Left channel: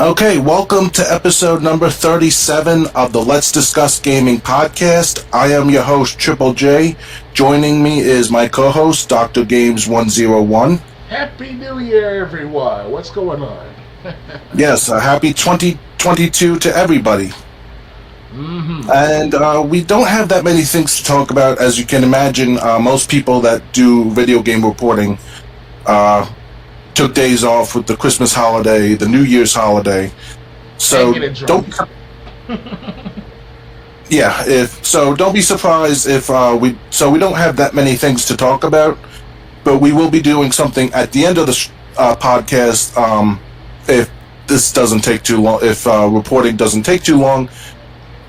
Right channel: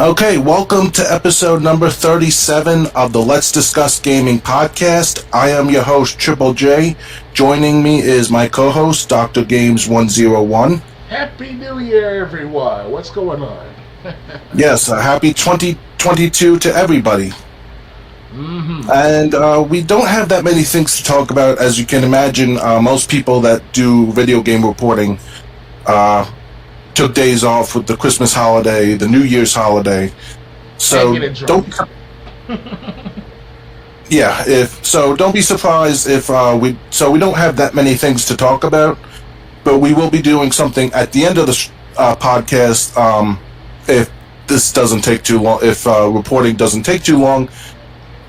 Okay, welcome to episode number 37 of the Let's Discuss Gaming podcast. I am your host, Triple J. Joining me is my co-host, Dr. Games 101. Happy New Year, everyone. What's going on? Yes, a happy 2022 to everybody. And we don't have that many things to talk about. As you can imagine, most people that do video game reporting took days off with the Christmas holiday, the New Year's holiday. So don't don't be surprised if we don't have that many things to talk about, but we will be doing something at the end of the podcast if this doesn't take too long, if reporting doesn't take too long.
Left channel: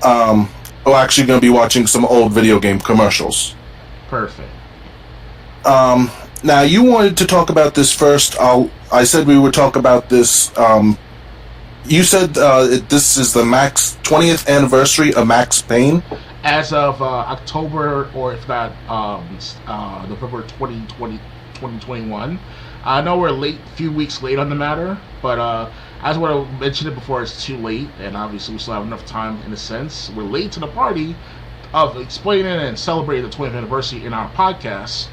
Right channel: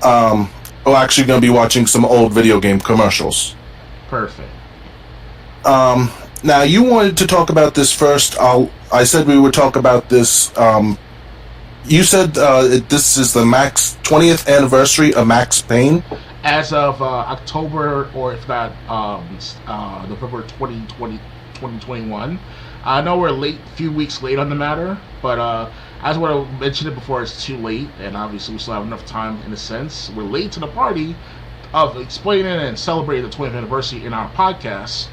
We're actually going to be watching some old video game commercials. Perfect. Now, you wanted to talk about this first. I said we would talk about this. You said this is the 20th anniversary of Max Payne? As of October, or if not, November 2021. I know we're a few weeks late on the matter, but I just want to mention it before it's too late, and obviously we still have enough time in a sense. We're late to the party of explaining and celebrating the 20th anniversary in our podcast.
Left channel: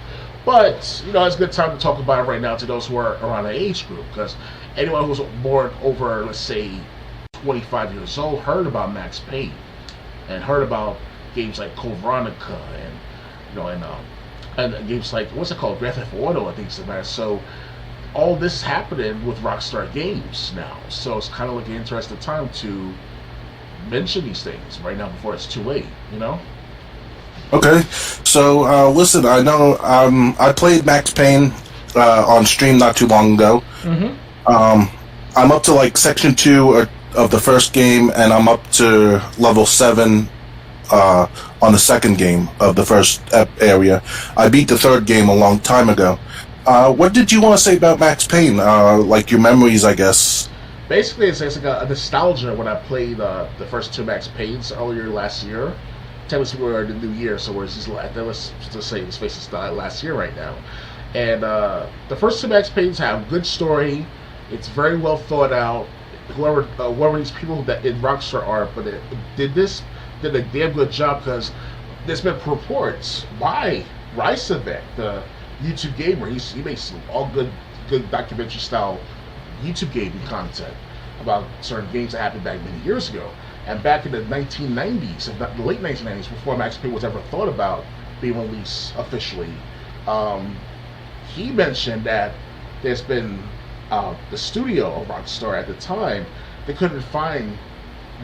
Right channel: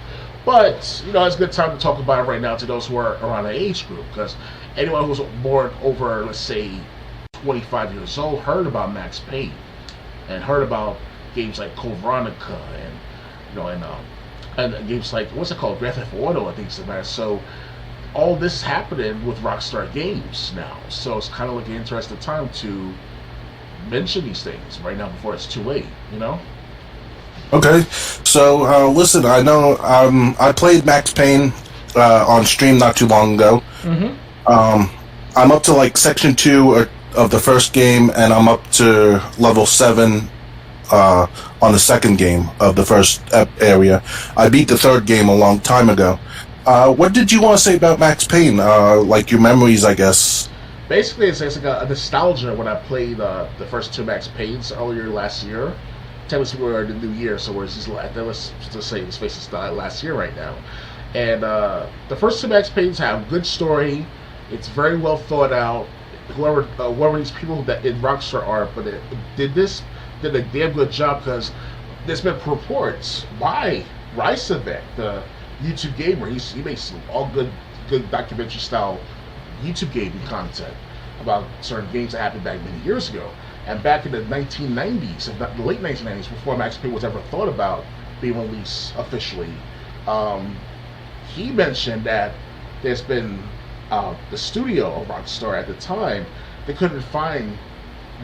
But, it's a good time to talk about it right now to those who are around the age group, because anyone who's born over, let's say, 25 years old heard about Max Payne and heard about games like Code Veronica and games like, what's it called, Grand Theft Auto, I think it's the best. So all this is happening with Rockstar Games now. So it's kind of like an interesting time to mention these things right now before it's too late, Okay, so listen, I know I played Max Payne on stream not too long ago. I'm up to like section 2 of the first game, and I'm up to level 7 on the second game of the first area. I beat the third game a long time ago. What did you want to say about Max Payne? Like your memories, I guess. Basically, it's like a nostalgia when I played the first 2 Max Paynes earlier last year. Technically, we're in the new year, so let's just say it's last year right now. And the first 2 Max Paynes have a good story. It's very well thought out. Whoever these people that in Rockstar are, but it did a damn good job, because there's been reports by Ricevec, the YouTube gamer. He makes some all good documentary style YouTube gaming content about certain games that happened back many years ago. And back in the 1990s, if not the late 1990s, before Max Payne was ever thought about being released officially, he mentioned that there's been the studio of Rockstar at the time, they couldn't find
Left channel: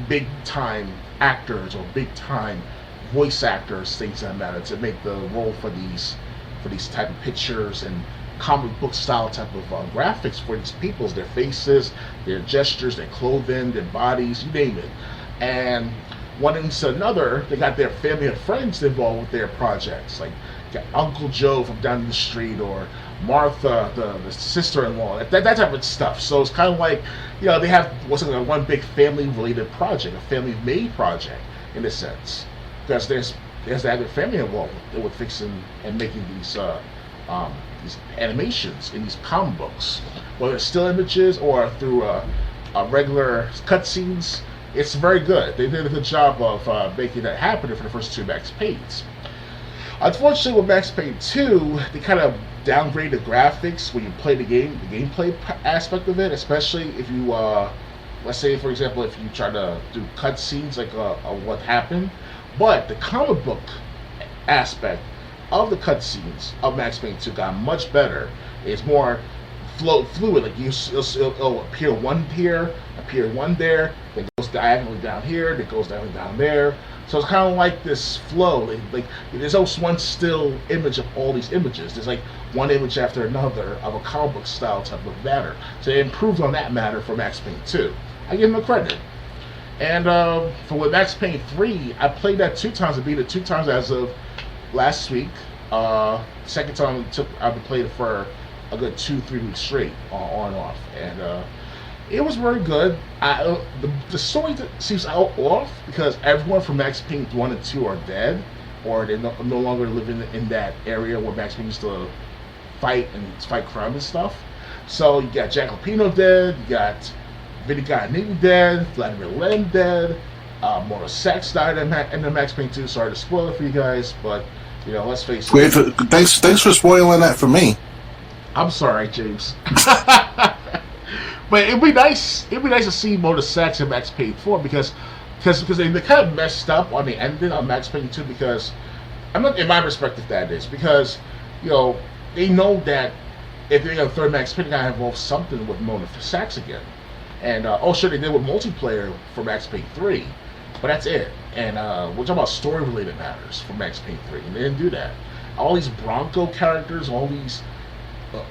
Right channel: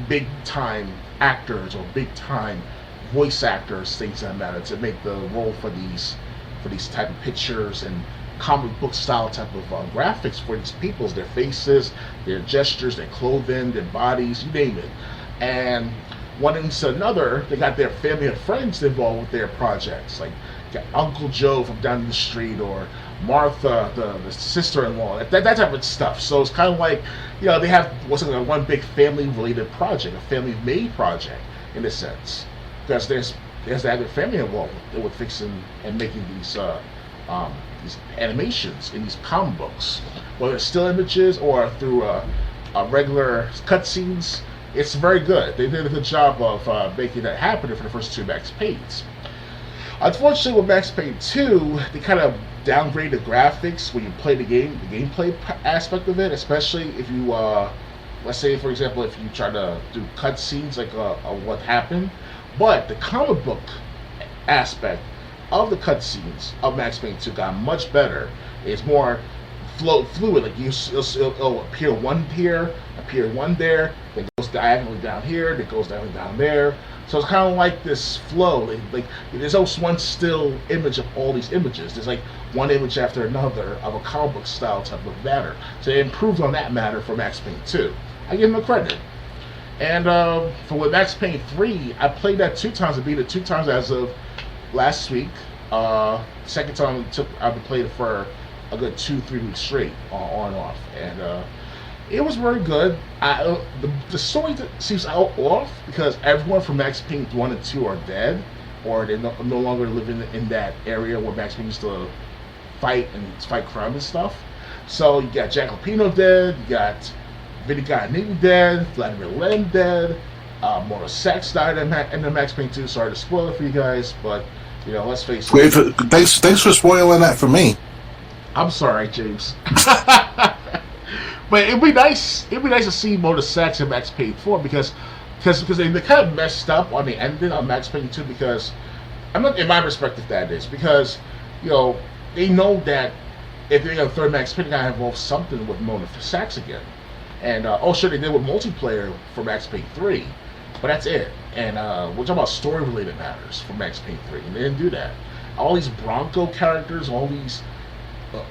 big time actors or big time voice actors, things that matter, to make the role for these type of pictures and comic book style type of graphics for these peoples, their faces, their gestures, their clothing, their bodies, you name it. And one into another, they got their family and friends involved with their projects, like got Uncle Joe from down the street, or Martha, the sister-in-law, that type of stuff. So it's kind of like, they have one big family-related project, a family-made project in a sense, because there's that other family involved with fixing and making these animations in these comic books, whether it's still images or through regular cutscenes. It's very good. They did a good job of making that happen for the first 2 Max Paynes. Unfortunately, with Max Payne 2, they kind of downgraded the graphics when you play the game, the gameplay aspect of it, especially if you, let's say, for example, if you try to do cutscenes like what happened. But the comic book aspect of the cutscenes of Max Payne 2 got much better. It's more fluid. Like it'll appear one here, appear one there, then goes diagonally down here, then goes diagonally down there. So it's kind of like this flow. Like there's almost one still image of all these images. There's like one image after another of a comic book style type of matter. So they improved on that matter for Max Payne 2. I give them a credit. And for with Max Payne 3, I played that 2 times. I beat it 2 times as of last week. Second time I've played it for a good 2-3 weeks straight, on and off, and it was very good. The story seems off because everyone from Max Payne 1 and 2 are dead, or they're no longer living in that area where Max Payne used to fight crime and stuff. So you got Jack Lupino dead, you got Vinny Gaignini dead, Vladimir Len dead, Mona Sachs died in the Max Payne 2. Sorry to spoil it for you guys, but let's face it. Thanks for spoiling that for me. I'm sorry, James. But it'd be nice. It'd be nice to see Mona Sachs in Max Payne 4 because they kind of messed up on the ending on Max Payne 2 because I'm not, in my perspective, that is because they know that if they're going to third Max Payne, they gotta involve something with Mona Sachs again. And sure, they did with multiplayer for Max Payne 3, but that's it. And we're talking about story-related matters for Max Payne 3, and they didn't do that. All these Bronco characters, all these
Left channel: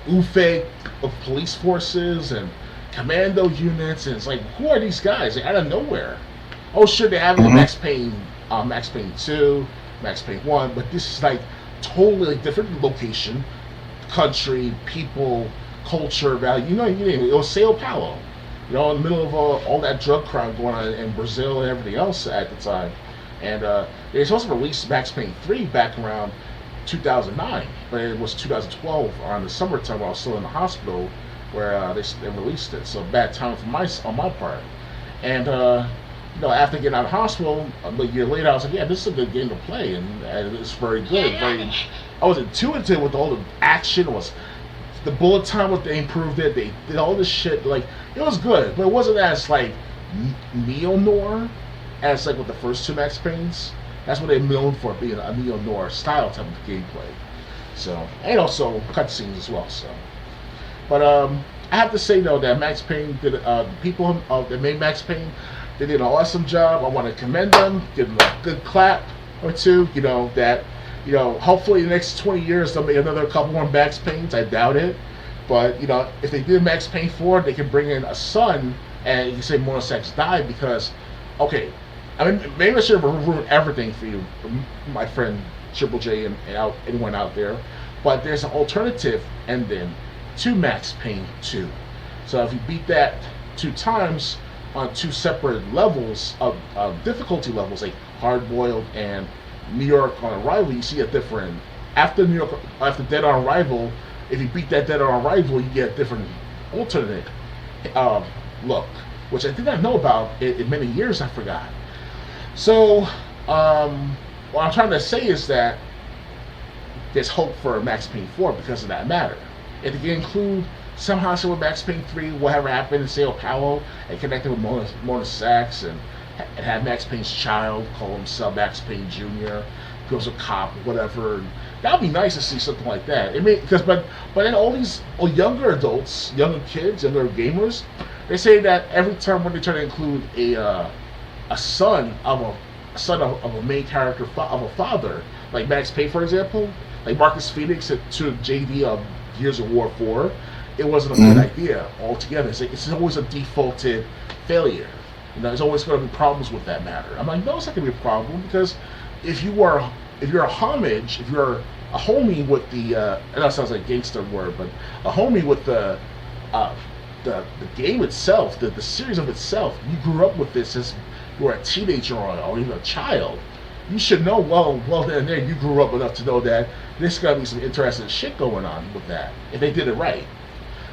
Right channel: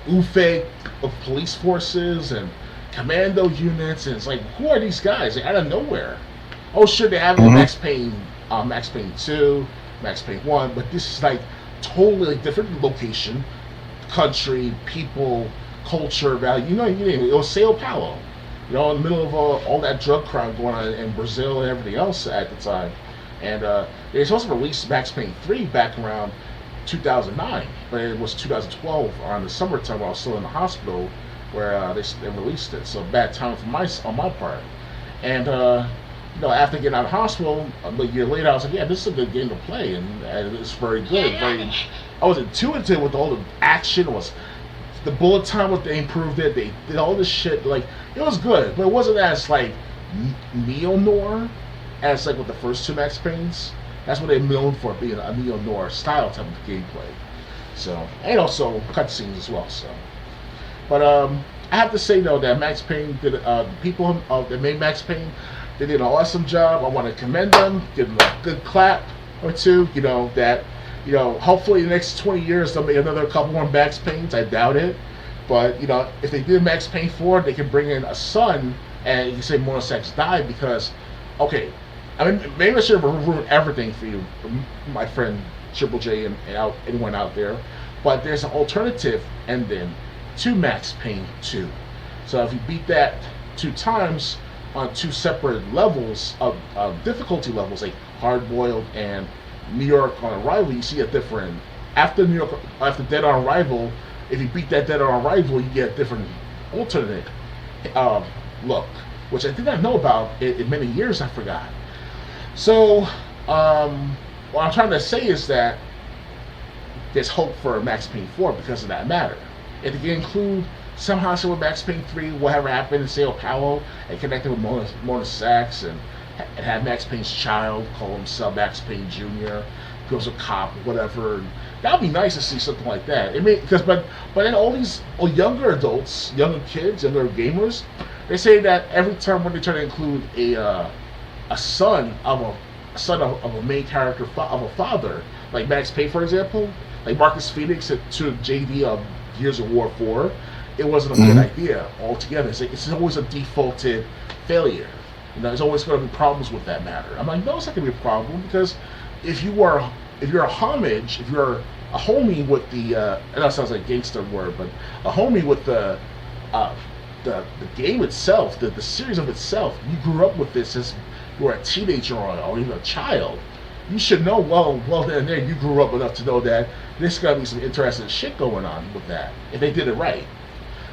UFE of police forces and commando units, and it's like, who are these guys? They're out of nowhere. Oh, sure, they have it in Max Payne 2, Max Payne 1, but this is like totally different location, country, people, culture, value. It was Sao Paulo. In the middle of all that drug crime going on in Brazil and everything else at the time. And they were supposed to release Max Payne 3 back around 2009, but it was 2012 around the summertime while I was still in the hospital where they released it. So bad time on my part. And after getting out of hospital, a year later, I was like, yeah, this is a good game to play, and it's very good. I was intuitive with all the action. Was the bullet time? They improved it. They did all this shit. Like, it was good, but it wasn't as like neo-noir as like with the first two Max Paynes. That's what they're known for, being a neo-noir style type of gameplay. So, and also cutscenes as well. So, but I have to say though that Max Payne did people that made Max Payne, they did an awesome job. I want to commend them, give them a good clap or two. Hopefully in the next 20 years they'll make another couple more Max Paynes. I doubt it, but if they did Max Payne 4, they can bring in a son, and you can say Mona Sachs died because, okay, I mean maybe I should have ruined everything for you, my friend Triple J and anyone out there, but there's an alternative ending to Max Payne 2. So if you beat that 2 times on 2 separate levels of difficulty levels, like Hard Boiled and New York on Arrival, you see a different. After Dead on Arrival, if you beat that Dead on Arrival, you get a different alternate look, which I did not know about in many years. I forgot. So what I'm trying to say is that there's hope for Max Payne 4 because of that matter. If they can include somehow with Max Payne 3, whatever happened in Sao Paulo, and connect it with Mona Sachs, and have Max Payne's child call himself Max Payne Jr., goes a cop, whatever. That would be nice to see something like that. But then all these younger adults, younger kids, younger gamers, they say that every time when they try to include a son of a main character of a father, like Max Payne, for example, like Marcus Phoenix to JD of Gears of War 4, it wasn't a good idea altogether. It's always a defaulted failure. There's always going to be problems with that matter. I'm like, no, it's not going to be a problem because if you're a homage, if you're a homie with the, and that sounds like a gangster word, but a homie with the game itself, the series of itself, you grew up with this as you were a teenager or even a child. You should know well then and there you grew up enough to know that there's got to be some interesting shit going on with that if they did it right.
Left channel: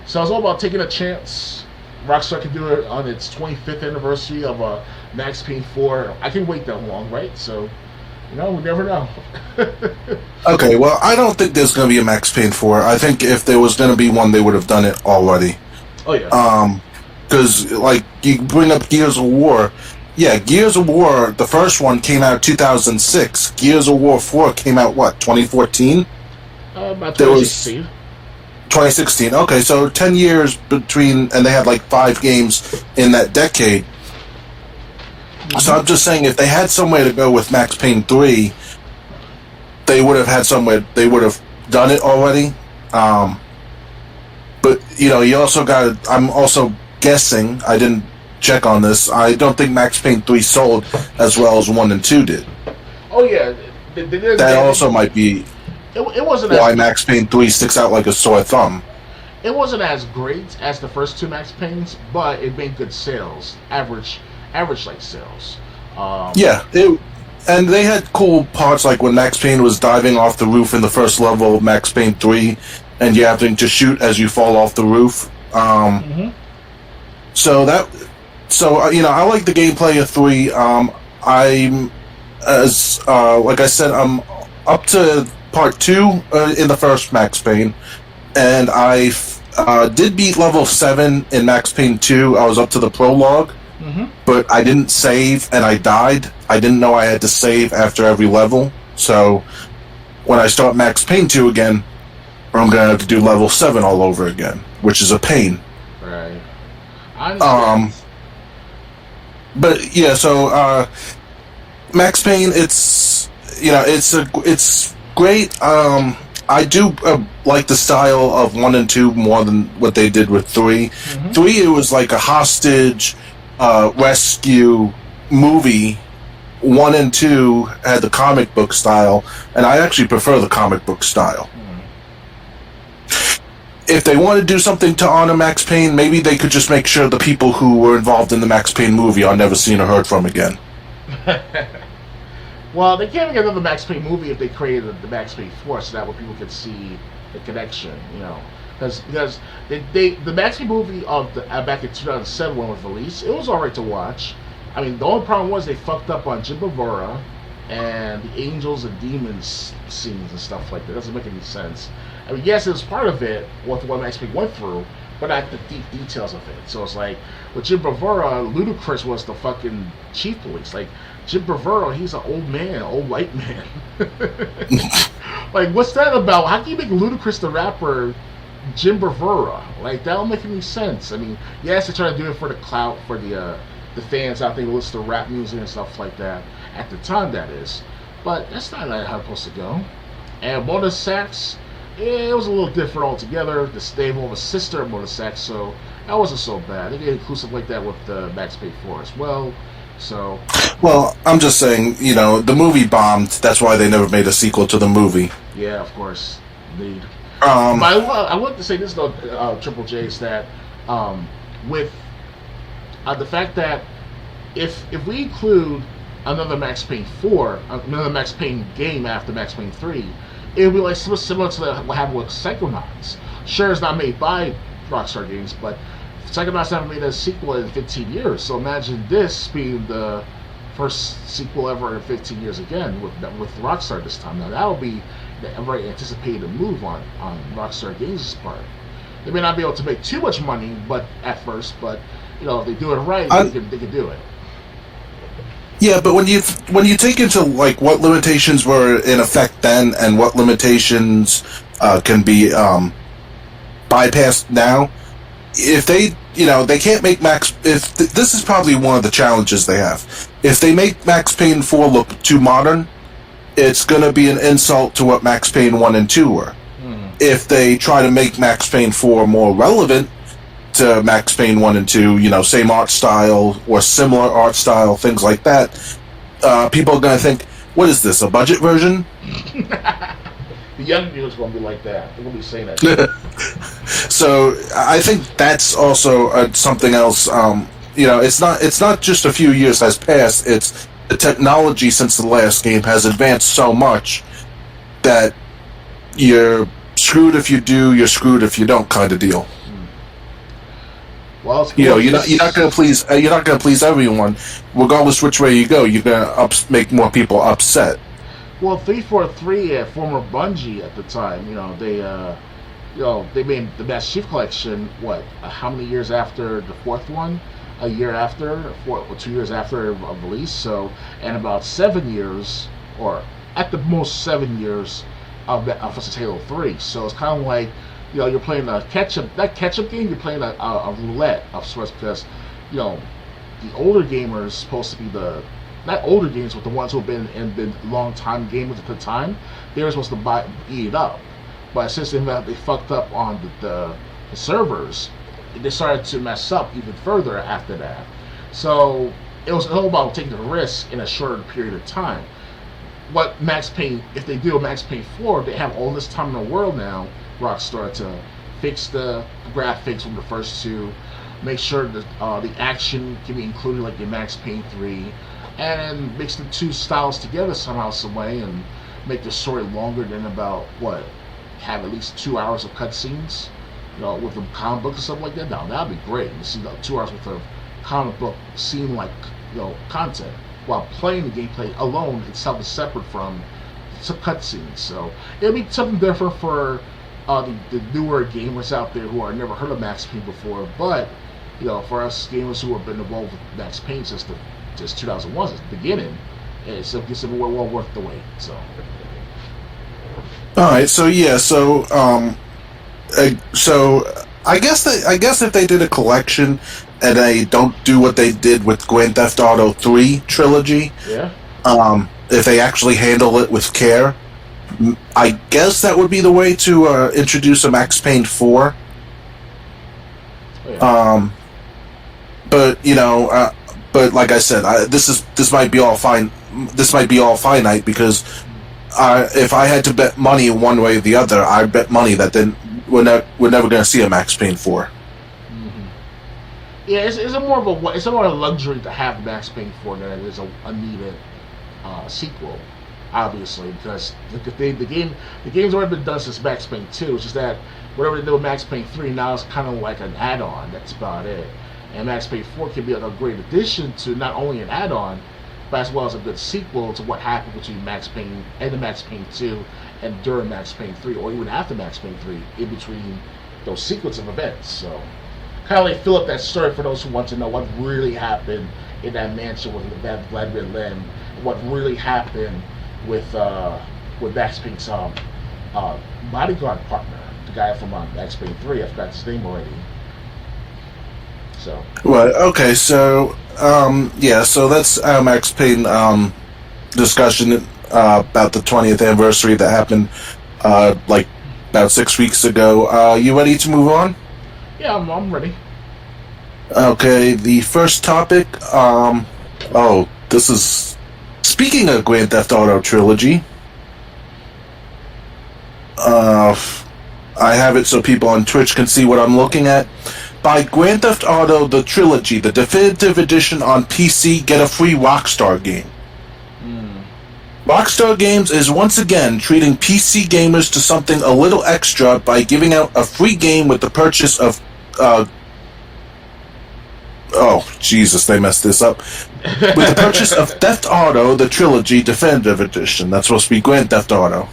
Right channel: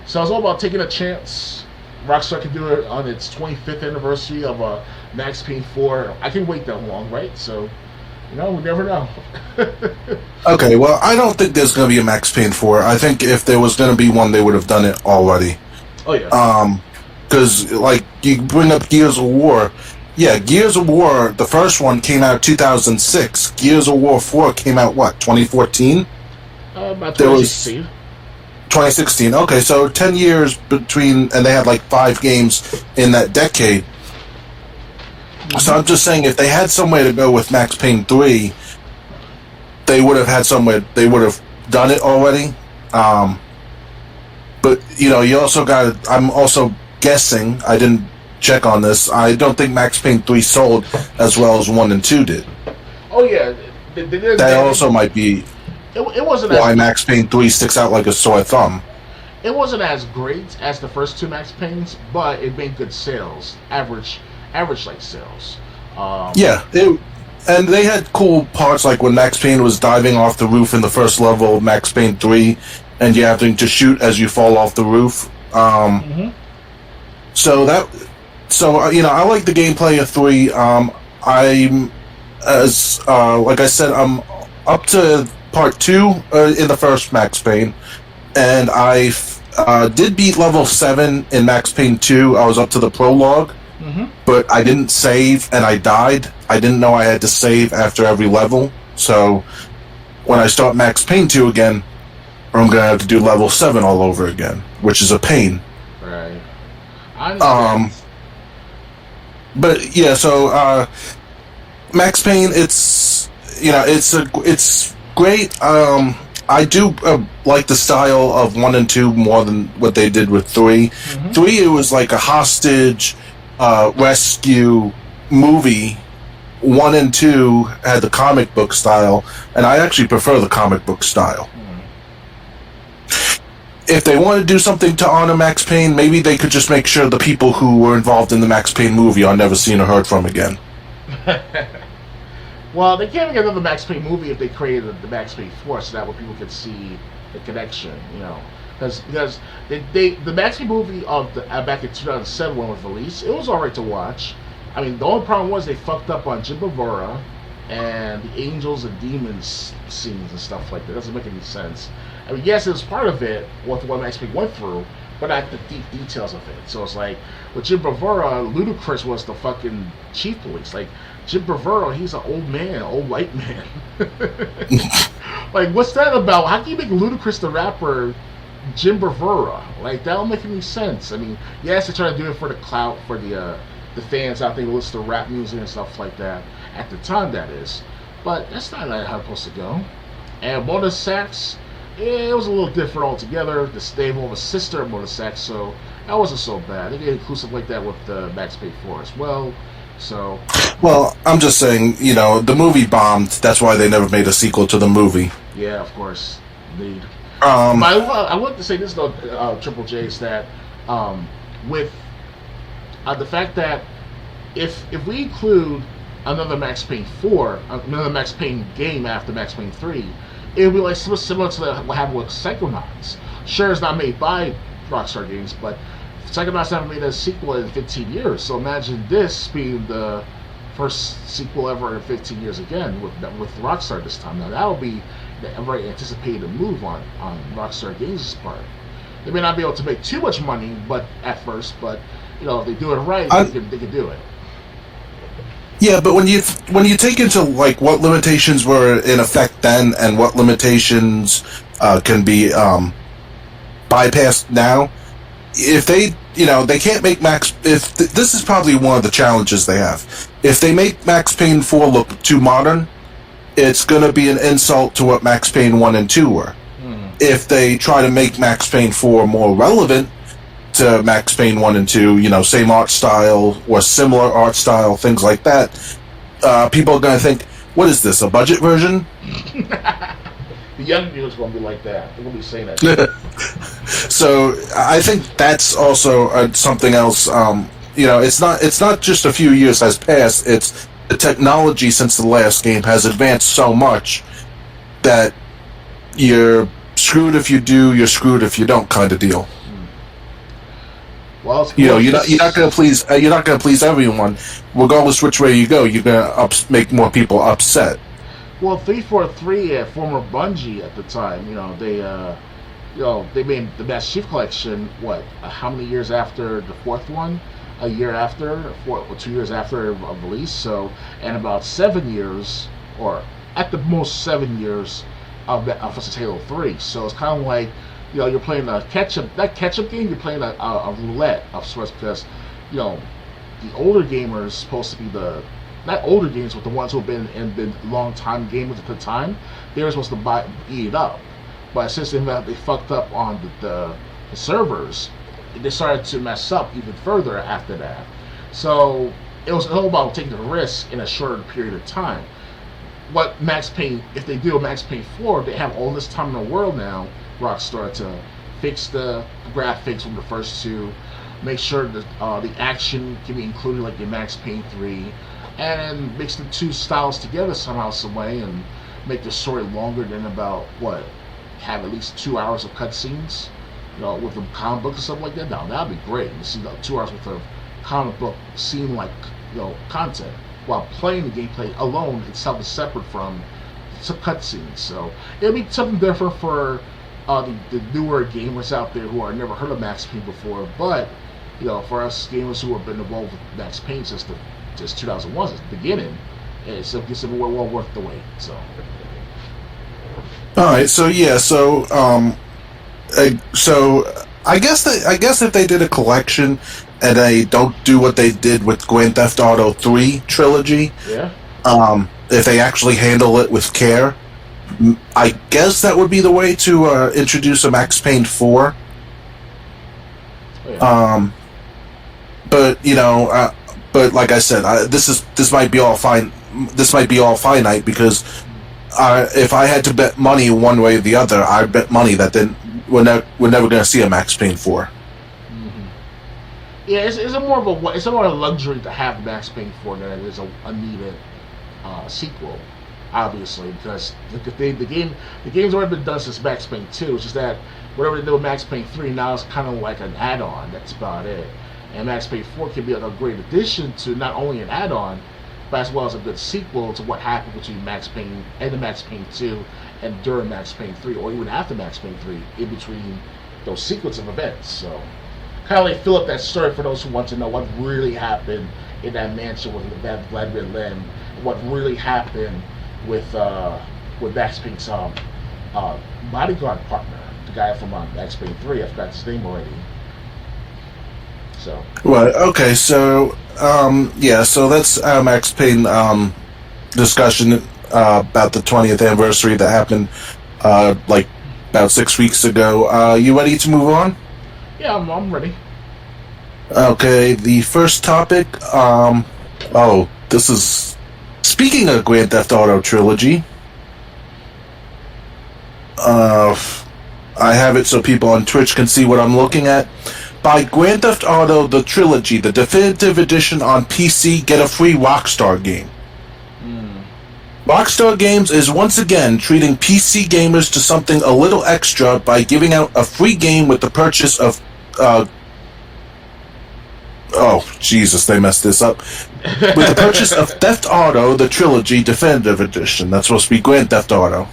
So it's all about taking a chance. Rockstar can do it on its 25th anniversary of Max Payne 4. I can wait that long, right? So, we never know. Okay, well, I don't think there's going to be a Max Payne 4. I think if there was going to be one, they would have done it already. Oh, yeah. Because, like, you bring up Gears of War. Yeah, Gears of War, the first one came out 2006. Gears of War 4 came out, 2014? About 2016. 2016. Okay, so 10 years between, and they had like 5 games in that decade. So I'm just saying, if they had somewhere to go with Max Payne 3, they would have had somewhere. They would have done it already. But you also got. I'm also guessing. I didn't check on this. I don't think Max Payne 3 sold as well as 1 and 2 did. Oh yeah, that also might be. It wasn't why Max Payne 3 sticks out like a sore thumb. It wasn't as great as the first 2 Max Paynes, but it made good sales, average like sales. And they had cool parts like when Max Payne was diving off the roof in the first level of Max Payne 3, and you having to shoot as you fall off the roof. So So I like the gameplay of 3. I'm as like I said, I'm up to part 2 in the first Max Payne, and I did beat level 7 in Max Payne 2. I was up to the prologue, but I didn't save and I died. I didn't know I had to save after every level, so when I start Max Payne 2 again, I'm going to have to do level 7 all over again, which is a pain. Right. I understand. But yeah, so Max Payne, it's great. I do like the style of 1 and 2 more than what they did with 3. 3, it was like a hostage rescue movie. 1 and 2 had the comic book style, and I actually prefer the comic book style. If they want to do something to honor Max Payne, maybe they could just make sure the people who were involved in the Max Payne movie are never seen or heard from again. Well, they can't make another Max Payne movie if they created the Max Payne 4, so that way people can see the connection, Because the Max Payne movie of back in 2007 when it was released, it was alright to watch. I mean, the only problem was they fucked up on Jim Bavura and the Angels and Demons scenes and stuff like that. It doesn't make any sense. I mean, yes, it was part of it, what Max Payne went through, but not the deep details of it. So it's like, with Jim Bavura, Ludacris was the fucking chief police. Like, Jim Bavura, he's an old man, old white man. Like, what's that about? How can you make Ludacris the rapper Jim Bavura? Like, that don't make any sense. I mean, yes, they try to do it for the clout, for the fans out there who listen to rap music and stuff like that. At the time, that is. But that's not how it's supposed to go. And Mona Sax, it was a little different altogether. The stable of a sister of Mona Sax, so that wasn't so bad. They get inclusive like that with Max Payne 4 as well. So, well, I'm just saying, the movie bombed. That's why they never made a sequel to the movie. Yeah, of course, indeed. But I want to say this though, Triple J, is that with the fact that if we include another Max Payne 4, another Max Payne game after Max Payne 3, it would be like similar to what happened with Psychonauts. Sure, it's not made by Rockstar Games, but Psychonauts haven't made a sequel in 15 years. So imagine this being the first sequel ever in 15 years again with Rockstar this time. Now that would be a very anticipated move on Rockstar Games' part. They may not be able to make too much money, but at first, but if they do it right, they can do it. Yeah, but when you take into like what limitations were in effect then and what limitations can be bypassed now, if they they can't make this is probably one of the challenges they have. If they make Max Payne 4 look too modern, it's going to be an insult to what Max Payne 1 and 2 were. If they try to make Max Payne 4 more relevant to Max Payne 1 and 2, same art style or similar art style, things like that, people are going to think, what is this, a budget version? The young viewers going to be like that. They're going to be saying that. So I think that's also something else. It's not just a few years has passed. It's the technology since the last game has advanced so much that you're screwed if you do, you're screwed if you don't, kind of deal. Well, you're not going to please. You're not going to please everyone, regardless which way you go. You're going to make more people upset. Well, 343, former Bungie at the time, they made the Master Chief Collection. How many years after the fourth one? A year after, 2 years after release. So, and about 7 years, or at the most 7 years of Halo 3. So it's kind of like, you're playing a catch-up game, you're playing a roulette of sorts, because, the older gamers supposed to be not older gamers, but the ones who have been long-time gamers at the time, they were supposed to eat it up. But since they fucked up on the servers, they started to mess up even further after that. So it was all about taking a risk in a shorter period of time. What Max Payne, if they do a Max Payne 4, they have all this time in the world now, Rockstar, to fix the graphics from the first two, make sure that the action can be included like in Max Payne 3, and mix the two styles together somehow, some way, and make the story longer than about, have at least 2 hours of cutscenes, with the comic books and stuff like that. Now, that'd be great. You see 2 hours worth of comic book scene like content, while playing the gameplay alone itself is separate from some cutscenes. So it'll be something different for the newer gamers out there who are never heard of Max Payne before. But for us gamers who have been involved with Max Payne since 2001, since the beginning, it's well worth the wait. So. All right. So yeah. So I guess if they did a collection and they don't do what they did with Grand Theft Auto 3 trilogy, yeah. If they actually handle it with care, I guess that would be the way to introduce a Max Payne 4. Oh, yeah. But but like I said, this might be all fine. This might be all finite because if I had to bet money one way or the other, I bet money that then we're never going to see a Max Payne 4. Mm-hmm. Yeah, it's more of a luxury to have Max Payne 4 than it is a needed sequel, obviously, because the game's already been done since Max Payne 2. It's just that whatever they do with Max Payne 3 now is kind of like an add-on. That's about it. And Max Payne 4 can be a great addition to not only an add-on, but as well as a good sequel to what happened between Max Payne and the Max Payne 2 and during Max Payne 3, or even after Max Payne 3, in between those sequence of events. So kind of like fill up that story for those who want to know what really happened in that mansion with Vladimir Lem, what really happened with Max Payne's bodyguard partner, the guy from Max Payne 3. I forgot his name already. So. Well, okay, so so that's our Max Payne discussion about the 20th anniversary that happened like about 6 weeks ago. You ready to move on? Yeah, I'm ready. Okay, the first topic. This is speaking of Grand Theft Auto trilogy. I have it so people on Twitch can see what I'm looking at. Buy Grand Theft Auto the Trilogy, the definitive edition on PC, get a free Rockstar game. Rockstar Games is once again treating PC gamers to something a little extra by giving out a free game with the purchase of Jesus, they messed this up. With the purchase of Theft Auto the Trilogy Definitive Edition. That's supposed to be Grand Theft Auto.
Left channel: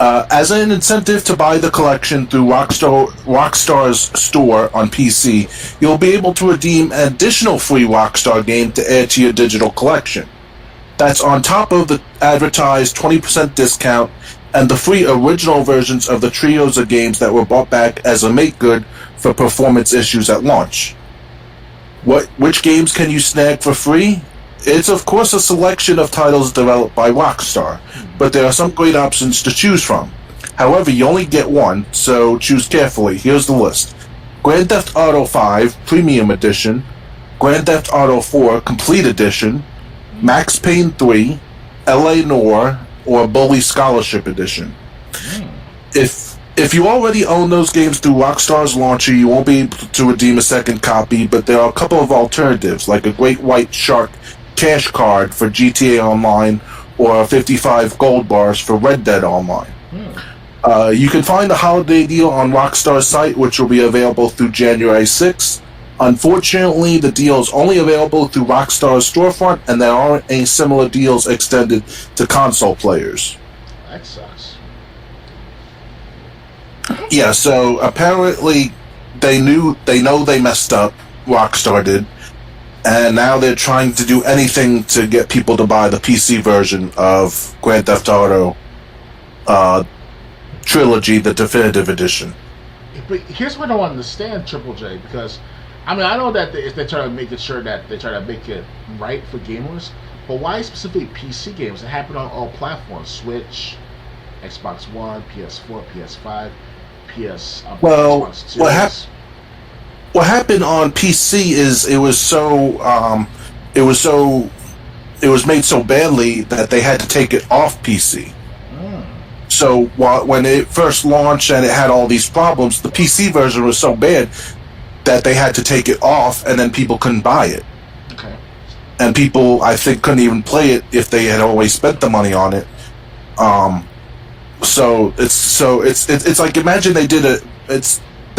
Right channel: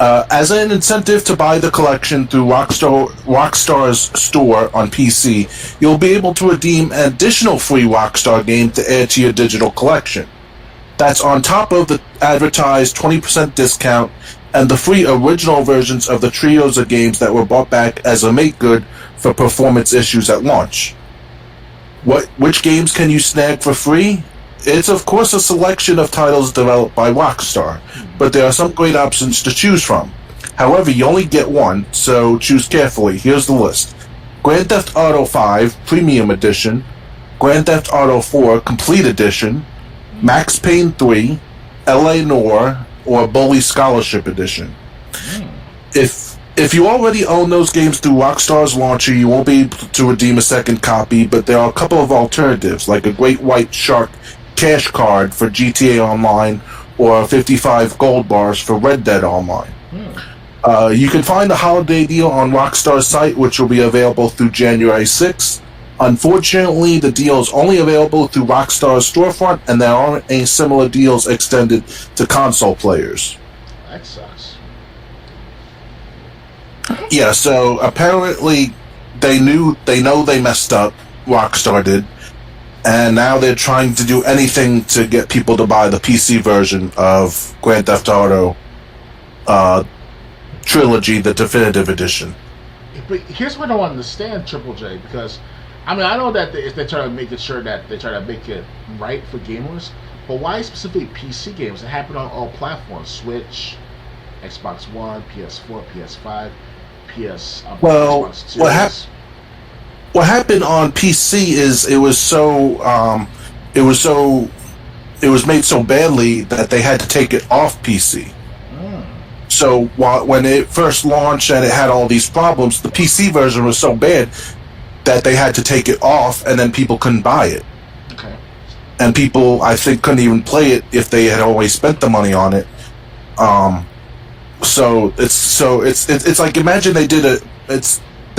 As an incentive to buy the collection through Rockstar's store on PC, you'll be able to redeem an additional free Rockstar game to add to your digital collection. That's on top of the advertised 20% discount and the free original versions of the trios of games that were bought back as a make good for performance issues at launch. Which games can you snag for free? It's of course a selection of titles developed by Rockstar, but there are some great options to choose from. However, you only get one, so choose carefully. Here's the list. Grand Theft Auto 5 Premium Edition, Grand Theft Auto 4 Complete Edition, Max Payne 3, LA Noire, or Bully Scholarship Edition. If you already own those games through Rockstar's launcher, you won't be able to redeem a second copy, but there are a couple of alternatives, like a Great White Shark cash card for GTA Online or 55 gold bars for Red Dead Online. You can find a holiday deal on Rockstar's site, which will be available through January 6th. Unfortunately, the deal is only available through Rockstar's storefront, and there aren't any similar deals extended to console players. That sucks. Yeah, so apparently they know they messed up, Rockstar did, and now they're trying to do anything to get people to buy the PC version of Grand Theft Auto Trilogy, the Definitive Edition. But here's what I don't understand, Triple J, because I know that they're trying to make it sure that they're trying to make it right for gamers, but why specifically PC games? It happened on all platforms: Switch, Xbox One, PS4, PS5, Xbox 2. What happened on PC is it was made so badly that they had to take it off PC. So when it first launched and it had all these problems, the PC version was so bad that they had to take it off, and then people couldn't buy it. Okay. And people, I think, couldn't even play it if they had always spent the money on it. So it's like, imagine they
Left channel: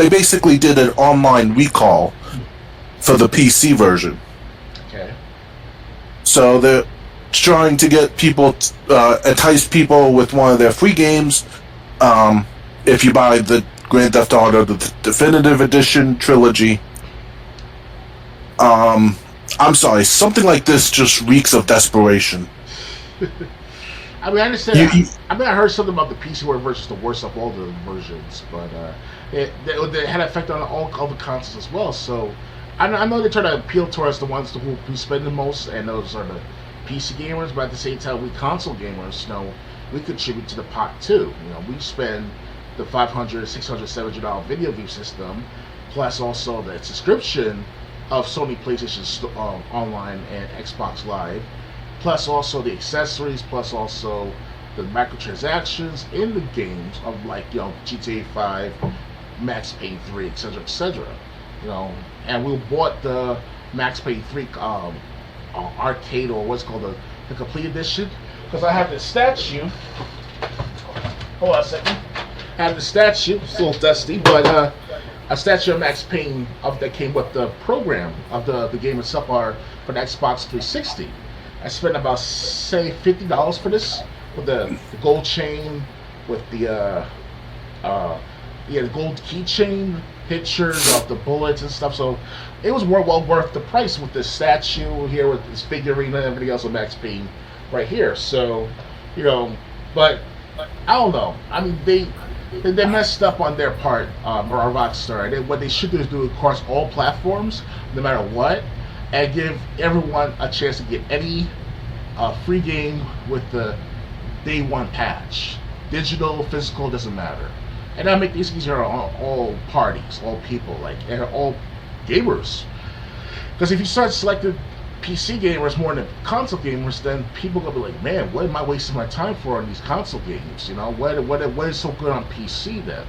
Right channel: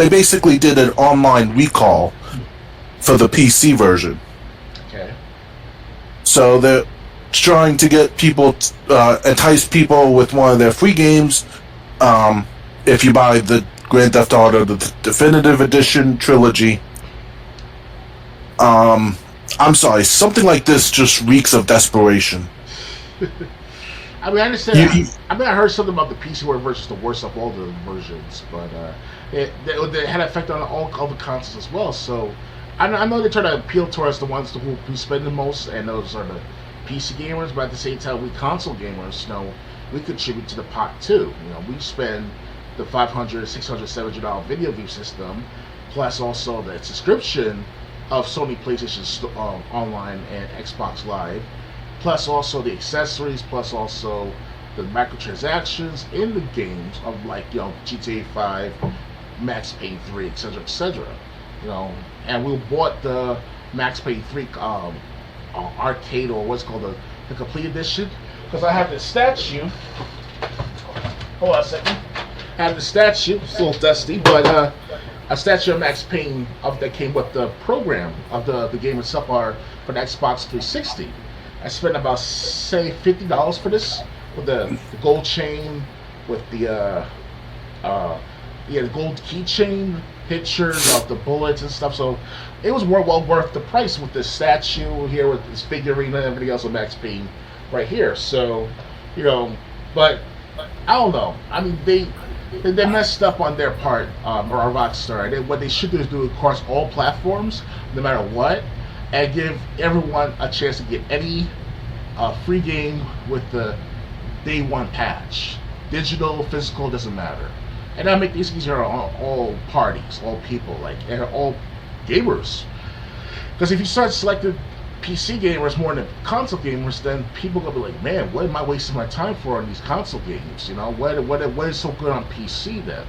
basically did an online recall for the PC version. Okay. So they're trying to get people, entice people with one of their free games. If you buy the Grand Theft Auto, the Definitive Edition trilogy. I'm sorry, something like this just reeks of desperation. I mean, I understand. I heard something about the PC versus the worst of all the versions, but it had an effect on all the consoles as well. So I know they try to appeal towards the ones who spend the most, and those are the PC gamers. But at the same time, we console gamers, we contribute to the pot too. We spend the $500, $600, $700 video view system, plus also the subscription of Sony PlayStation Online and Xbox Live, plus also the accessories, plus also the microtransactions in the games of GTA 5, Max Payne 3, etc., etc. And we bought the Max Payne 3 arcade, or what's called the complete edition, because I have this statue. Hold on a second. I have the statue. It's a little dusty, but a statue of Max Payne that came with the program of the game itself, for the Xbox 360. I spent about, say, $50 for this, with the gold chain, with the gold keychain, pictures of the bullets and stuff. So it was well worth the price with this statue here, with this figurine and everything else of Max Payne right here. So, but I don't know. I mean, they messed up on their part, or Rockstar. What they should do is do it across all platforms, no matter what, and give everyone a chance to get any free game with the day one patch. Digital, physical, doesn't matter. And that'll make these easier on all parties, all people, and all gamers. Because if you start selecting PC gamers more than console gamers, then people are gonna be like, man, what am I wasting my time for on these console games? What is so good on PC then?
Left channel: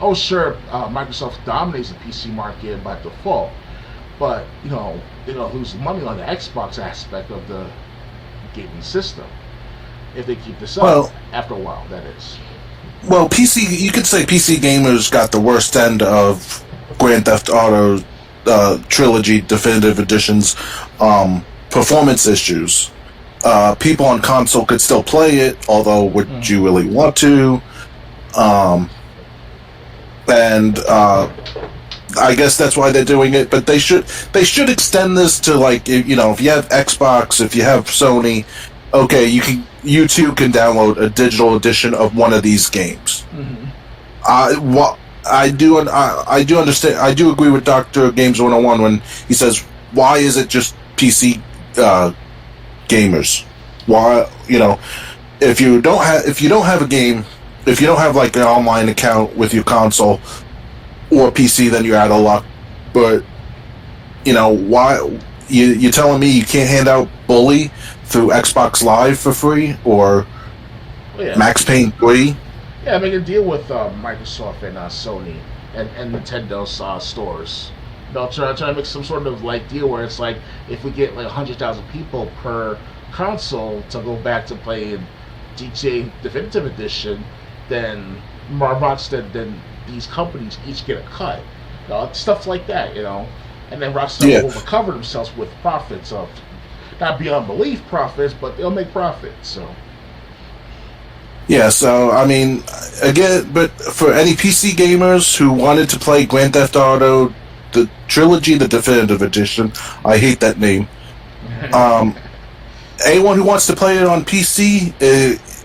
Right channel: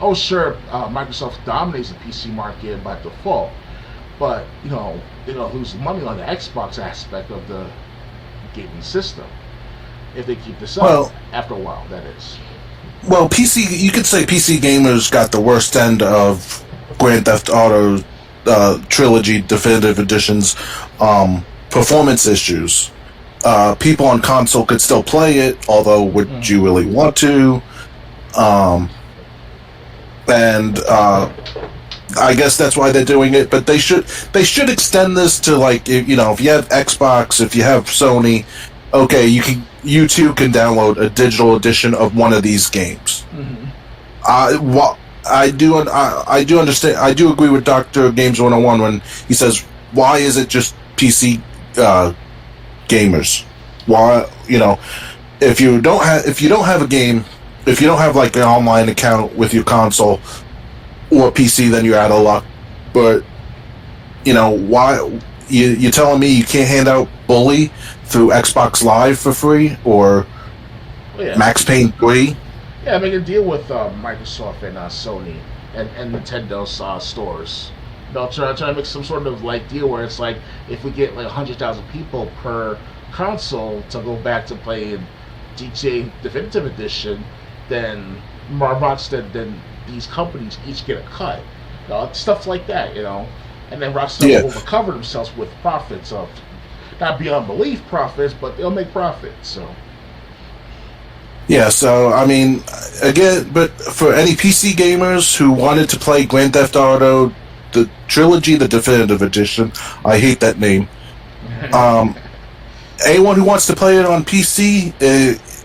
Oh, sure, Microsoft dominates the PC market by default, but they're gonna lose money on the Xbox aspect of the gaming system if they keep this up after a while. That is. Well, you could say PC gamers got the worst end of Grand Theft Auto trilogy definitive editions performance issues. People on console could still play it, although would you really want to? And I guess that's why they're doing it. But they should extend this to if you have Xbox, if you have Sony, okay, you too can download a digital edition of one of these games. Mm-hmm. I do understand. I do agree with Dr. Games 101 when he says, "Why is it just PC gamers? Why if you don't have a game, if you don't have an online account with your console or PC, then you're out of luck. But why you telling me you can't hand out Bully through Xbox Live for free or Max Payne 3?" Yeah, make a deal with Microsoft and Sony and Nintendo's stores. Try to make some sort of deal where it's if we get 100,000 people per console to go back to playing GTA Definitive Edition, then Rockstar, then these companies each get a cut. Stuff like that, and then Rockstar will recover themselves with profits of not beyond belief profits, but they'll make profits. So. Yeah, so, I mean, again, but for any PC gamers who wanted to play Grand Theft Auto, the trilogy, the Definitive Edition, I hate that name. Anyone who wants to play it on PC,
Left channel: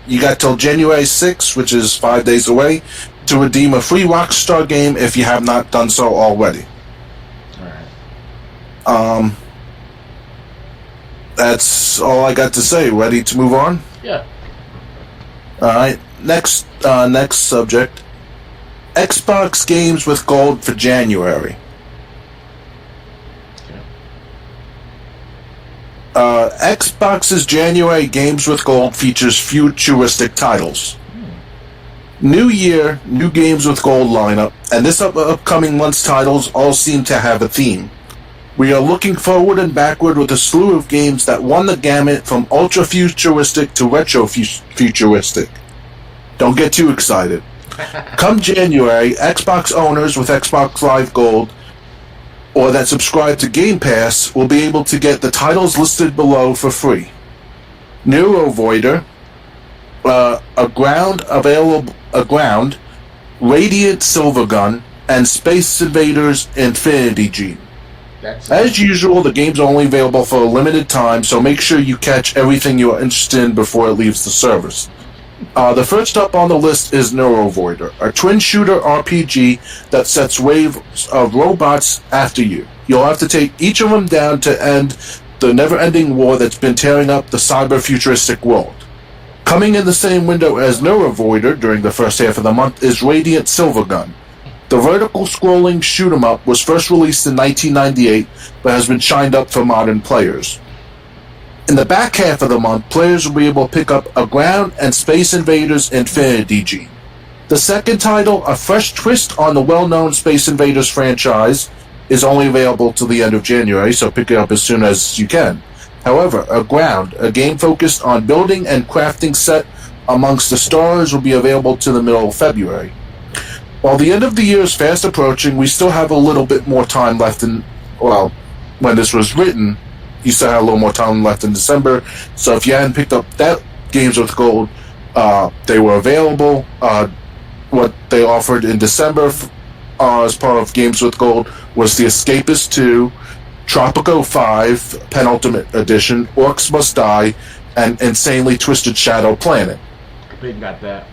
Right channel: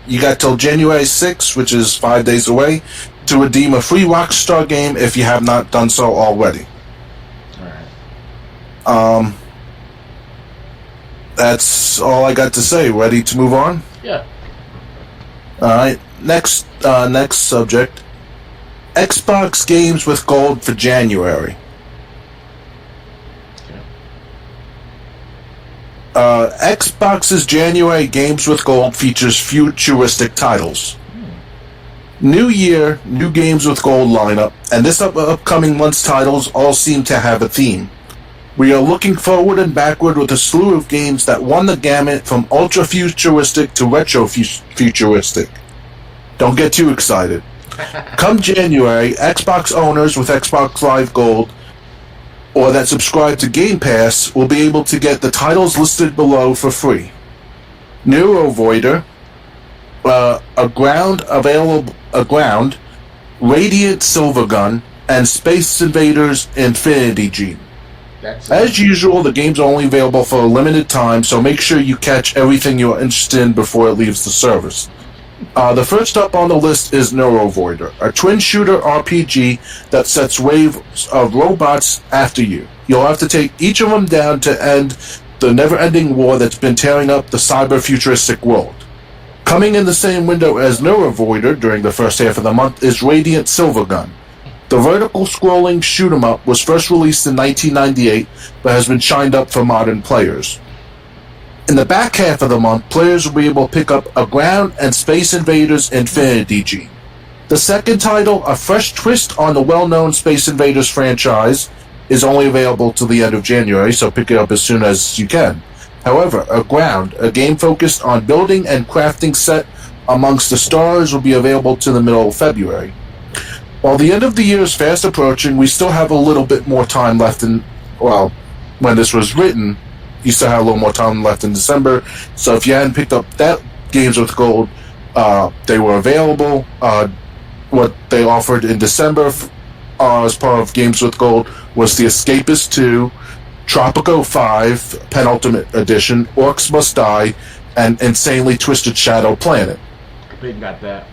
you got till January 6th, which is 5 days away, to redeem a free Rockstar game if you have not done so already. Alright. That's all I got to say. Ready to move on? Yeah. Alright, next subject. Xbox games with gold for January. Xbox's January Games with Gold features futuristic titles. New year, new Games with Gold lineup, and this upcoming month's titles all seem to have a theme. We are looking forward and backward with a slew of games that run the gamut from ultra-futuristic to retro-futuristic. Don't get too excited. Come January, Xbox owners with Xbox Live Gold or that subscribe to Game Pass will be able to get the titles listed below for free. Neuro Voider, a ground, Radiant Silvergun, and Space Invaders Infinity Gene. As usual, the games are only available for a limited time, so make sure you catch everything you're interested in before it leaves the servers. The first up on the list is Neuro Voider, a twin-shooter RPG that sets waves of robots after you. You'll have to take each of them down to end the never-ending war that's been tearing up the cyber-futuristic world. Coming in the same window as Neuro Voider during the first half of the month is Radiant Silvergun. The vertical scrolling shoot-'em-up was first released in 1998, but has been shined up for modern players. In the back half of the month, players will be able to pick up a Ground and Space Invaders Infinity Gene. The second title, a fresh twist on the well-known Space Invaders franchise, is only available till the end of January, so pick it up as soon as you can. However, a Ground, a game focused on building and crafting set amongst the stars, will be available to the middle of February. While the end of the year is fast approaching, we still have a little bit more time left when this was written, you still have a little more time left in December. So if you hadn't picked up that Games with Gold, they were available. What they offered in December as part of Games with Gold was The Escapist 2, Tropico 5, Penultimate Edition, Orcs Must Die, and Insanely Twisted Shadow Planet. I think got that.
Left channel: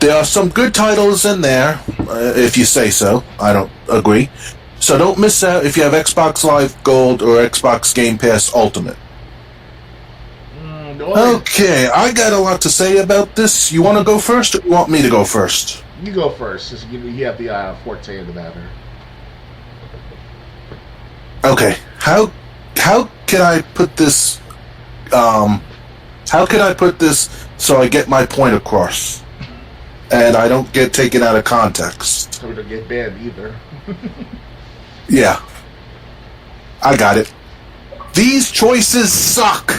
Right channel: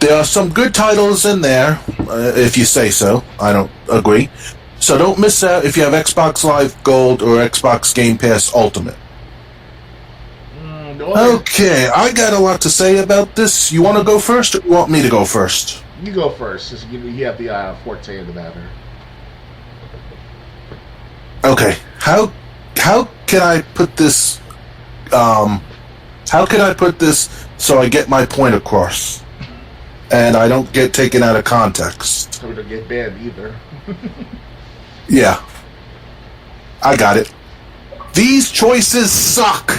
There are some good titles in there, if you say so. I don't agree. So don't miss out if you have Xbox Live Gold or Xbox Game Pass Ultimate. Okay, I got a lot to say about this. You want to go first, or you want me to go first? You go first, since you have the forte in the matter. Okay, how can I put this? How can I put this so I get my point across, and I don't get taken out of context? So we don't get banned either. Yeah, I got it. These choices suck.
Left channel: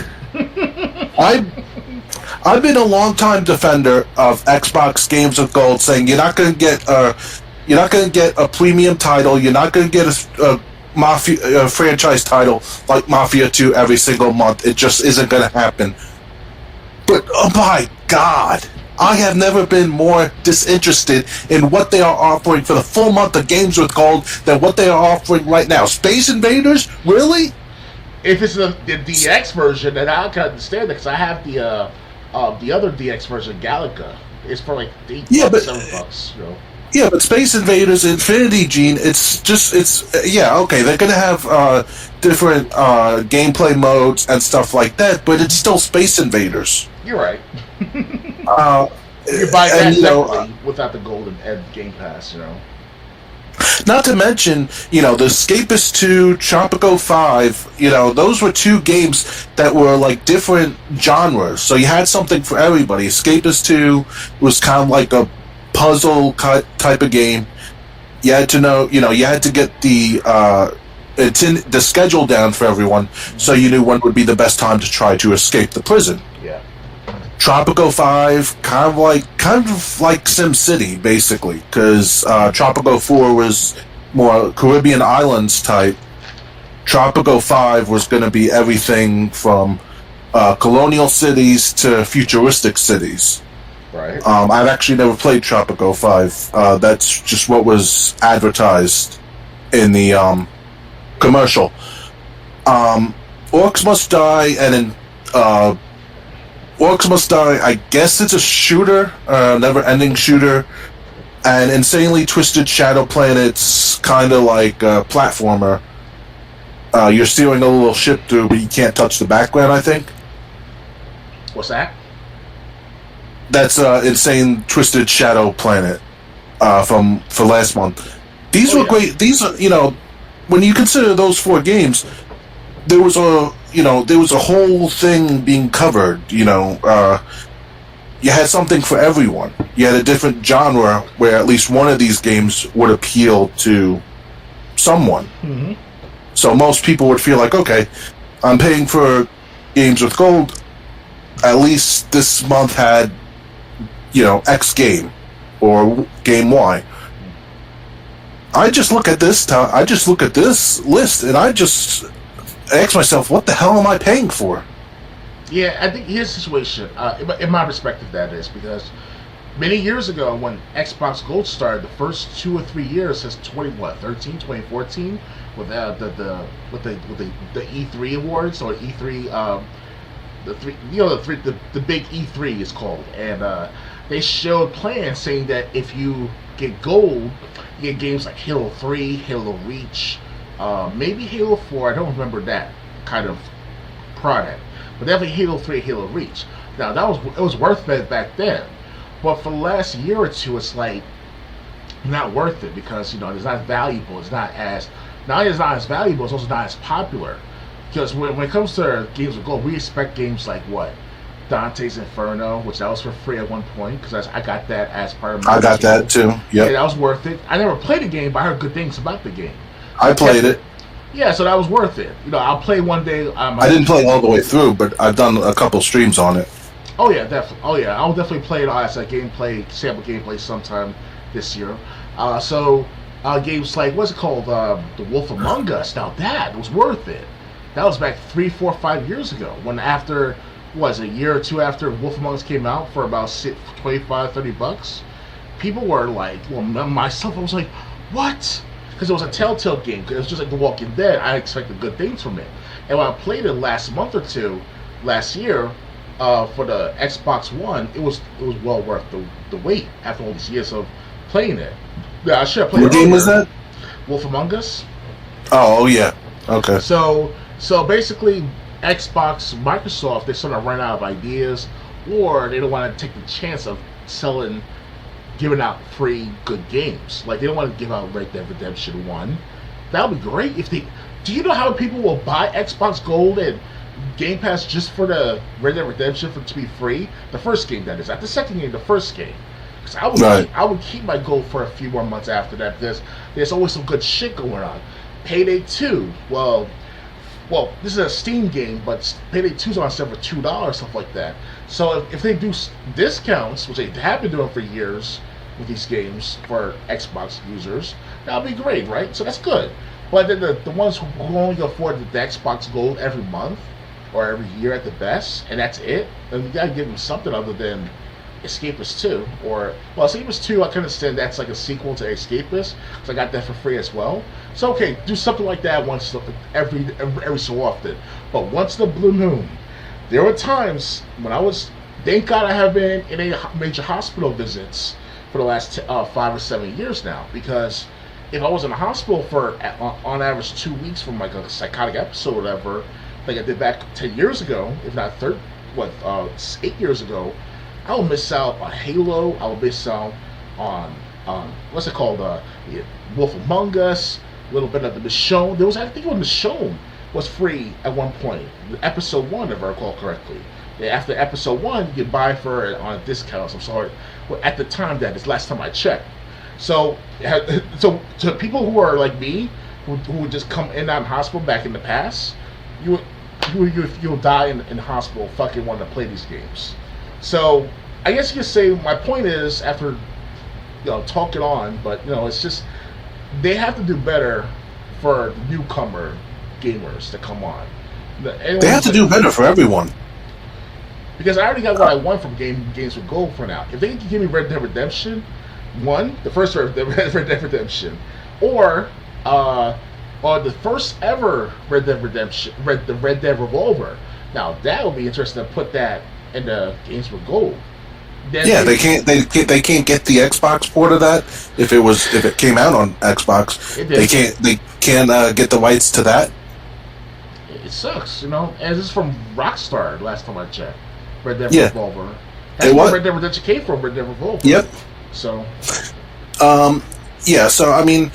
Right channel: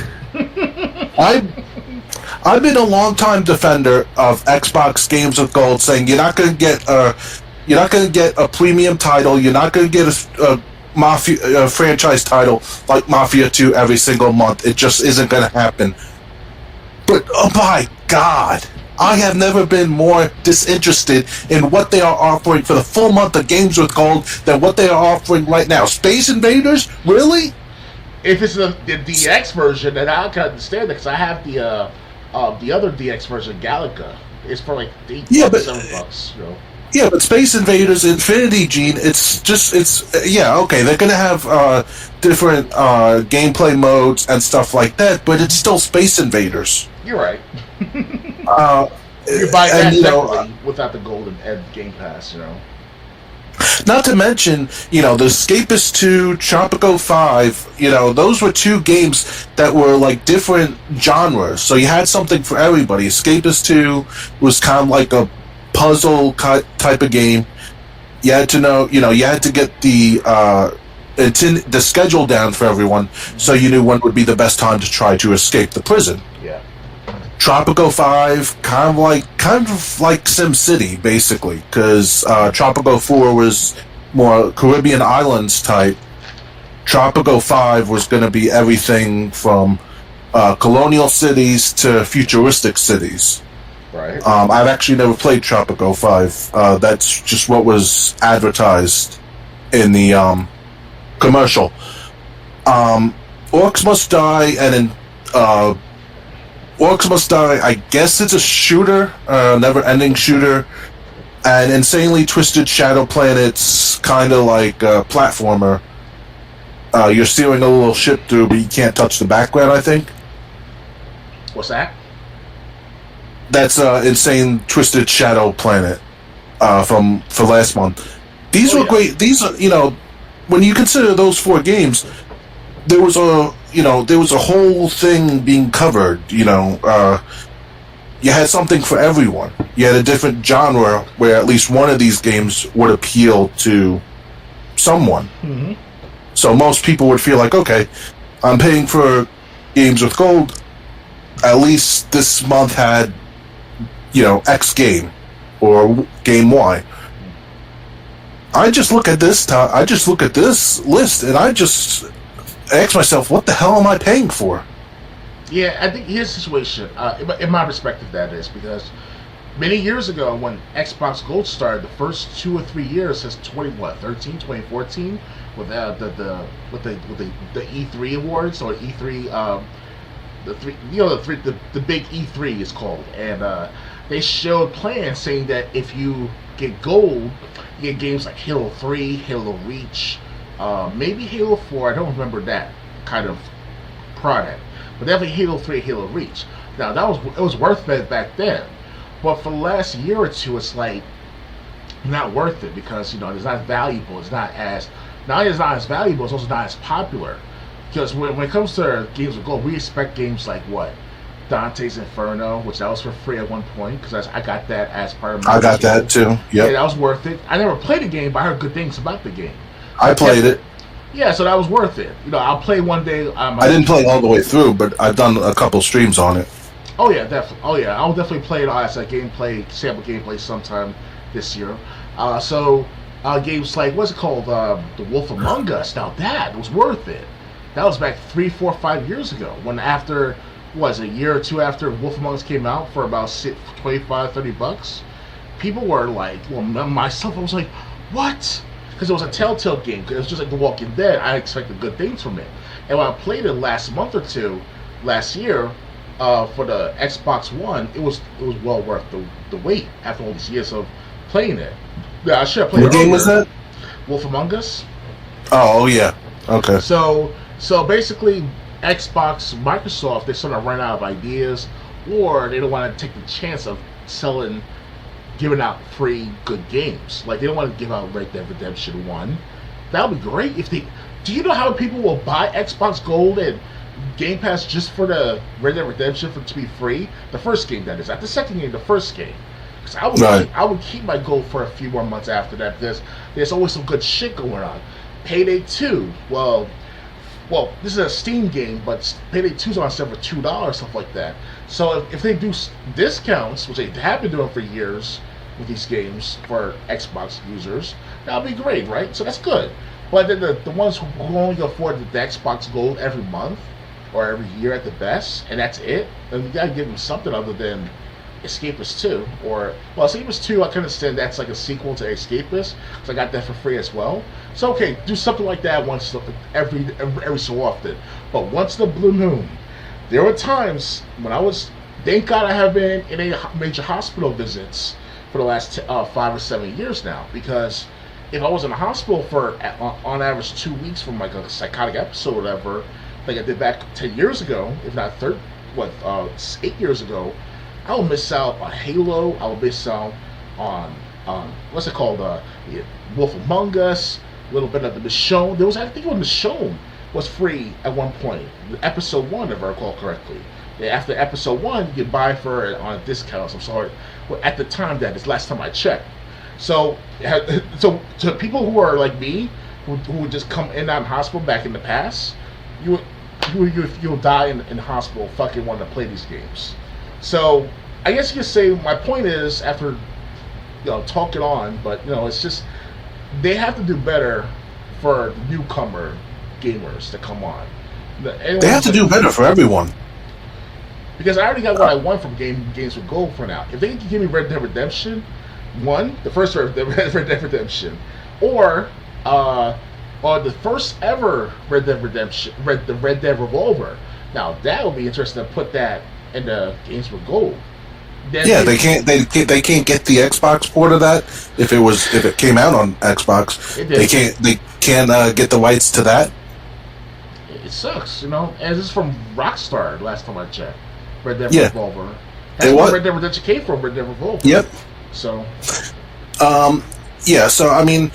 I've been a long-time defender of Xbox Games with Gold, saying you're not going to get a premium title, you're not going to get a Mafia franchise title like Mafia 2 every single month. It just isn't going to happen. But oh my God, I have never been more disinterested in what they are offering for the full month of Games with Gold than what they are offering right now. Space Invaders? Really? If it's the DX version, then I can understand that, because I have the other DX version, Galaga. It's for like $8, $7, you know. Yeah, but Space Invaders Infinity Gene, okay, they're going to have different gameplay modes and stuff like that, but it's still Space Invaders. You're right. You buy that separately without the Golden Ed Game Pass, you know. Not to mention, The Escapist 2, Tropico 5, those were two games that were like different genres, so you had something for everybody. Escapist 2 was kind of like a puzzle type of game. You had to know, you had to get the schedule down for everyone, so you knew when would be the best time to try to escape the prison. Yeah. Tropico 5, kind of like SimCity, basically, because Tropico 4 was more Caribbean islands type. Tropico 5 was going to be everything from colonial cities to futuristic cities. Right. I've actually never played Tropico 5. That's just what was advertised in the commercial. Orcs Must Die and Orcs Must Die, I guess it's a shooter, never-ending shooter, and Insanely Twisted Shadow Planet's kind of like a platformer. You're steering a little ship through, but you can't touch the background, I think. What's that? That's Insane Twisted Shadow Planet for last month. These were great. These are, when you consider those 4 games, there was a whole thing being covered. You had something for everyone. You had a different genre where at least one of these games would appeal to someone. Mm-hmm. So most people would feel like, okay, I'm paying for Games with Gold. At least this month had, X game or game Y. I just look at this. I just look at this list, and I just ask myself, what the hell am I paying for? Yeah, I think here's the situation. In my perspective, that is because many years ago, when Xbox Gold started, the first 2 or 3 years, since 2014, with the E3 awards or E3, the big E3 is called, and they showed plans saying that if you get gold, you get games like Halo 3, Halo Reach, maybe Halo 4. I don't remember that kind of product, but definitely Halo 3, Halo Reach. Now it was worth it back then, but for the last year or two, it's like not worth it because it's not valuable. It's not as valuable. It's also not as popular because when it comes to games with gold, we expect games like what Dante's Inferno, which that was for free at one point because I got that as part of my. I got that too. Yep. Yeah, that was worth it. I never played the game, but I heard good things about the game. So I played it. Yeah, so that was worth it. I'll play one day. I didn't play it all the way through, but I've done a couple streams on it. Oh yeah, definitely. Oh yeah, I'll definitely play it as a sample gameplay sometime this year. Games like what's it called, The Wolf Among Us. Now that was worth it. That was back 3, 4, 5 years ago. When after a year or two after Wolf Among Us came out for about $25-$30, people were like, well, myself, I was like, what? Because it was a Telltale game. It was just like The Walking Dead. I expected good things from it. And when I played it last month or two, last year, for the Xbox One, it was well worth the wait after all these years of playing it. Yeah, I should have played it earlier. What game was that? Wolf Among Us. Oh yeah. Okay. So basically, Microsoft, they sort of run out of ideas, or they don't want to take the chance of giving out free good games. Like they don't want to give out Red Dead Redemption 1. That would be great if they. Do you know how many people will buy Xbox Gold and Game Pass just for the Red Dead Redemption to be free? The first game, that is. Not the second game, the first game. Because I would keep my gold for a few more months after that because there's always some good shit going on. Payday 2, well, this is a Steam game, but Payday 2's on sale for $2, stuff like that. So if they do discounts, which they have been doing for years with these games for Xbox users, that'll be great, right? So that's good. But then the ones who only afford the Xbox Gold every month or every year at the best, and that's it, then you gotta give them something other than Escapist 2. Escapist 2, I can understand that's like a sequel to Escapist, because I got that for free as well. So okay, do something like that once every so often. But once the blue moon, there were times when thank God I have been in a major hospital visits for the last 5 or 7 years now, because if I was in the hospital for on average 2 weeks from like a psychotic episode or whatever, like I did back 10 years ago, if not 8 years ago, I will miss out on Halo. I will miss out on what's it called? Wolf Among Us. A little bit of the Michonne. I think Michonne was free at one point. Episode 1, if I recall correctly. After episode 1, you can buy for it on a discount. I'm sorry. Well, at the time, that is last time I checked. So to people who are like me, who would just come in and out of hospital back in the past, you'll die in the hospital fucking wanting to play these games. So I guess you could say my point is, after talking on, but it's just they have to do better for newcomer gamers to come on. They have to do better for everyone. Because I already got what I want from games with gold for now. If they can give me Red Dead Redemption 1, the first Red Dead Redemption, or the first ever Red Dead Redemption, the Red Dead Revolver. Now that would be interesting to put that in the games with gold. Then they can't get the Xbox port of that if it came out on Xbox. They can't get the rights to that. It sucks, And this is from Rockstar last time I checked. Red Dead Revolver. That's where Red Dead Redemption came from. Red Dead Revolver. Yep. So. So I mean,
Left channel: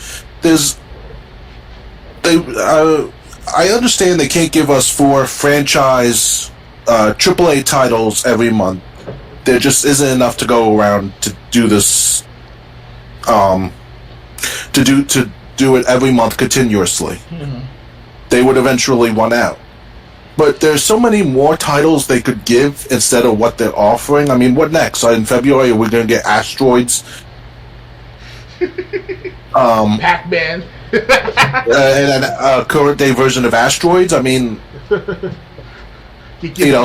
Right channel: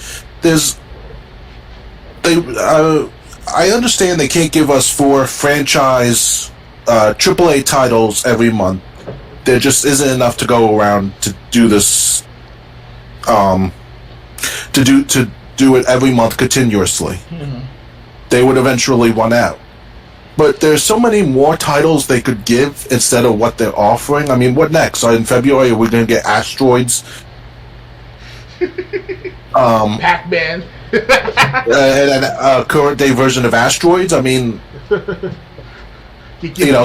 I understand they can't give us 4 franchise AAA titles every month. There just isn't enough to go around to do this. To do it every month continuously. Mm-hmm. They would eventually run out. But there's so many more titles they could give instead of what they're offering. I mean, what next? In February, are we going to get Asteroids? Pac-Man. And a current day version of Asteroids. I mean,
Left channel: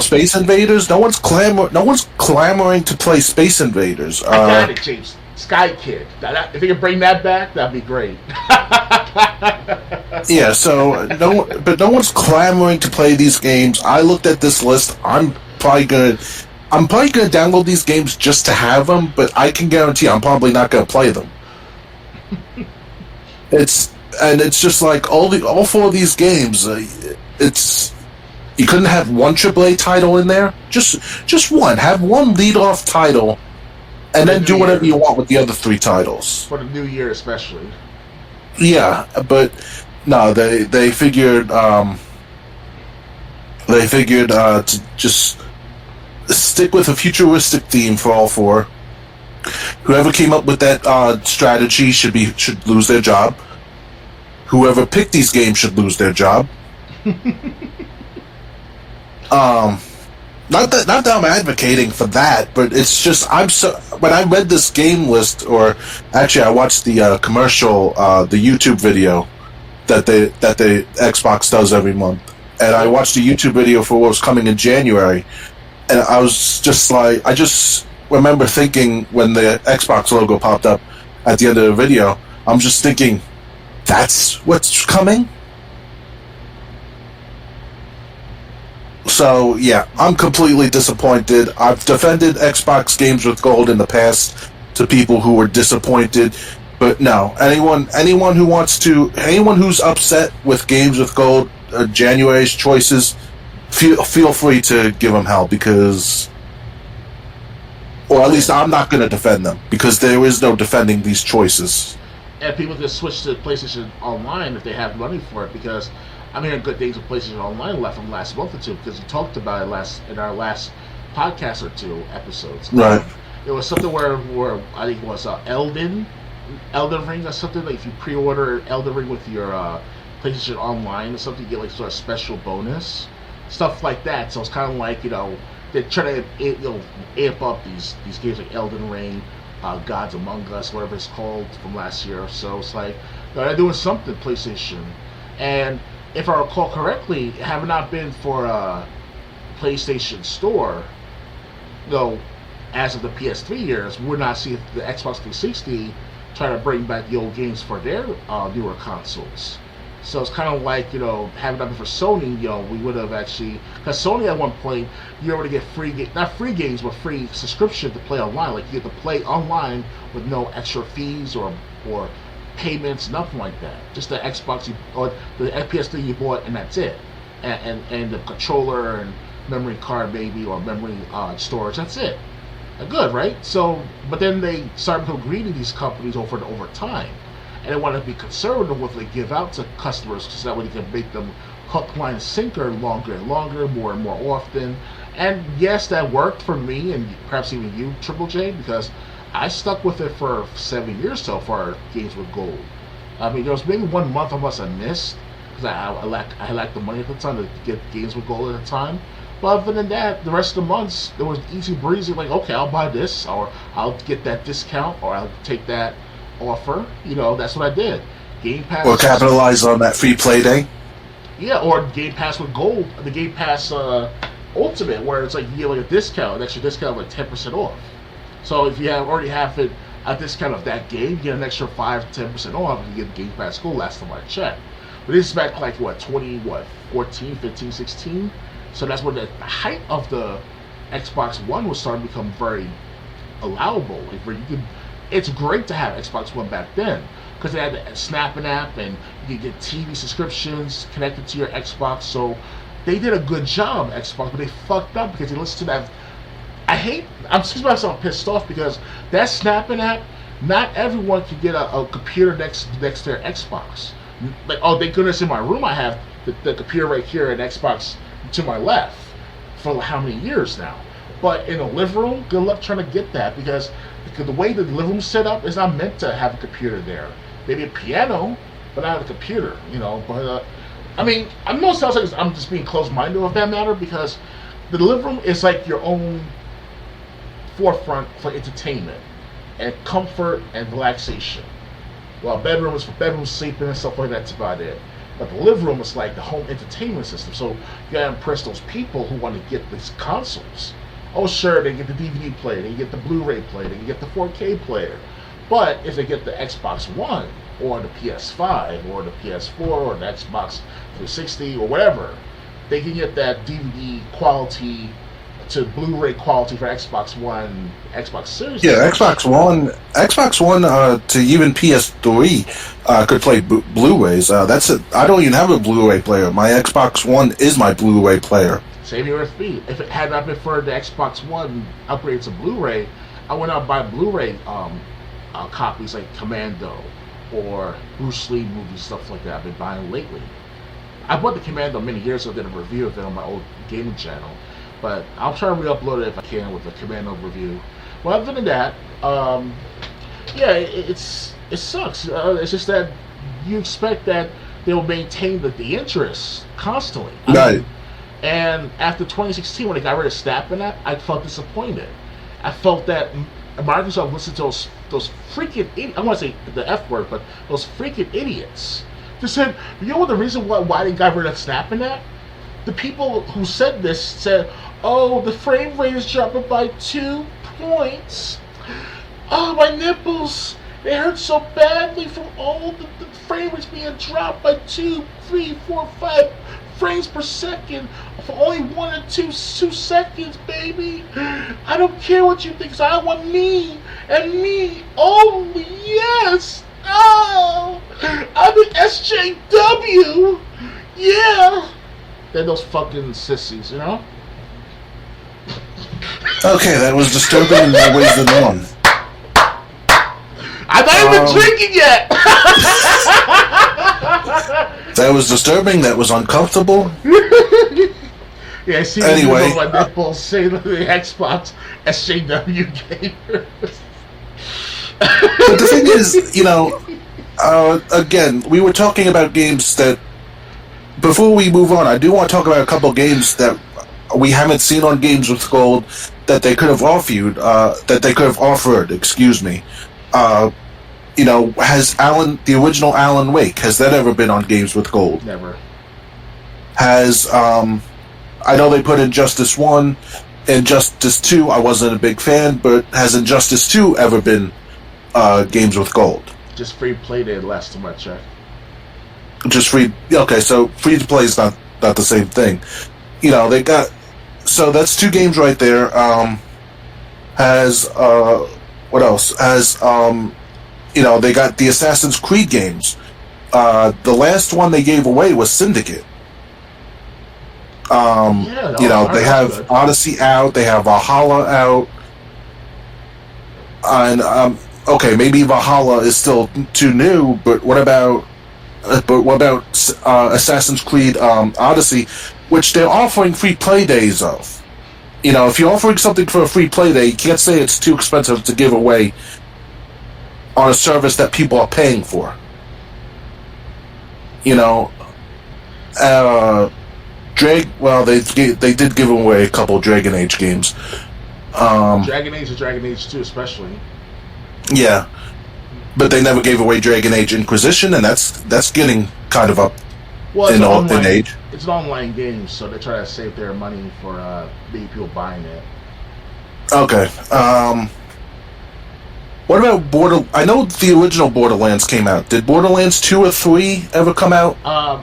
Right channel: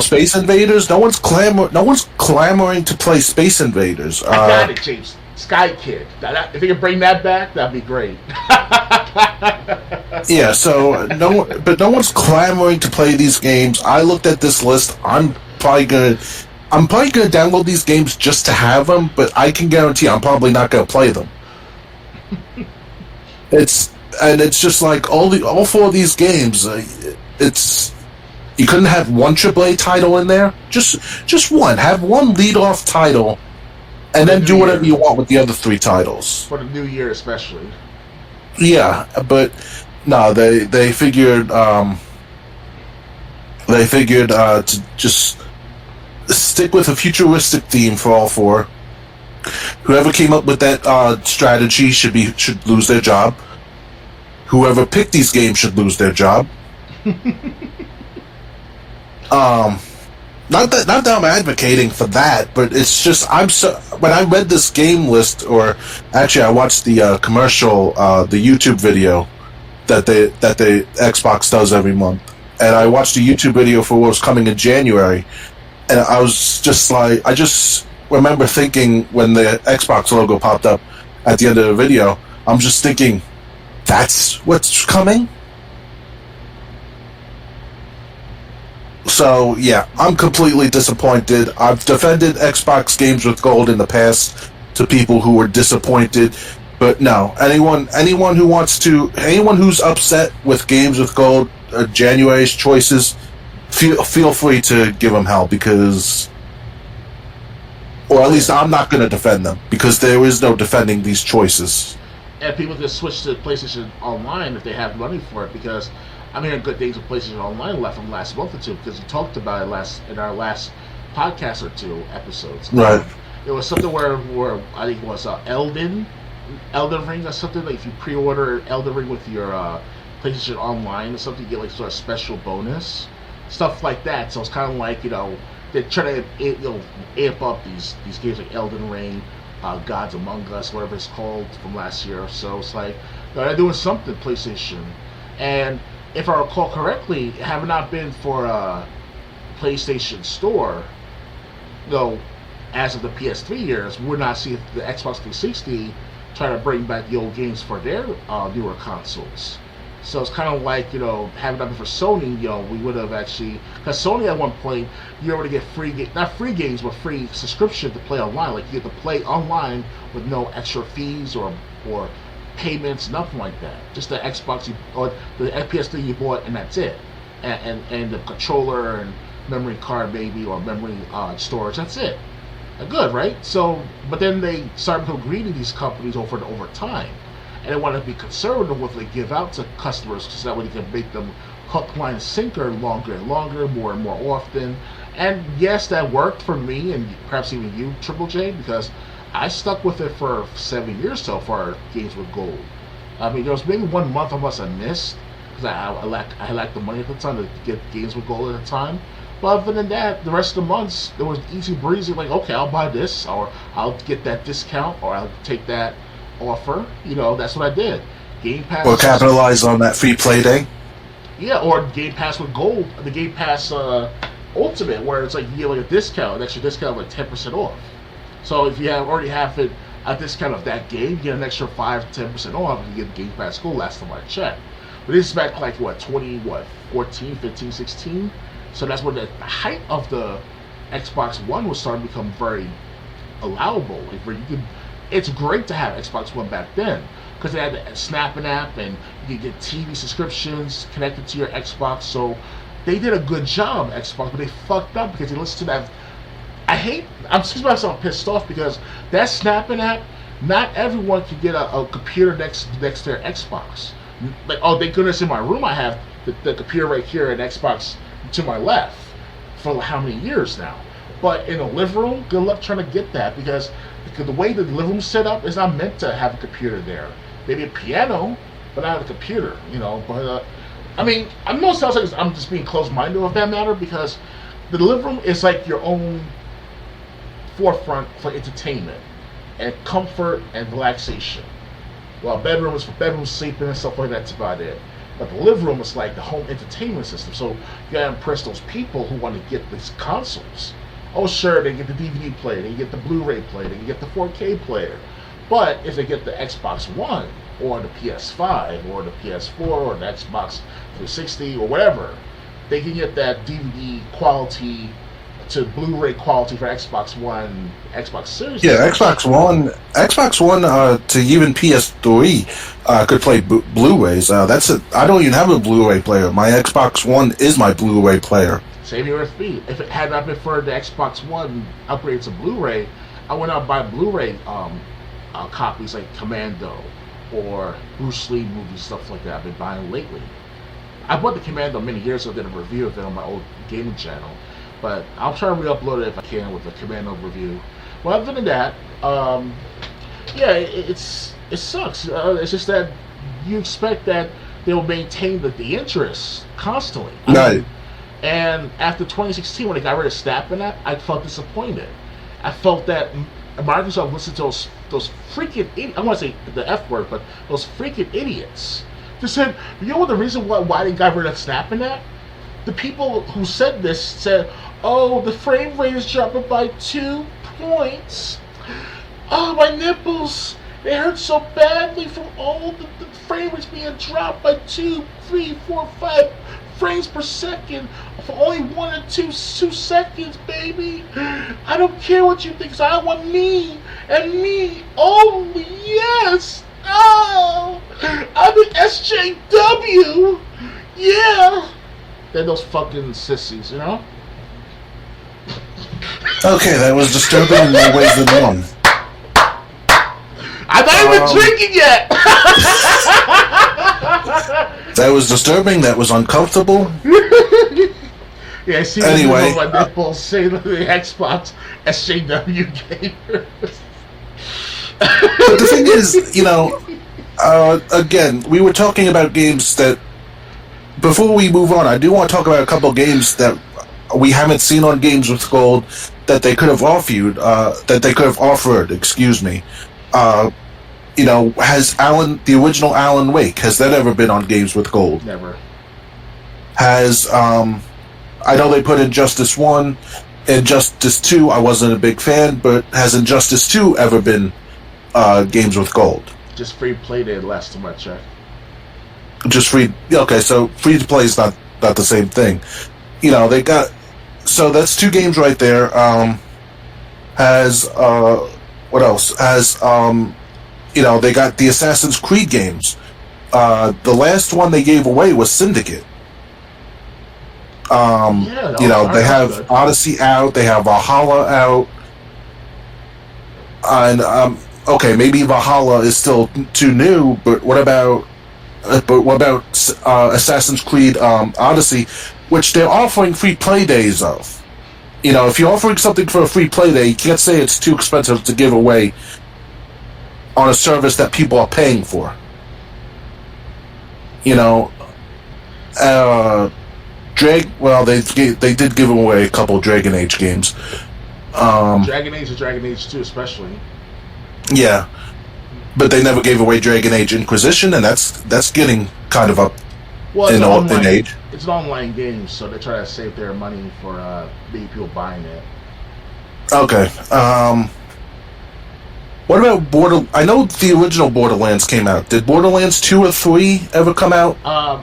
Space Invaders. No one's clamoring to play Space Invaders. I got it, James. Sky Kid. If they can bring that back, that'd be great. Yeah. So but no one's clamoring to play these games. I looked at this list. I'm probably gonna download these games just to have them, but I can guarantee I'm probably not gonna play them. It's just like all four of these games. You couldn't have one AAA title in there. Just one. Have one lead-off title, and then do whatever you want with the other three titles for the new year, especially. Yeah, but no, they figured to just stick with a futuristic theme for all four. Whoever came up with that strategy should lose their job. Whoever picked these games should lose their job. Not that I'm advocating for that, but it's just when I read this game list, or actually I watched the commercial, the YouTube video that the Xbox does every month, and I watched a YouTube video for what was coming in January, and I was just like, I just remember thinking when the Xbox logo popped up at the end of the video, I'm just thinking, that's what's coming? So, yeah, I'm completely disappointed. I've defended Xbox Games with Gold in the past to people who were disappointed. But no, anyone who's upset with Games with Gold or January's choices, feel free to give them hell, because... Or at least I'm not going to defend them, because there is no defending these choices. And people can switch to PlayStation Online if they have money for it, because I'm hearing good things with PlayStation Online left from last month or two, because we talked about it in our last podcast or two episodes. Right. It was something where I think it was Elden Ring or something. Like if you pre-order Elden Ring with your PlayStation Online or something, you get like sort of special bonus stuff like that. So it's kind of like they're trying to amp up these games like Elden Ring, Gods Among Us, whatever it's called, from last year. So it's like they're doing something PlayStation. And if I recall correctly, have it not been for PlayStation Store, as of the PS3 years, we're not seeing the Xbox 360 trying to bring back the old games for their newer consoles. So it's kind of like, having that for Sony, we would have actually, because Sony at one point, you were able to get not free games, but free subscription to play online. Like you get to play online with no extra fees or payments, nothing like that. Just the Xbox or the PS3 you bought, and that's it. And the controller and memory card, maybe, or memory storage. That's it. Good, right? So, but then they started to agree to these companies over time. And they want to be conservative with what they give out to customers, because that way they can make them hook, line, and sinker longer and longer, more and more often. And yes, that worked for me, and perhaps even you, Triple J, because I stuck with it for 7 years so far, Games with Gold. I mean, there was maybe 1 month I must have missed, because I lacked the money at the time to get Games with Gold at the time. But other than that, the rest of the months, there was easy breezy, like, okay, I'll buy this, or I'll get that discount, or I'll take that offer. That's what I did. Game Pass. Or capitalize on that free play day. Yeah, or Game Pass with Gold, the Game Pass Ultimate, where it's like you get like a discount, an extra discount of like 10% off. So if you already have it a discount of that game, you get an extra 5-10% off, and you get Game Pass Gold last time I checked. But this is back like 14, 15, 16. So that's when the height of the Xbox One was starting to become very allowable. Like where you could. It's great to have Xbox One back then, because they had the snapping app, and you could get TV subscriptions connected to your Xbox. So they did a good job, Xbox, but they fucked up because they listened to that. I'm excuse myself, pissed off, because that snapping app, not everyone can get a computer next to their Xbox. Like, oh, thank goodness in my room I have the computer right here and Xbox to my left for how many years now. But in the living room, good luck trying to get that, because the way the living room's set up is not meant to have a computer there. Maybe a piano, but not a computer, But I mean, I know it sounds like I'm just being closed-minded with that matter, because the living room is like your own forefront for entertainment and comfort and relaxation. Well, bedroom sleeping and stuff like that. That's about it. But the living room is like the home entertainment system. So you gotta impress those people who want to get these consoles. Oh, sure, they get the DVD player, they get the Blu-ray player, they get the 4K player. But if they get the Xbox One or the PS5 or the PS4 or the Xbox 360 or whatever, they can get that DVD quality to Blu-ray quality for Xbox One, Xbox Series. Yeah, Xbox One to even PS3 could play Blu-rays. That's it. I don't even have a Blu-ray player. My Xbox One is my Blu-ray player. Same here with me. If it had not been for the Xbox One upgrade to Blu-ray, I went out and buy Blu-ray copies like Commando or Bruce Lee movies, stuff like that. I've been buying lately. I bought the Commando many years ago. Did a review of it on my old gaming channel. But I'll try to re-upload it if I can with the Commando review. Well, other than that, yeah, it sucks. It's just that you expect that they'll maintain the interest constantly. Right. And after 2016, when they got rid of Snap and that, I felt disappointed. I felt that Microsoft listened to those freaking I want to say the F word, but those freaking idiots. They said, you know what the reason why they got rid of Snap and that? The people who said this said, oh, the frame rate is dropping by 2 points. Oh, my nipples, they hurt so badly from all the frame rates being dropped by 2, 3, 4, 5 frames per second for only 1 or 2 seconds, baby. I don't care what you think, 'cause I want me and me only. Yes. Oh, I'm an SJW. Yeah. They're those fucking sissies, you know? Okay, that was disturbing in more ways than one. I'm not even drinking yet! That was disturbing, that was uncomfortable. Yeah, I see Anyway, my nipples say the Xbox SJW gamer. But the thing is, you know, again, we were talking about games that, before we move on, I do want to talk about a couple of games that we haven't seen on Games with Gold that they could have offered, excuse me. You know, has the original Alan Wake, has that ever been on Games with Gold? Never. Has, I know they put Injustice 1, Injustice 2, I wasn't a big fan, but has Injustice 2 ever been Games with Gold? Just free play did last too much, check. Just free, okay, so free to play is not the same thing. You know, they got, so that's 2 games right there. What else? Has, you know, they got the Assassin's Creed games. The last one they gave away was Syndicate. Yeah, you know, they have good. Odyssey out, they have Valhalla out. And, okay, maybe Valhalla is still too new, but what about Assassin's Creed Odyssey, which they're offering free play days of? You know, if you're offering something for a free play day, you can't say it's too expensive to give away on a service that people are paying for. You know, they did give away a couple Dragon Age games. Dragon Age and Dragon Age 2 especially. Yeah. But they never gave away Dragon Age Inquisition, and that's getting kind of up. Well, it's in age. It's an online game, so they try to save their money for maybe people buying it. Okay. What about I know the original Borderlands came out. Did Borderlands 2 or 3 ever come out?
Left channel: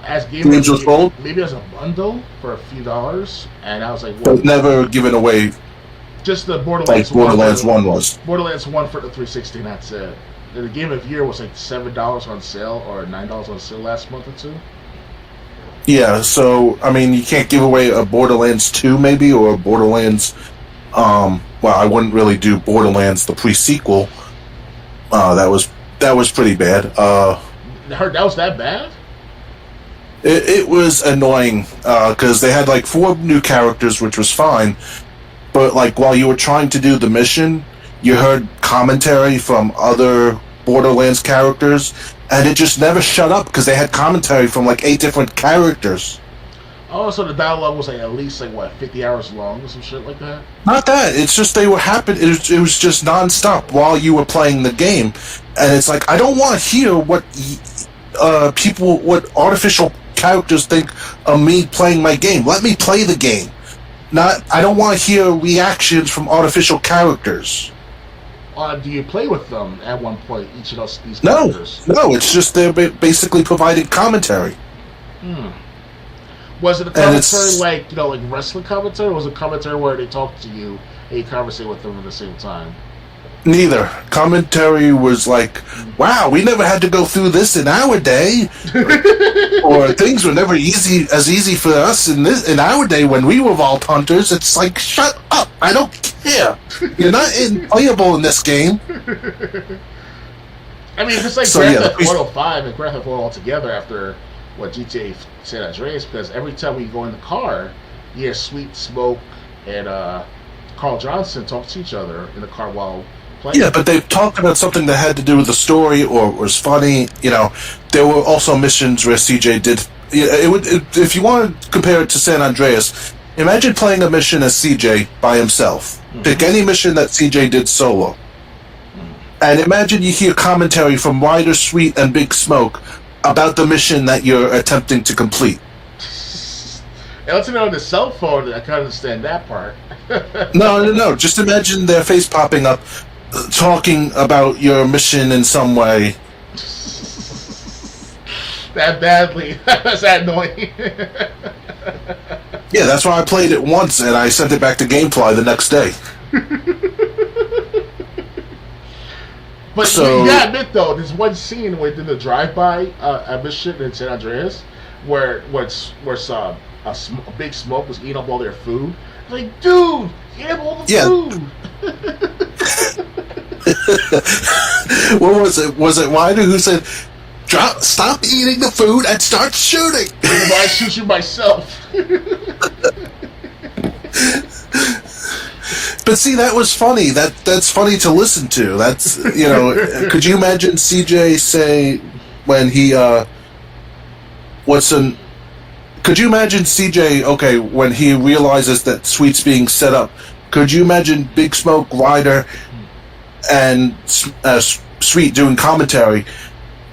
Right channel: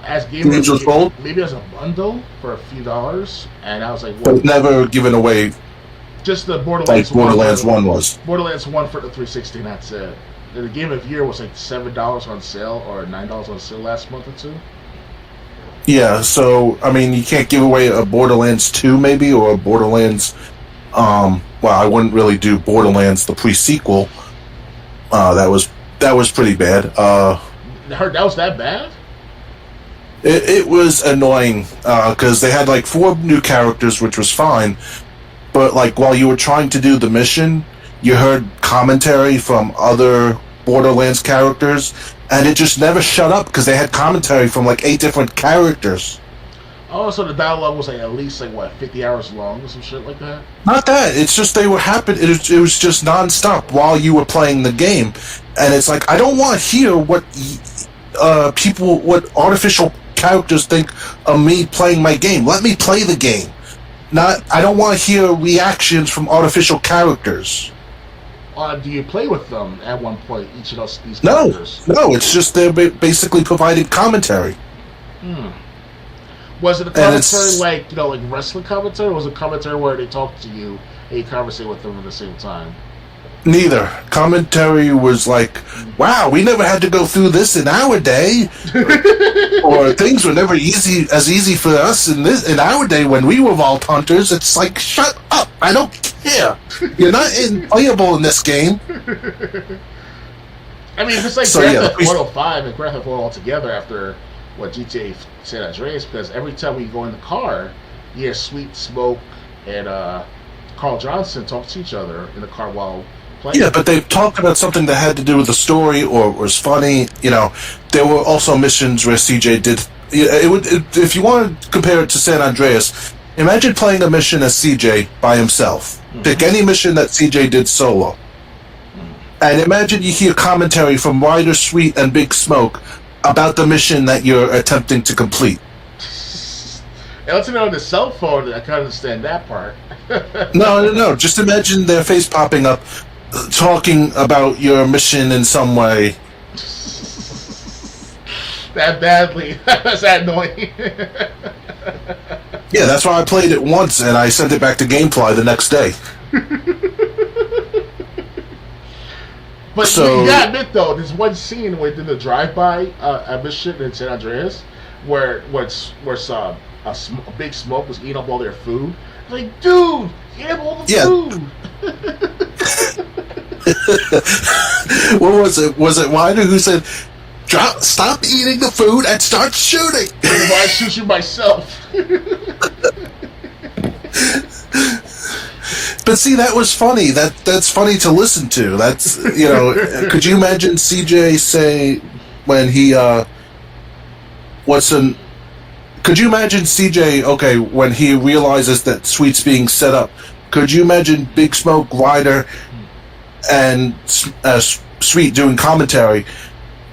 As Games with Gold? Maybe as a bundle for a few dollars, and I was like, what? But never given away. Just the Borderlands like Borderlands 1 was. Borderlands 1 for the 360, and that's it. The Game of the Year was like $7 on sale or $9 on sale last month or two. Yeah, so, I mean, you can't give away a Borderlands 2 maybe, or a Borderlands, well, I wouldn't really do Borderlands, the pre-sequel. That was pretty bad. That was that bad? It was annoying, because they had like 4 new characters, which was fine, but like while you were trying to do the mission, you heard commentary from other Borderlands characters, and it just never shut up because they had commentary from like 8 different characters. Oh, so the dialogue was like at least like what 50 hours long or some shit like that. Not that. It's just they were happen. It was just nonstop while you were playing the game, and it's like I don't want to hear what what artificial characters think of me playing my game. Let me play the game. I don't want to hear reactions from artificial characters. Do you play with them at one point? Each of these characters? No. It's just they're basically providing commentary. Was it a commentary like wrestling commentary, or was it commentary where they talk to you and you conversate with them at the same time? Neither. Commentary was like, wow, we never had to go through this in our day. Or things were never as easy for us in our day when we were Vault Hunters. It's like, shut up, I don't care. You're not playable in this game. I mean, if it's like Grand Theft Auto 5 and Grand Theft Auto altogether after GTA San Andreas, because every time we go in the car, you hear Sweet, Smoke, and Carl Johnson talk to each other in the car while playing. Yeah, but they talked about something that had to do with the story or was funny. There were also missions where CJ did. If you want to compare it to San Andreas, imagine playing a mission as CJ by himself. Mm-hmm. Pick any mission that CJ did solo. And imagine you hear commentary from Ryder, Sweet, and Big Smoke about the mission that you're attempting to complete. And let's on the cell phone, I can understand that part. No. Just imagine their face popping up, talking about your mission in some way. That badly. That's that annoying. Yeah, that's why I played it once and I sent it back to Gamefly the next day. But you gotta admit though, there's one scene within the drive-by mission in San Andreas where Big Smoke was eating up all their food. I was like, dude, eat up all the food. What was it? Was it Ryder who said, stop eating the food and start shooting? Why I shoot you myself? But see, that was funny. That's funny to listen to. That's could you imagine CJ say when he could you imagine CJ when he realizes that Sweet's being set up? Could you imagine Big Smoke, Ryder, and Sweet doing commentary,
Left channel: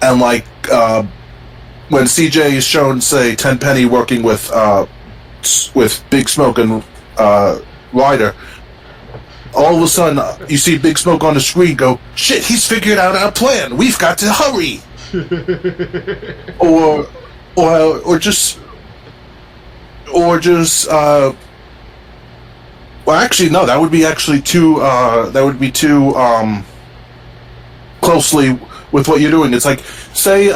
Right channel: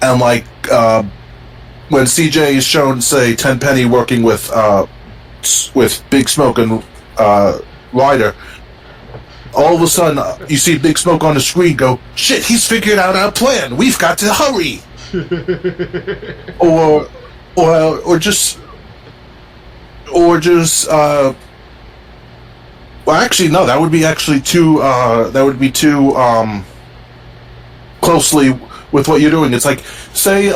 and when CJ is shown, say, Tenpenny working with Big Smoke and Ryder. All of a sudden, you see Big Smoke on the screen go, shit, he's figured out our plan. We've got to hurry. or just well, actually, no, that would be actually too closely with what you're doing. It's like, say,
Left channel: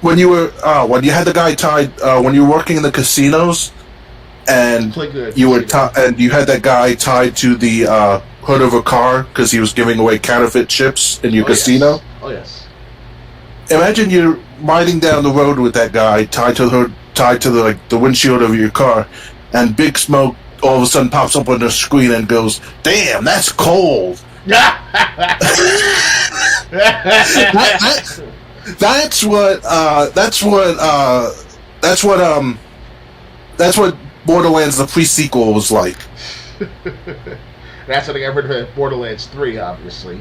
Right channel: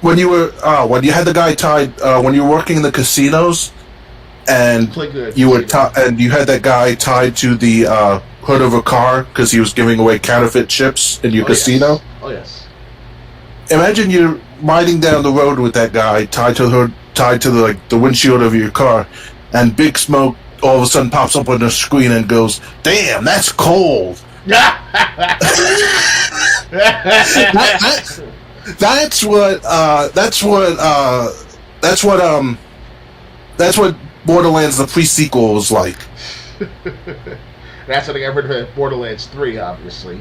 when you had the guy tied, when you were working in the casinos, and you had that guy tied to the hood of a car because he was giving away counterfeit chips in your casino. Yes. Oh yes. Imagine you're riding down the road with that guy tied to the hood, tied to the windshield of your car, and Big Smoke all of a sudden pops up on the screen and goes, "Damn, that's cold." That's what Borderlands the pre-sequel was like. That's what I got rid of Borderlands 3, obviously.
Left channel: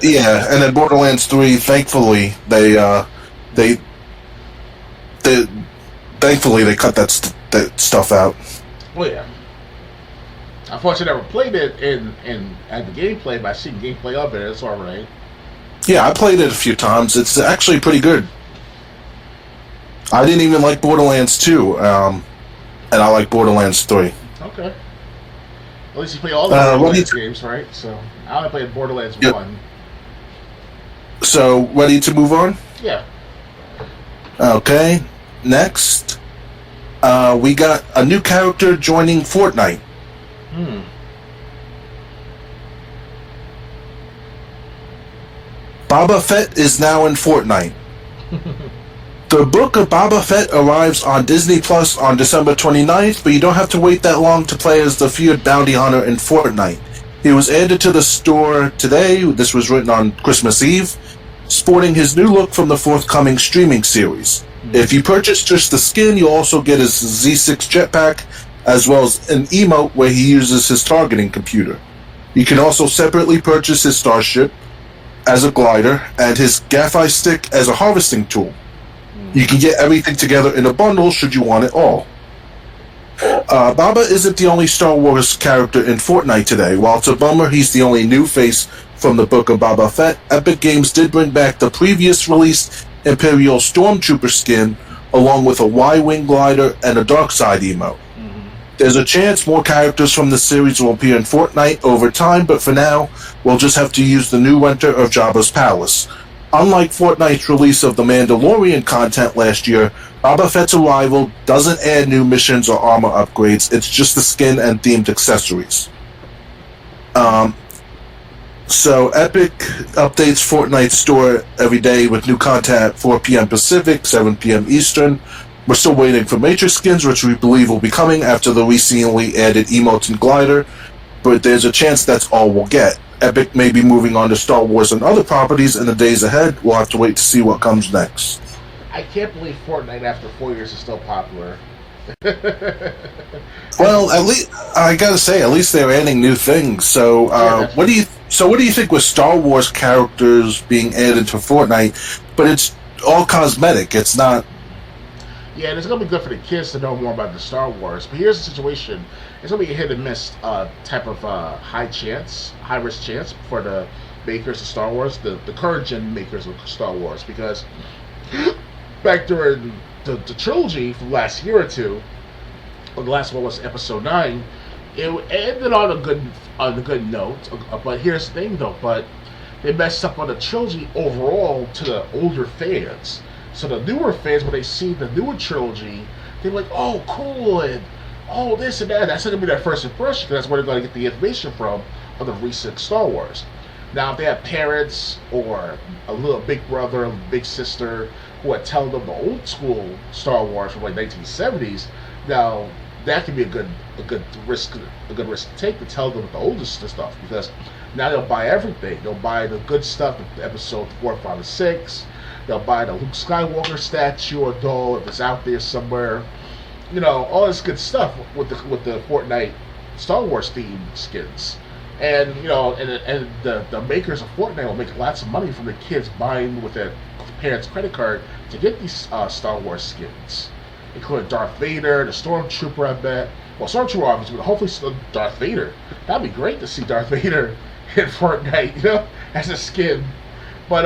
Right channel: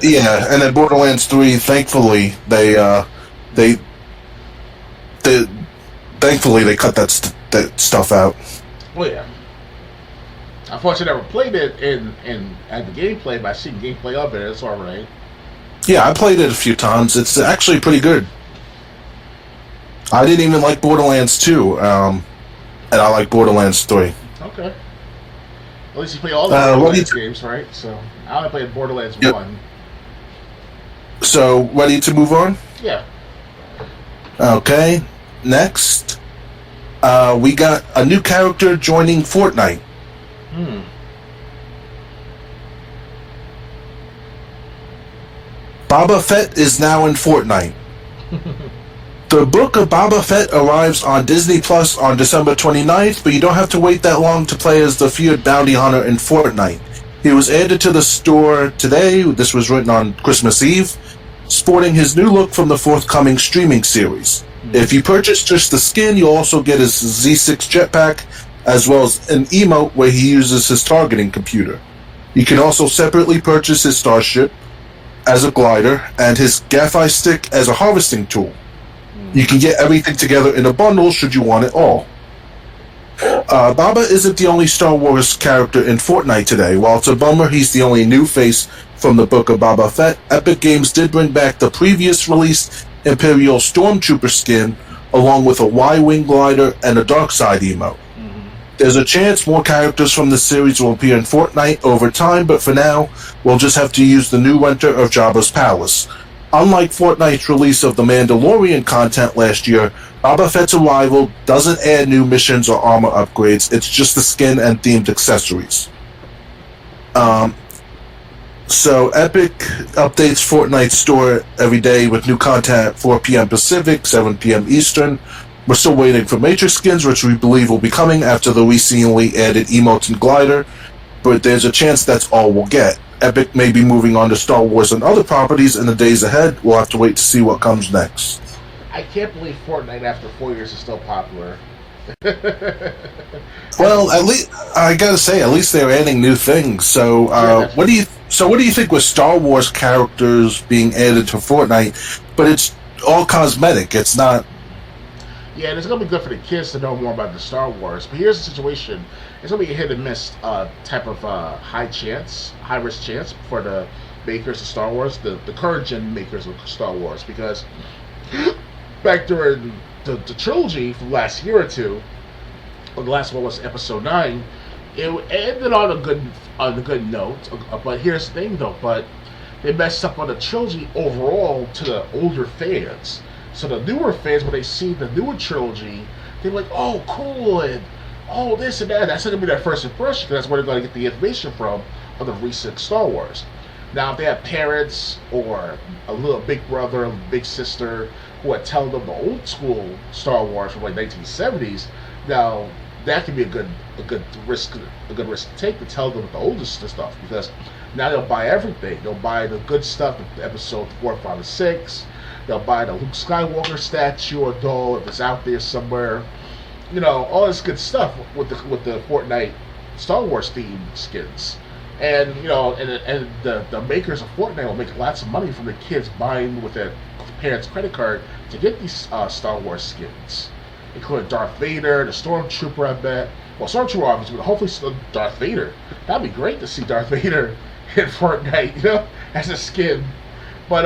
Yeah, and then Borderlands 3, thankfully they cut that stuff out. Oh yeah. Unfortunately, I never played it at the gameplay, but I've seen gameplay of it. It's all right. Yeah, I played it a few times. It's actually pretty good. I didn't even like Borderlands 2, and I like Borderlands 3. Okay. At least you play all the Borderlands games, right? So I only played Borderlands 1. So, ready to move on? Yeah. Okay. Next, we got a new character joining Fortnite. Boba Fett is now in Fortnite. The book of Boba Fett arrives on Disney Plus on December 29th, but you don't have to wait that long to play as the feared bounty hunter in Fortnite. He was added to the store today, this was written on Christmas Eve, sporting his new look from the forthcoming streaming series. If you purchase just the skin, you'll also get his Z6 jetpack, as well as an emote where he uses his targeting computer. You can also separately purchase his starship as a glider and his Gaffi stick as a harvesting tool. You can get everything together in a bundle should you want it all. Baba isn't the only Star Wars character in Fortnite today. While it's a bummer he's the only new face from the Book of Boba Fett, Epic Games did bring back the previous released Imperial Stormtrooper skin, along with a Y-Wing glider and a dark side emote. There's a chance more characters from the series will appear in Fortnite over time, but for now, we'll just have to use the new renter of Jabba's palace. Unlike Fortnite's release of the Mandalorian content last year, Boba Fett's arrival doesn't add new missions or armor upgrades, it's just the skin and themed accessories. So Epic updates Fortnite's store every day with new content at 4 p.m. Pacific, 7 p.m. Eastern. We're still waiting for Matrix skins, which we believe will be coming after the recently added emotes and glider, but there's a chance that's all we'll get. Epic may be moving on to Star Wars and other properties in the days ahead. We'll have to wait to see what comes next. I can't believe Fortnite after 4 years is still popular. Well, at least I gotta say, at least they're adding new things. So, what do you think with Star Wars characters being added to Fortnite? But it's all cosmetic. It's not. Yeah, and it's gonna be good for the kids to know more about the Star Wars. But here's the situation: it's gonna be a hit and miss type of high risk chance for the makers of Star Wars, the current gen makers of Star Wars, because back during the trilogy from last year or two, or the last one was Episode 9, it ended on a good note. But here's the thing, though: but they messed up on the trilogy overall to the older fans. So the newer fans, when they see the newer trilogy, they're like, "Oh, cool!" and "Oh, this and that." That's going to be their first impression, because that's where they're going to get the information from of the recent Star Wars. Now, if they have parents or a little big brother, big sister who would tell them the old school Star Wars from like 1970s, now that can be a good risk to take, to tell them the oldest stuff, because now they'll buy everything. They'll buy the good stuff, Episode 4, 5, and 6. They'll buy the Luke Skywalker statue or doll if it's out there somewhere. You know, all this good stuff with the Fortnite Star Wars themed skins. And you know, and the makers of Fortnite will make lots of money from the kids buying with their parents' credit card to get these Star Wars skins, including Darth Vader, the Stormtrooper. I bet. Well, Stormtrooper obviously, but hopefully Darth Vader. That'd be great to see Darth Vader in Fortnite, you know, as a skin. But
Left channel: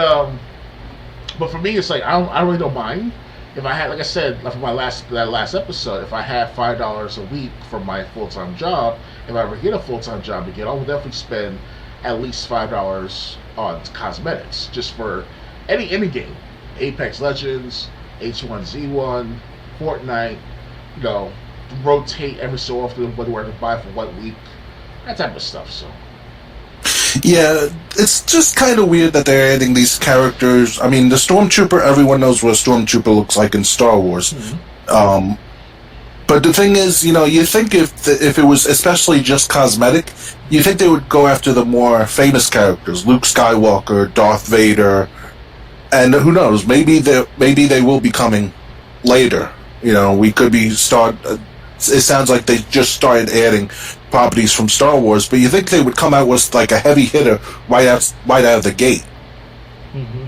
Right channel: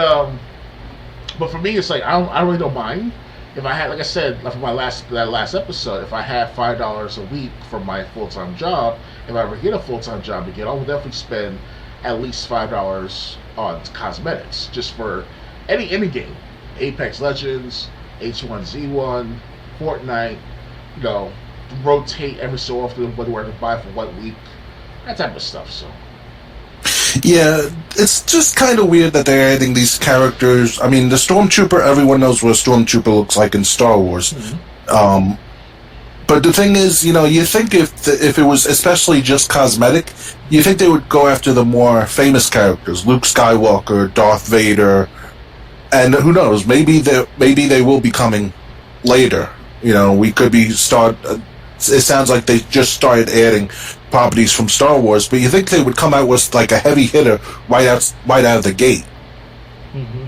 for me, it's like I really don't mind. If I had, like I said, like for that last episode, if I had $5 a week for my full-time job, if I ever get a full-time job again, I would definitely spend at least $5 on cosmetics just for any game, Apex Legends, H1Z1, Fortnite. You know, rotate every so often where to buy for what week, that type of stuff. So. Yeah, it's just kind of weird that they're adding these characters. I mean, the Stormtrooper, everyone knows what a Stormtrooper looks like in Star Wars. Mm-hmm. But the thing is, you know, you think if it was especially just cosmetic, you think they would go after the more famous characters, Luke Skywalker, Darth Vader, and who knows, maybe they will be coming later. You know, we could be it sounds like they just started adding properties from Star Wars, but you think they would come out with like a heavy hitter right out of the gate. Mm-hmm.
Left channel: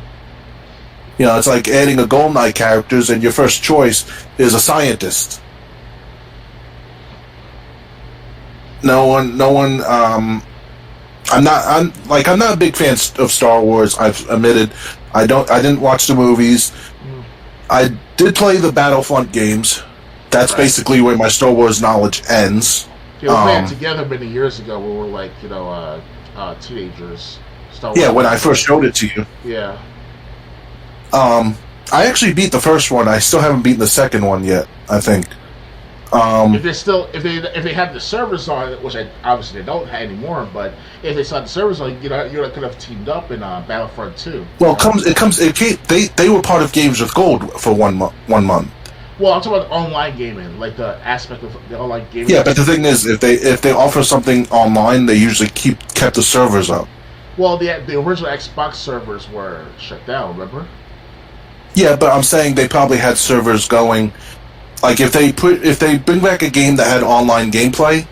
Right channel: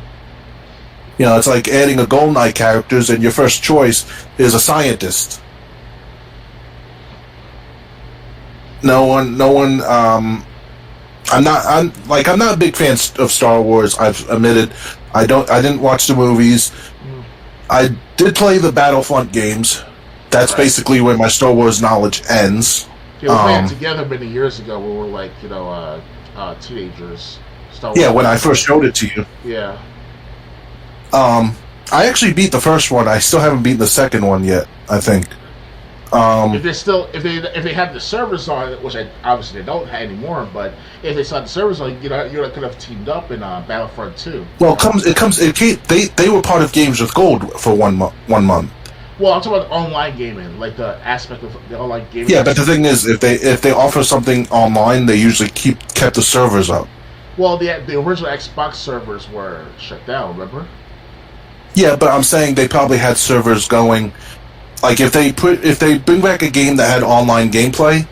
You know, it's like adding a GoldenEye characters and your first choice is a scientist. No one. I'm not a big fan of Star Wars. I've admitted I didn't watch the movies. I did play the Battlefront games. That's right. Basically where my Star Wars knowledge ends. Yeah, we played together many years ago when we were like, you know, teenagers. Star Wars. Yeah, when I first showed it to you. Yeah. I actually beat the first one. I still haven't beaten the second one yet, I think. If they have the servers on it, which obviously they don't have anymore, but if they saw the servers on, you could have teamed up in Battlefront 2. Well, they were part of Games with Gold for 1 month. Well, I'm talking about online gaming, like the aspect of the online gaming. Yeah, but the thing is, if they offer something online, they usually kept the servers up. Well, the original Xbox servers were shut down. Remember? Yeah, but I'm saying they probably had servers going. Like if they bring back a game that had online gameplay,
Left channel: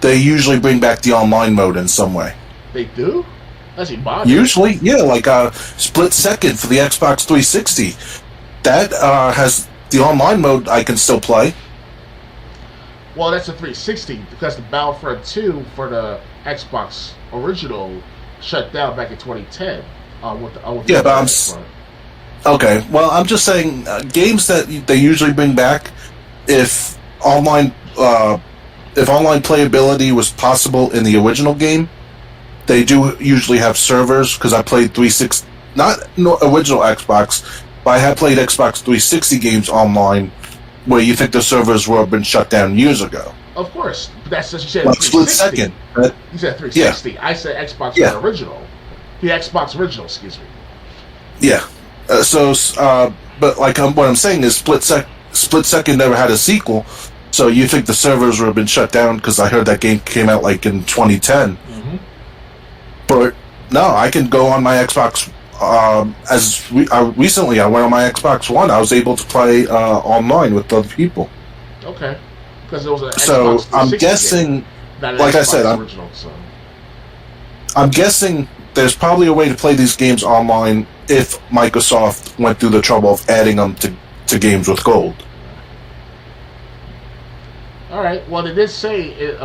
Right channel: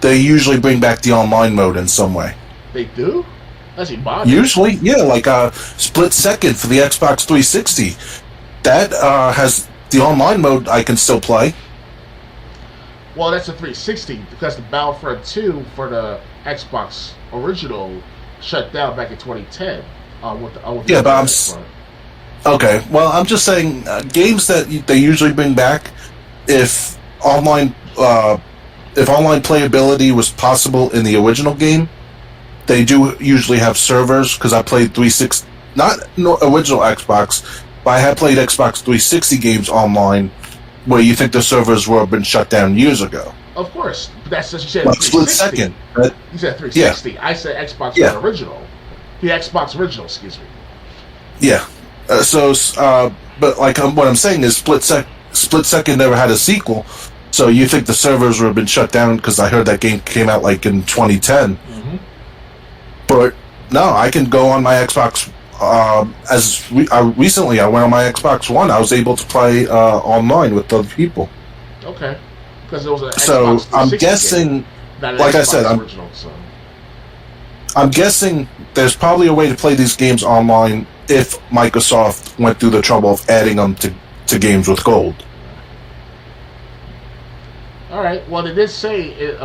they usually bring back the online mode in some way. They do? That's modded. Usually, yeah, like Split Second for the Xbox 360. That has the online mode I can still play. Well, that's a 360 because the Battlefront 2 for the Xbox original shut down back in 2010. Yeah, but okay. Well, I'm just saying games that they usually bring back if online playability was possible in the original game, they do usually have servers. Because I played 360, not original Xbox, but I had played Xbox 360 games online. Where you think the servers were been shut down years ago? Of course, but that's what you said. Like 360. Second, right? You said 360. Yeah. I said Xbox One original. The Xbox original, excuse me. Yeah. But like what I'm saying is, Split Second never had a sequel. So you think the servers would have been shut down because I heard that game came out like in 2010. Mm-hmm. But no, I can go on my Xbox. Recently, I went on my Xbox One. I was able to play online with other people. Okay, because it was an Xbox 360 I'm guessing, game, not an like Xbox I said, original. I'm guessing there's probably a way to play these games online if Microsoft went through the trouble of adding them to games with gold. All right. Well, they did say,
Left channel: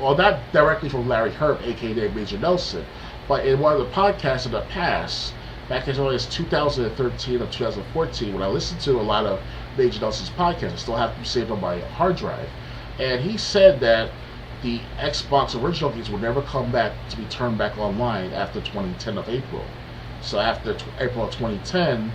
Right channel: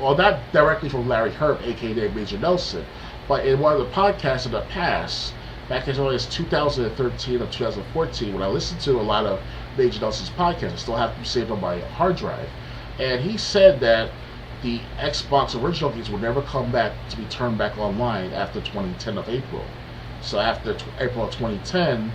well, not directly from Larry Herb, aka Major Nelson, but in one of the podcasts in the past. Back as early as 2013 or 2014, when I listened to a lot of Major Nelson's podcasts, I still have them saved on my hard drive. And he said that the Xbox original games would never come back to be turned back online after 2010 of April. So after April of 2010,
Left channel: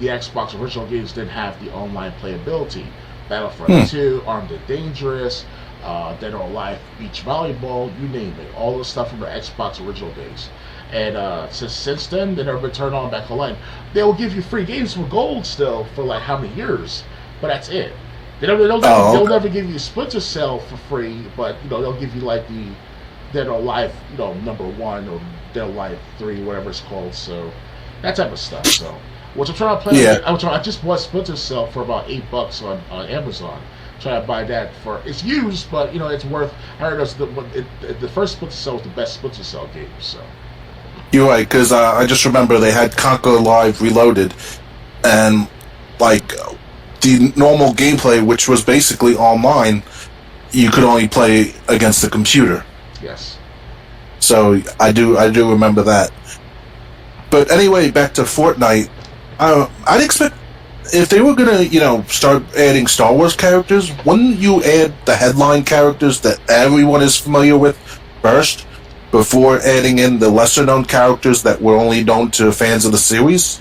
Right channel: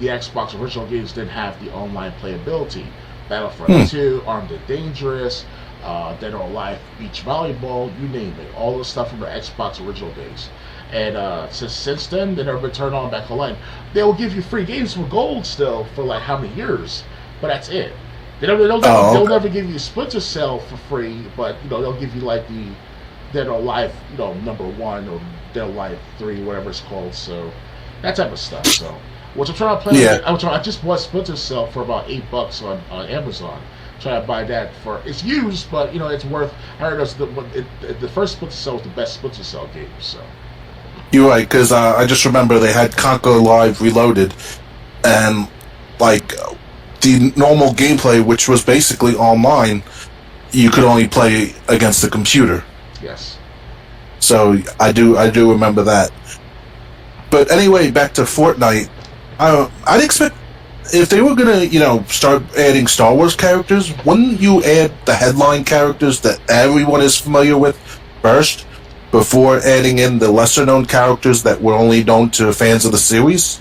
the Xbox original games didn't have the online playability. Battlefront 2, Armed and Dangerous, Dead or Alive Beach Volleyball, you name it. All the stuff from the Xbox original days. And since then, they never been turned on back online. They will give you free games for gold still for like how many years, but that's it. They'll never give you Splinter Cell for free, but they'll give you like the Dead or Alive, number 1 or Dead or Alive 3, whatever it's called. So that type of stuff. So which I'm trying to play. Yeah. I just bought Splinter Cell for about $8 on Amazon. Trying to buy that it's used, but it's worth. I heard the first Splinter Cell was the best Splinter Cell game. So. You're right, because I just remember they had Conquer Live Reloaded, and like the normal gameplay, which was basically online, you could only play against the computer. Yes. So I do remember that. But anyway, back to Fortnite. I'd expect if they were gonna start adding Star Wars characters, wouldn't you add the headline characters that everyone is familiar with first? Before adding in the lesser-known characters that were only known to fans of the series?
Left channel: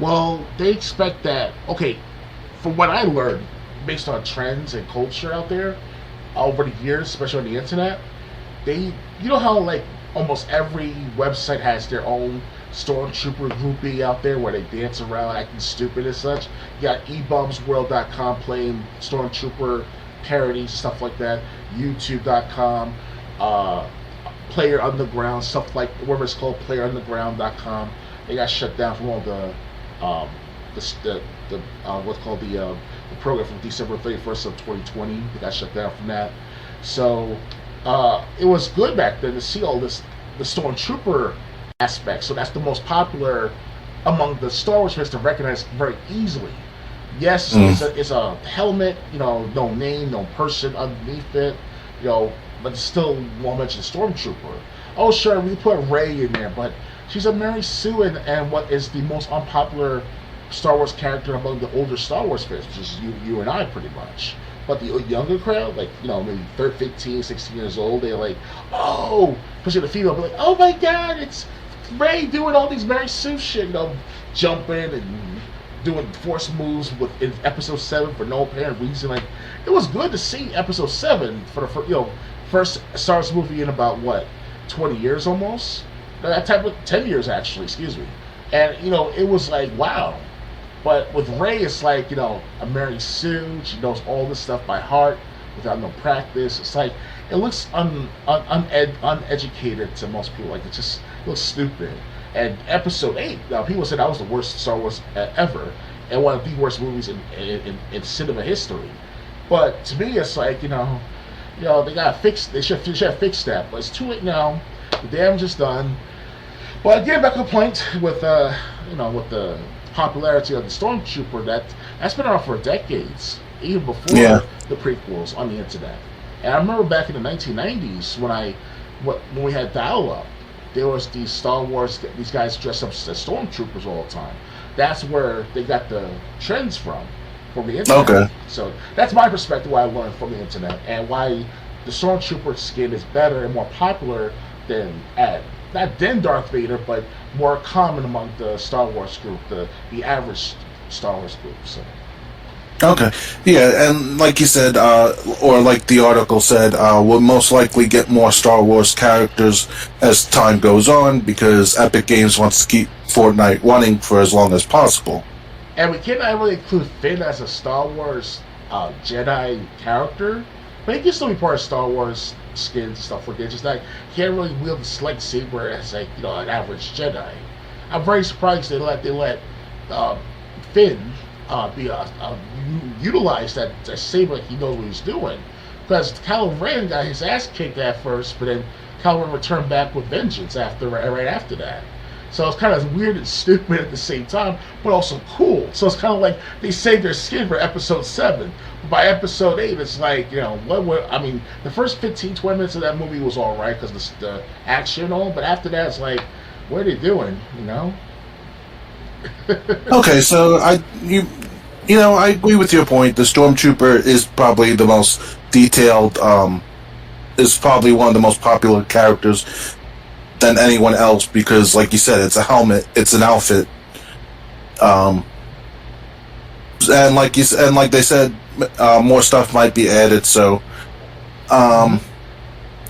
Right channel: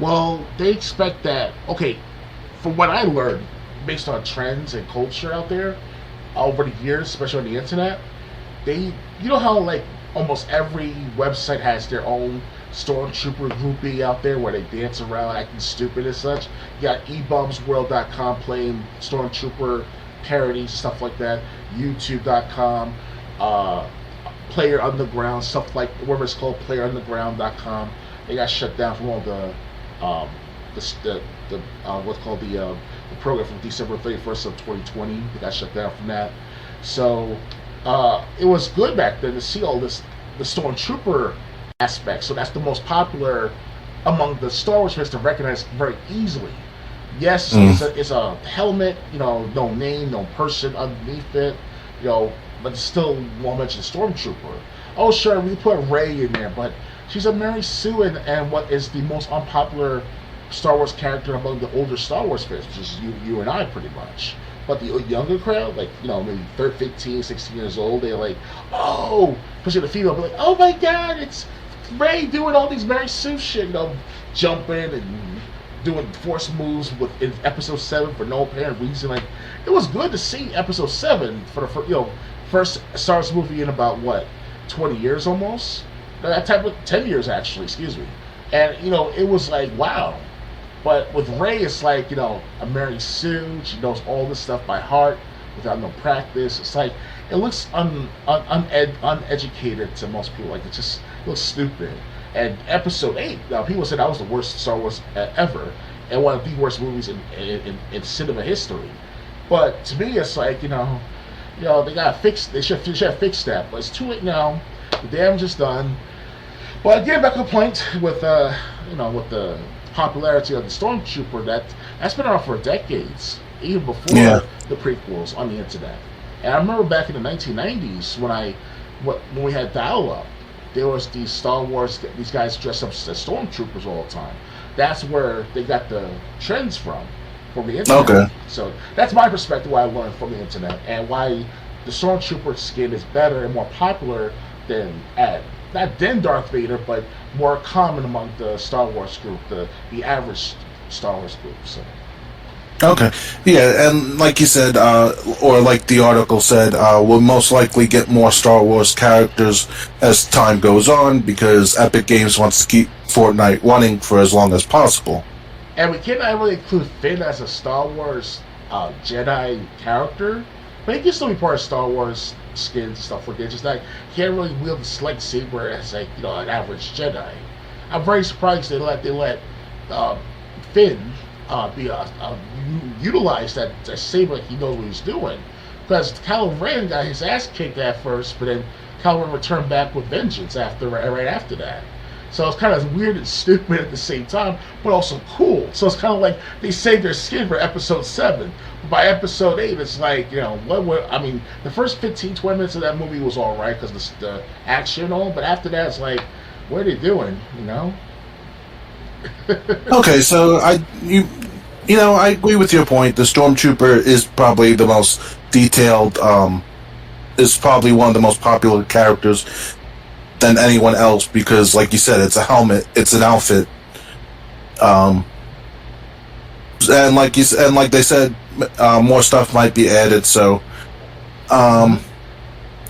Well, they expect that. Okay, from what I learned, based on trends and culture out there over the years, especially on the internet, how like almost every website has their own Stormtrooper groupie out there where they dance around acting stupid and such. You got eBumsWorld.com playing Stormtrooper parodies, stuff like that. YouTube.com. Player Underground, stuff like whatever it's called, PlayerUnderground.com. They got shut down from all the what's called the program from December 31st of 2020. They got shut down from that. So it was good back then to see all this the Stormtrooper aspect. So that's the most popular among the Star Wars fans to recognize very easily. Yes, it's a helmet, no name, no person underneath it, but still won't mention Stormtrooper. Oh, sure, we put Rey in there, but she's a Mary Sue and what is the most unpopular Star Wars character among the older Star Wars fans, which is you and I pretty much. But the younger crowd, like, maybe 15, 16 years old, they're like, oh, especially the female, be like, oh my god, it's Rey doing all these Mary Sue shit, jumping and doing force moves in episode 7 for no apparent reason. Like, it was good to see episode 7 for the first Star Wars movie in about 20 years almost. That type of 10 years actually, excuse me. And it was like, wow. But with Rey, it's like a Mary Sue. She knows all this stuff by heart without no practice. It's like it looks uneducated to most people. Like it looks stupid. And Episode 8, now people said that was the worst Star Wars ever, and one of the worst movies in cinema history. But to me, it's like, they gotta fix. They should have fixed that. But it's too late now. The damage is done. But again, back to the point with with the popularity of the Stormtrooper, that's been around for decades, even before the prequels on the internet. And I remember back in the 1990s when we had dial-up, there was these Star Wars, these guys dressed up as Stormtroopers all the time. That's where they got the trends from the internet. Okay. So that's my perspective, why I learned from the internet, and why the Stormtrooper skin is better and more popular than not then Darth Vader, but more common among the Star Wars group, the average Star Wars group. So. Okay. Yeah, and like you said, or like the article said, we'll most likely get more Star Wars characters as time goes on, because Epic Games wants to keep Fortnite running for as long as possible. And we cannot really include Finn as a Star Wars Jedi character, but he can still be part of Star Wars skins and stuff like that. Just like he can't really wield the lightsaber as like an average Jedi. I'm very surprised they let Finn utilize that saber like he knows what he's doing. Because Kylo Ren got his ass kicked at first, but then Kylo Ren returned back with vengeance right after that. So it's kind of weird and stupid at the same time, but also cool. So it's kind of like they saved their skin for Episode 7. But by Episode 8, it's like, the first 15, 20 minutes of that movie was all right because the action and all, but after that, it's like, what are they doing, Okay, so I agree with your point. The Stormtrooper is probably the most detailed, is probably one of the most popular characters than anyone else, because like you said, it's a helmet, it's an outfit, and like they said, more stuff might be added. So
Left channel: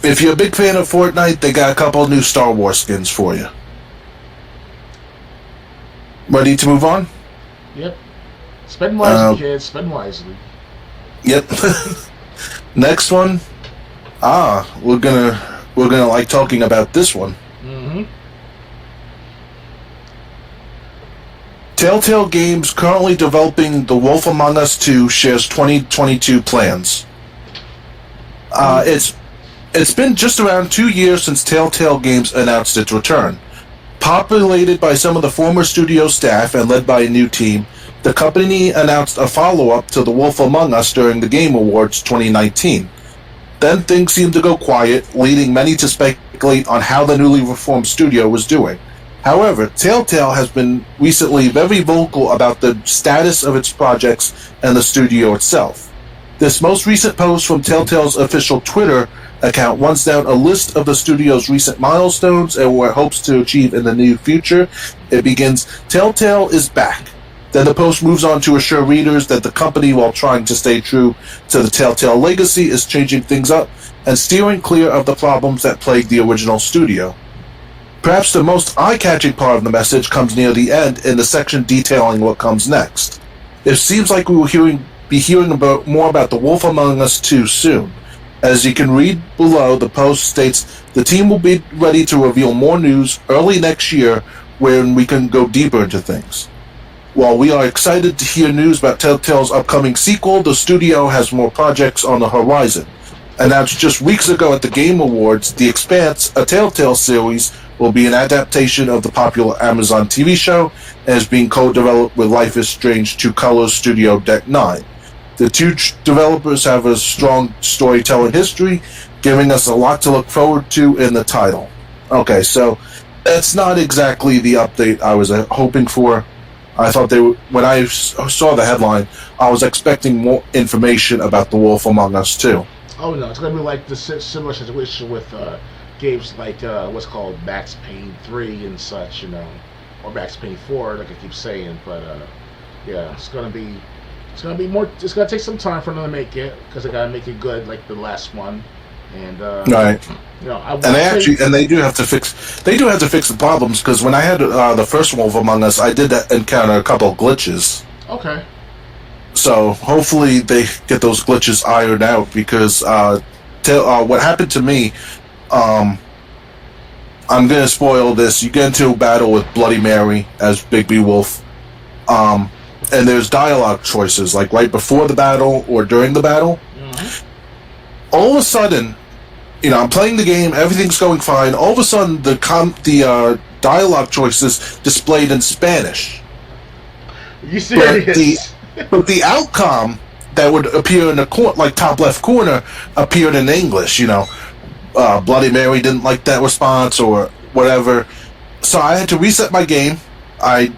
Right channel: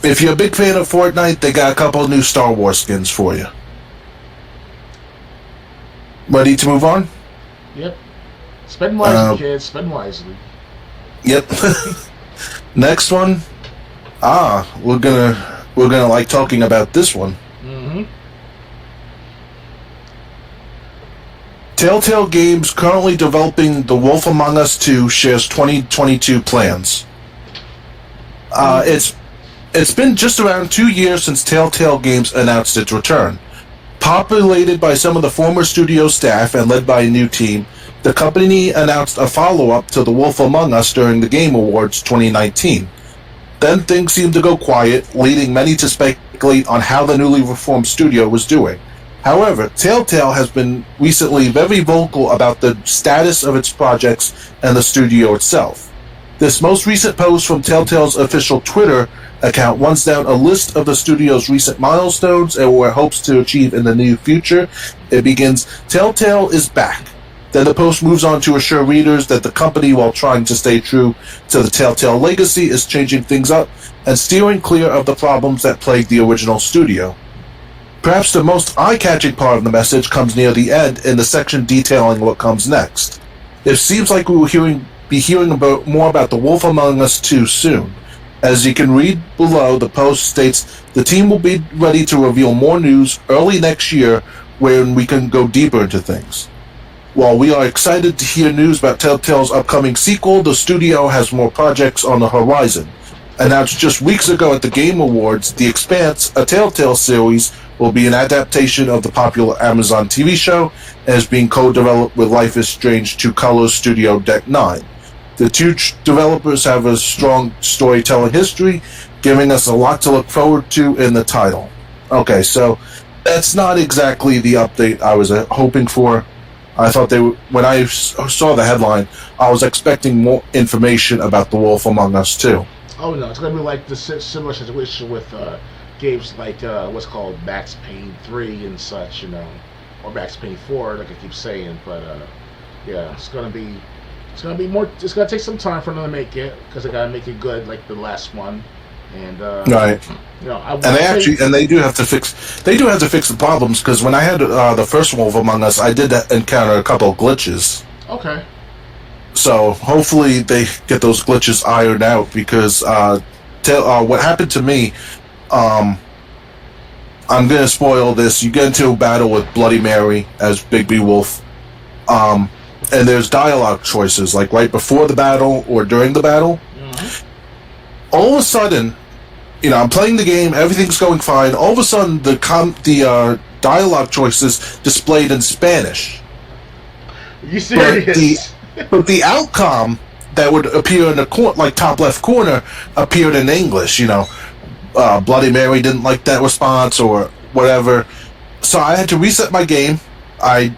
if you're a big fan of Fortnite, they got a couple of new Star Wars skins for you. Ready to move on? Yep. Spend wisely, kids. Spend wisely. Yep. Next one. We're gonna like talking about this one. Mm-hmm. Telltale Games currently developing The Wolf Among Us 2 shares 2022 plans. It's been just around 2 years since Telltale Games announced its return. Populated by some of the former studio staff and led by a new team, the company announced a follow-up to The Wolf Among Us during the Game Awards 2019. Then things seemed to go quiet, leading many to speculate on how the newly reformed studio was doing. However, Telltale has been recently very vocal about the status of its projects and the studio itself. This most recent post from Telltale's official Twitter account runs down a list of the studio's recent milestones and what it hopes to achieve in the near future. It begins, "Telltale is back." Then the post moves on to assure readers that the company, while trying to stay true to the Telltale legacy, is changing things up and steering clear of the problems that plagued the original studio. Perhaps the most eye-catching part of the message comes near the end in the section detailing what comes next. It seems like we will be hearing more about The Wolf Among Us 2 soon. As you can read below, the post states, the team will be ready to reveal more news early next year when we can go deeper into things. While we are excited to hear news about Telltale's upcoming sequel, the studio has more projects on the horizon. Announced just weeks ago at the Game Awards, The Expanse, a Telltale series, will be an adaptation of the popular Amazon TV show and is being co-developed with Life is Strange 2 Colors studio Deck 9. The two developers have a strong storytelling history, giving us a lot to look forward to in the title. Okay, so that's not exactly the update I was hoping for. I thought when I saw the headline, I was expecting more information about The Wolf Among Us 2. Oh no, it's going to be like the similar situation with games like what's called Max Payne 3 and such, or Max Payne 4, like I keep saying. But yeah, it's going to be more. It's going to take some time for them to make it because they got to make it good, like the last one. And right, they do have to fix the problems, because when I had the first Wolf Among Us, I did encounter a couple of glitches. Okay. So hopefully they get those glitches ironed out, because what happened to me, I I'm going to spoil this. You get into a battle with Bloody Mary as Big B Wolf. And there's dialogue choices, like right before the battle or during the battle. Mm-hmm. All of a sudden, I'm playing the game, everything's going fine. All of a sudden, the dialogue choices displayed in Spanish. Are you serious? But the outcome that would appear in the top left corner appeared in English. Bloody Mary didn't like that response or whatever, so I had to reset my game. I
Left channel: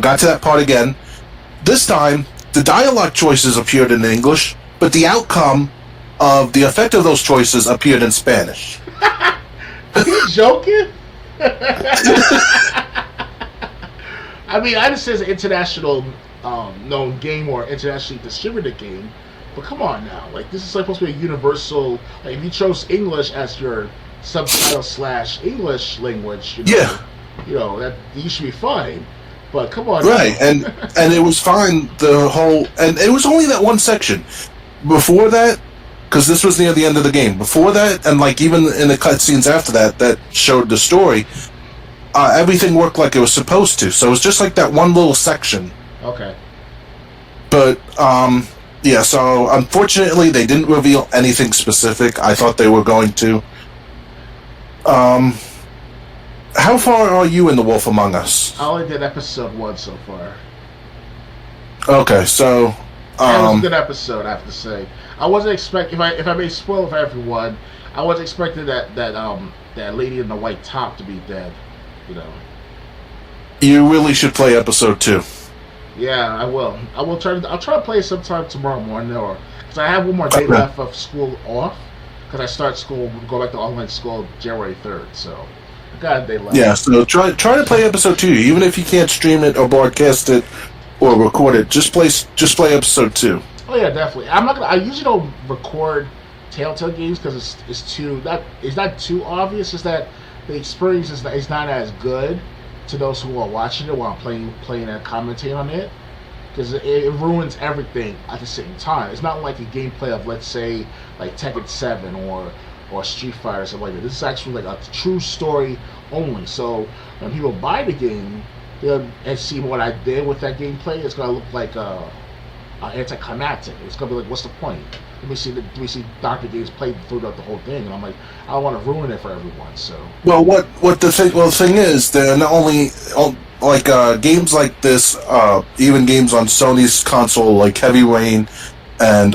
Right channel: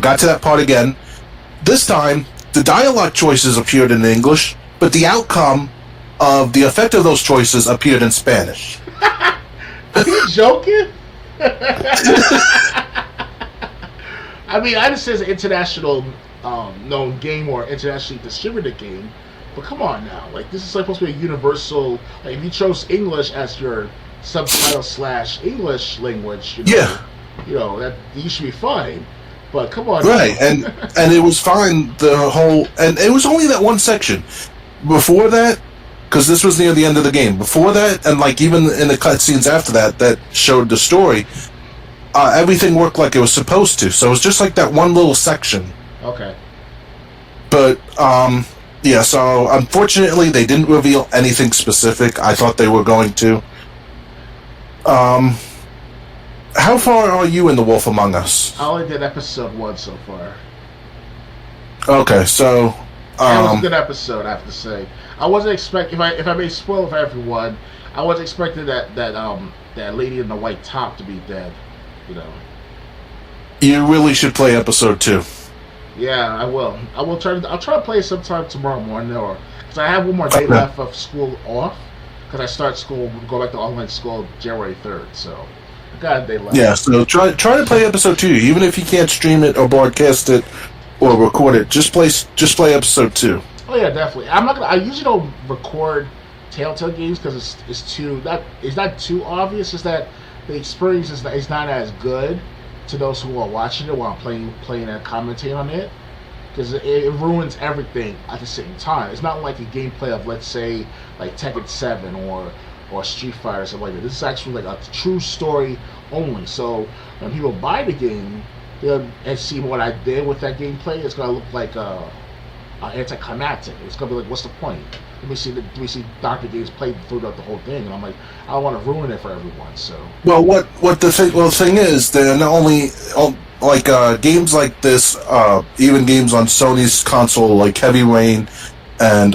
got to that part again. This time, the dialogue choices appeared in English, but the outcome of the effect of those choices appeared in Spanish. Are you joking? I mean, I understand it's an international known game or internationally distributed game, but come on now. Like, this is supposed to be a universal. Like, if you chose English as your subtitle / English language, that you should be fine. But come on, right? Now. and it was fine. And it was only that one section. Before that, because this was near the end of the game. Before that, and like even in the cutscenes after that showed the story, everything worked like it was supposed to. So it was just like that one little section. Okay. But yeah. So unfortunately, they didn't reveal anything specific. I thought they were going to. How far are you in The Wolf Among Us? I only did episode 1 so far. Okay, so that was a good episode, I have to say. I wasn't expecting, if I may spoil for everyone, I wasn't expecting that lady in the white top to be dead. You really should play episode 2. Yeah, I will. I'll try to play it sometime tomorrow morning, or because I have one more day left of school off. Because I start school, go back to online school January 3rd, so I got a day left. Yeah, so try to play episode 2, even if you can't stream it or broadcast it or record it. Just play episode 2. Oh yeah, definitely. I usually don't record Telltale games because it's not too obvious. It's that the experience is not as good to those who are watching it while I'm playing and commentating on it. Because it ruins everything at the same time. It's not like a gameplay of, let's say, like Tekken 7 or Street Fighter or something like that. This is actually like a true story only. So when people buy the game, they'll see what I did with that gameplay. It's gonna look like anticlimactic. It's gonna be like, what's the point? Let me see Dr. Games play throughout the whole thing, and I'm like, I don't want to ruin it for everyone. So the thing is, they're not only like games like this, even games on Sony's console like Heavy Rain and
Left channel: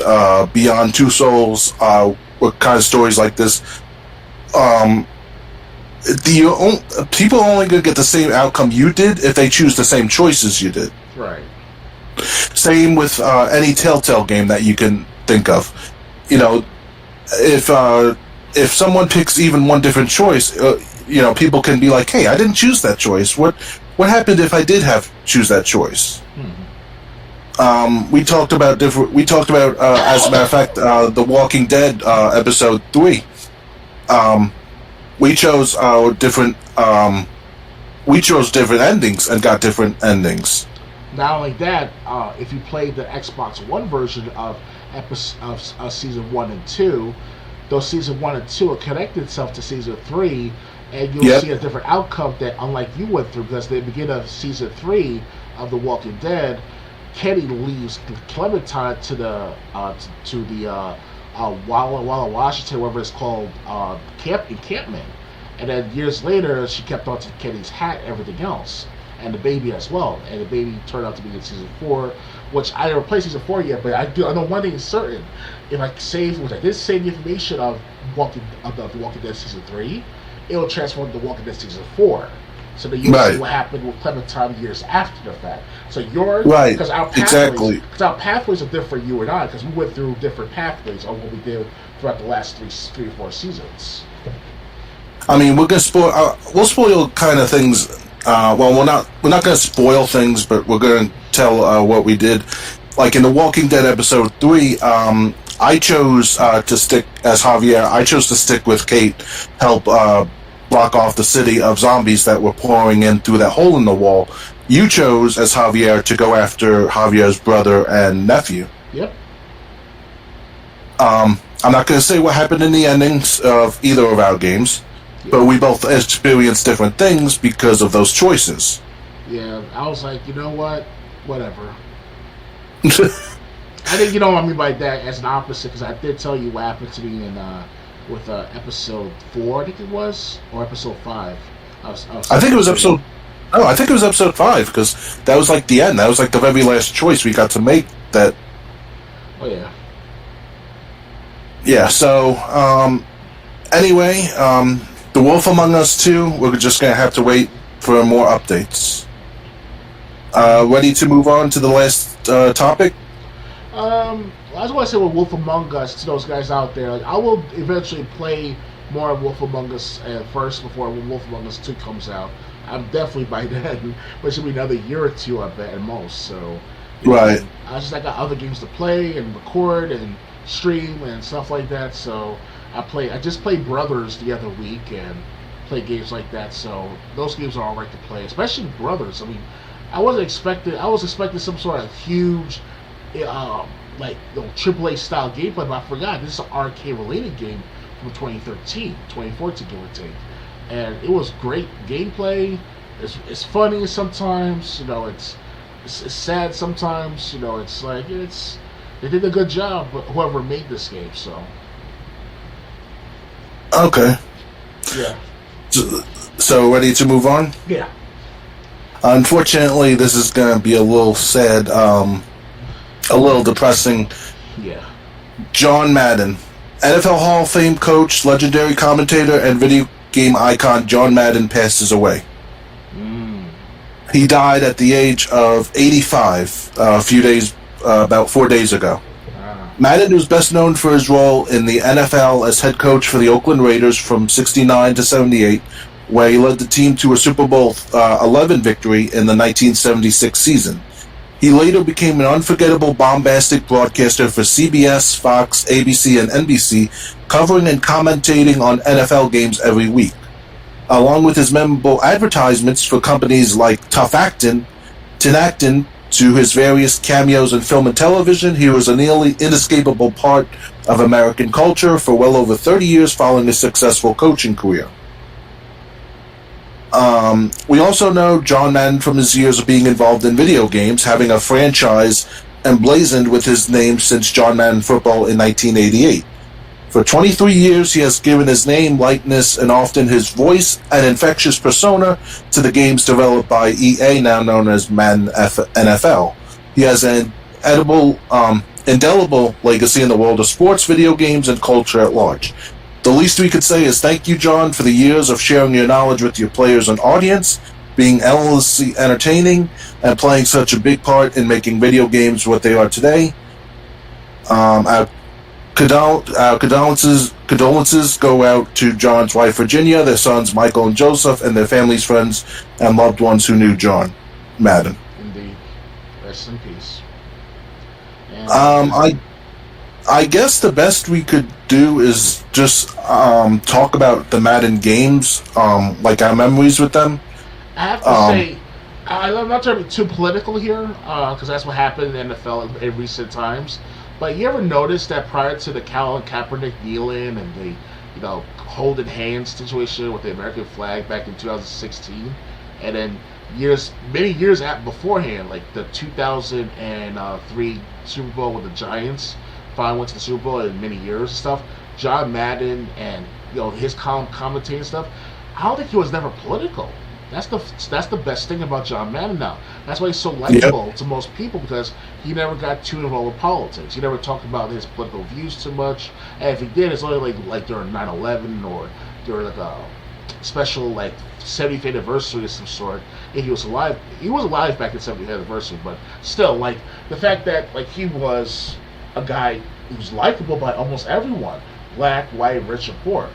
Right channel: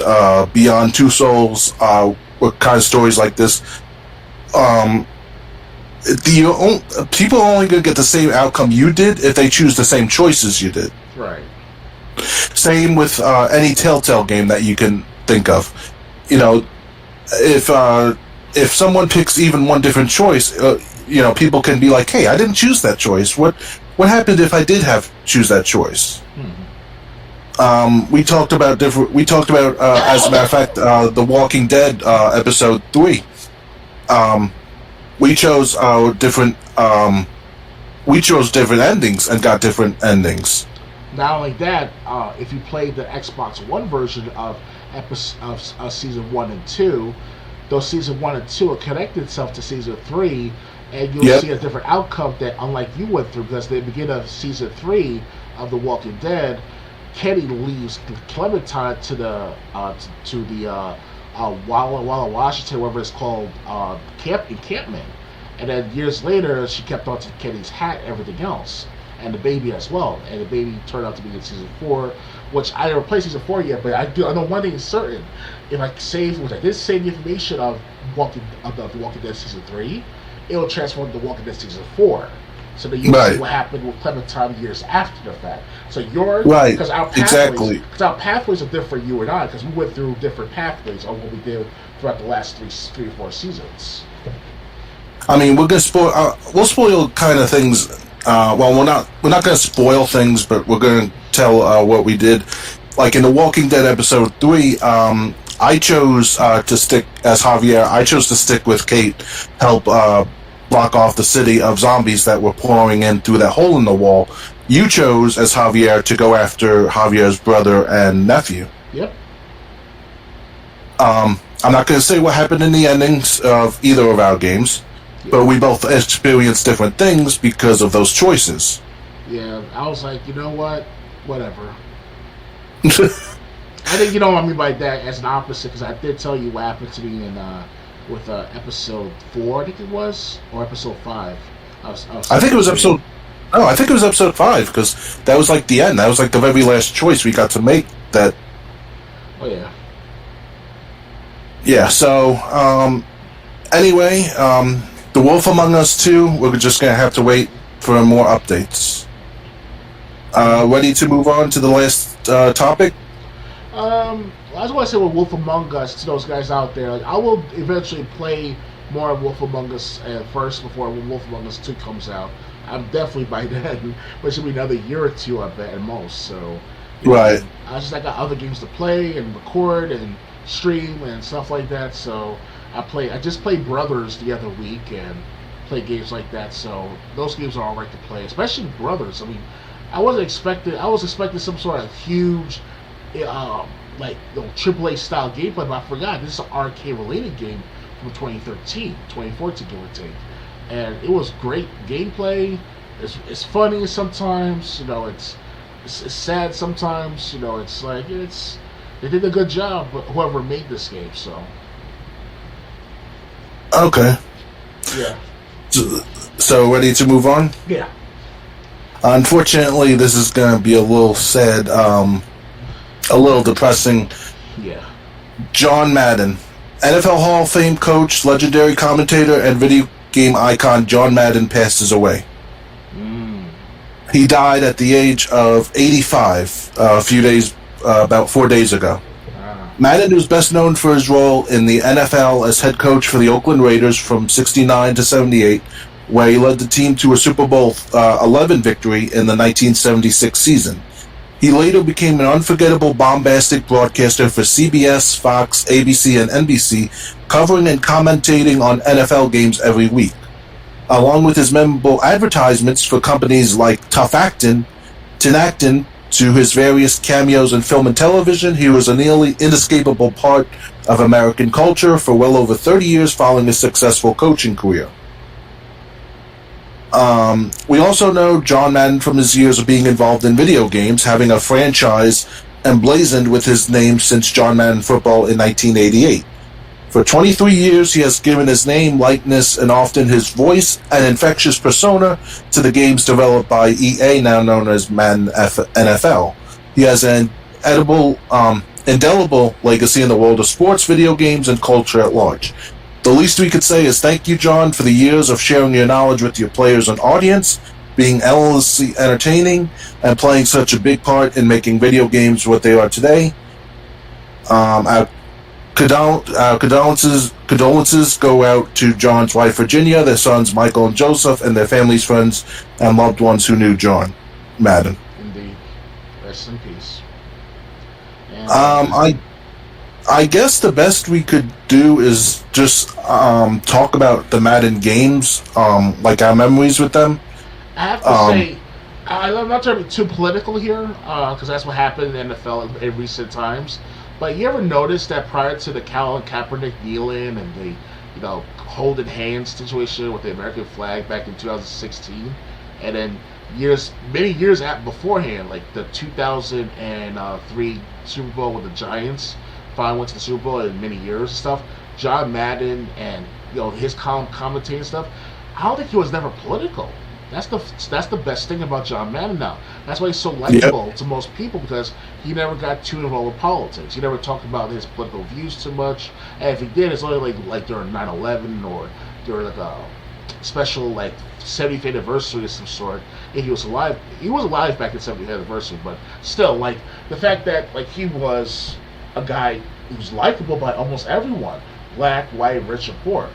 Beyond Two Souls, with kind of stories like this. People are only going to get the same outcome you did if they choose the same choices you did. Right. Same with any Telltale game that you can think of. If someone picks even one different choice, people can be like, "Hey, I didn't choose that choice. What happened if I did choose that choice?" We talked about as a matter of fact, The Walking Dead episode 3. We chose different endings and got different endings. Not only that, if you played the Xbox One version of season 1 and 2, those season 1 and 2 are connected itself to season 3, and you'll see a different outcome that, unlike you went through, because at the beginning of season 3 of The Walking Dead, Kenny leaves Clementine to the Walla Washington, whatever it's called, encampment, and then years later she kept on to Kenny's hat, and everything else, and the baby as well, and the baby turned out to be in season 4, which I never played season 4 yet, but I know one thing is certain: if I did save the information of The Walking Dead season 3, it will transform to The Walking Dead season 4. So that you'll see what happened with Clementine years after the fact. So because our pathways are different for you and I, because we went through different pathways on what we did throughout the last three or 4 seasons. I mean, we're gonna spoil. We'll spoil kind of things. We're not gonna spoil things, but we're gonna tell what we did. Like in The Walking Dead episode 3, I chose to stick as Javier. I chose to stick with Kate, help block off the city of zombies that were pouring in through that hole in the wall. You chose as Javier to go after Javier's brother and nephew. Yep. I'm not going to say what happened in the endings of either of our games. but we both experienced different things because of those choices. Yeah, I was like, you know what? Whatever. I think you know what I mean by that as an opposite, because I did tell you what happened to me in with episode 4, I think it was, or episode 5. I think it was episode. No, I think it was episode 5 because that was like the end. That was like the very last choice we got to make. That. Oh yeah. Yeah. So anyway, The Wolf Among Us 2. We're just gonna have to wait for more updates. Ready to move on to the last topic? I just want to say with Wolf Among Us to those guys out there, like, I will eventually play more of Wolf Among Us first before Wolf Among Us 2 comes out. I'm definitely by then, but it's going to be another year or two, I bet, at most. So, right. I got other games to play and record and stream and stuff like that. So I just played Brothers the other week and play games like that. So those games are all right to play, especially Brothers. I mean, I was expecting some sort of huge, like AAA style gameplay, but I forgot this is an arcade related game from 2014, give or take. And it was great gameplay. It's funny sometimes, it's sad sometimes, it's like they did a good job, but whoever made this game, so. Okay. Yeah. So ready to move on? Yeah. Unfortunately, this is going to be a little sad, a little depressing. Yeah. John Madden, NFL Hall of Fame coach, legendary commentator, and video game icon John Madden passes away. He died at the age of 85 about 4 days ago. Madden was best known for his role in the NFL as head coach for the Oakland Raiders from 69 to 78, where he led the team to a Super Bowl 11 victory in the 1976 season. He later became an unforgettable, bombastic broadcaster for CBS, Fox, ABC, and NBC, covering and commentating on NFL games every week. Along with his memorable advertisements for companies like Tough Actin', Tinactin, to his various cameos in film and television, he was a nearly inescapable part of American culture for well over 30 years following a successful coaching career. We also know John Madden from his years of being involved in video games, having a franchise emblazoned with his name since John Madden Football in 1988. For 23 years, he has given his name, likeness, and often his voice and infectious persona to the games developed by EA, now known as Madden NFL. He has an indelible legacy in the world of sports, video games, and culture at large. The least we could say is thank you, John, for the years of sharing your knowledge with your players and audience, being endlessly entertaining, and playing such a big part in making video games what they are today. Our condolences go out to John's wife, Virginia, their sons, Michael and Joseph, and their families, friends, and loved ones who knew John Madden. Indeed. Rest in peace. And, I guess the best we could do is just talk about the Madden games, like our memories with them. I have to say, I'm not trying to be too political here, because that's what happened in the NFL in recent times. But you ever notice that prior to the Colin Kaepernick kneeling and the, holding hands situation with the American flag back in 2016, and then many years beforehand, like the 2003 Super Bowl with the Giants, finally went to the Super Bowl in many years and stuff. John Madden and his commentating stuff, I don't think he was never political. That's the best thing about John Madden now. That's why he's so likable to most people, because he never got too involved with politics. He never talked about his political views too much. And if he did, it's only like during 9/11 or during like a special 70th anniversary of some sort. If he was alive, back in 70th anniversary. But still, the fact that he was a guy who was likable by almost everyone, black, white, rich, or poor.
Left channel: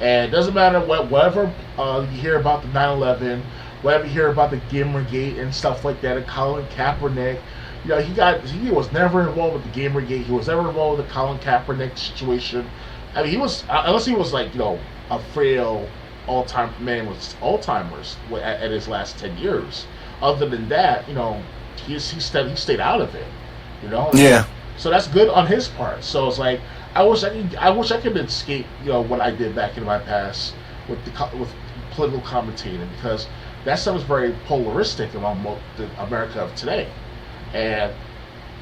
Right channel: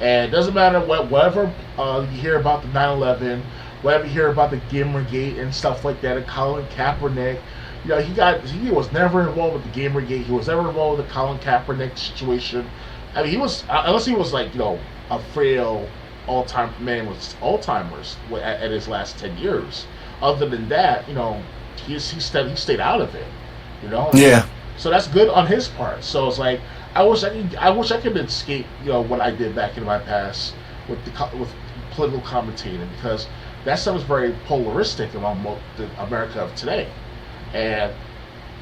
And it doesn't matter whatever you hear about the 9/11, whatever you hear about the Gamergate and stuff like that, and Colin Kaepernick, he was never involved with the Gamergate. He was never involved with the Colin Kaepernick situation. I mean, he was, unless he was a frail all-time man with Alzheimer's at his last 10 years. Other than that, he stayed out of it. Yeah. So that's good on his part. So it's I wish I could escape, what I did back in my past, with political commentating, because that stuff is very polaristic among the America of today. And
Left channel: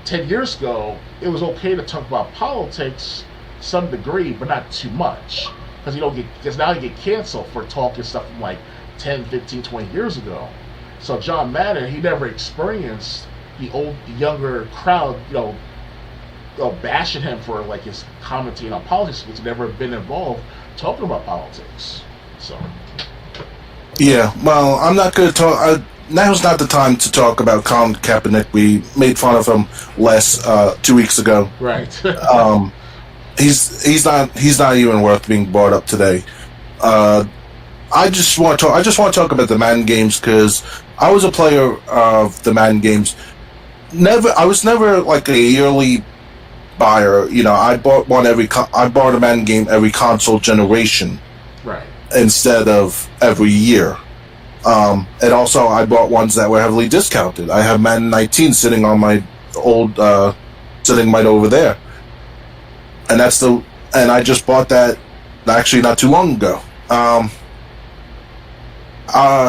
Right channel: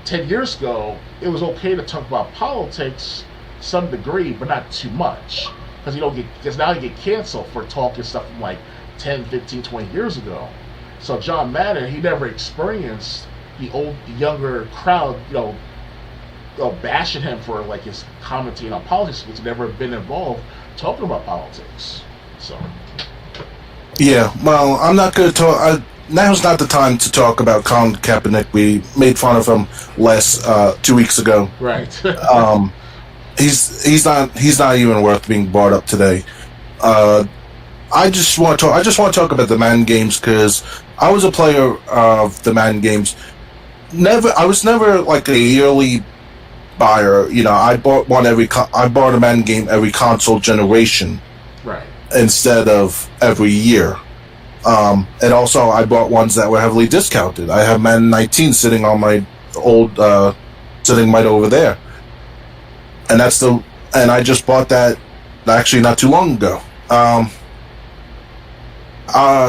10 years ago, it was okay to talk about politics to some degree, but not too much. Because now you get canceled for talking stuff from like 10, 15, 20 years ago. So John Madden, he never experienced the younger crowd, bashing him for like his commenting on politics, because he's never been involved talking about politics. So. Yeah, well, I'm not going to talk. Now's not the time to talk about Colin Kaepernick. We made fun of him 2 weeks ago. Right. He's not even worth being brought up today. I just want to talk about the Madden games, because I was a player of the Madden games. I was never like a yearly buyer. I bought a Madden game every console generation. Right. Instead of every year. And also I bought ones that were heavily discounted. I have Madden 19 sitting on my old sitting right over there. And I just bought that actually not too long ago.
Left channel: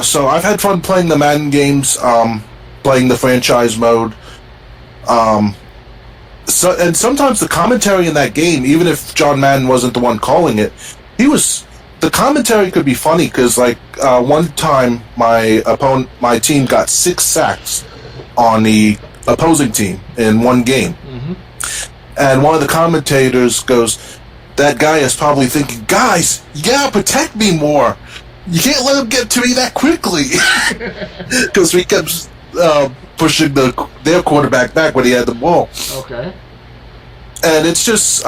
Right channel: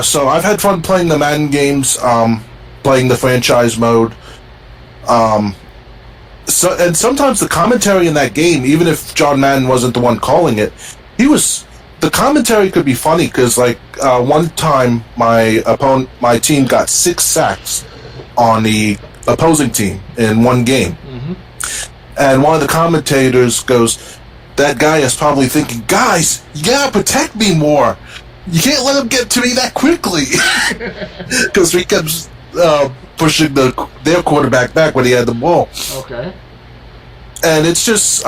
So I've had fun playing the Madden games, playing the franchise mode. And sometimes the commentary in that game, even if John Madden wasn't the one calling it, the commentary could be funny, because one time my team got 6 sacks on the opposing team in one game. Mm-hmm. And one of the commentators goes, "That guy is probably thinking, guys, you gotta protect me more. You can't let him get to me that quickly." Because we kept pushing their quarterback back when he had the ball. Okay. And it's just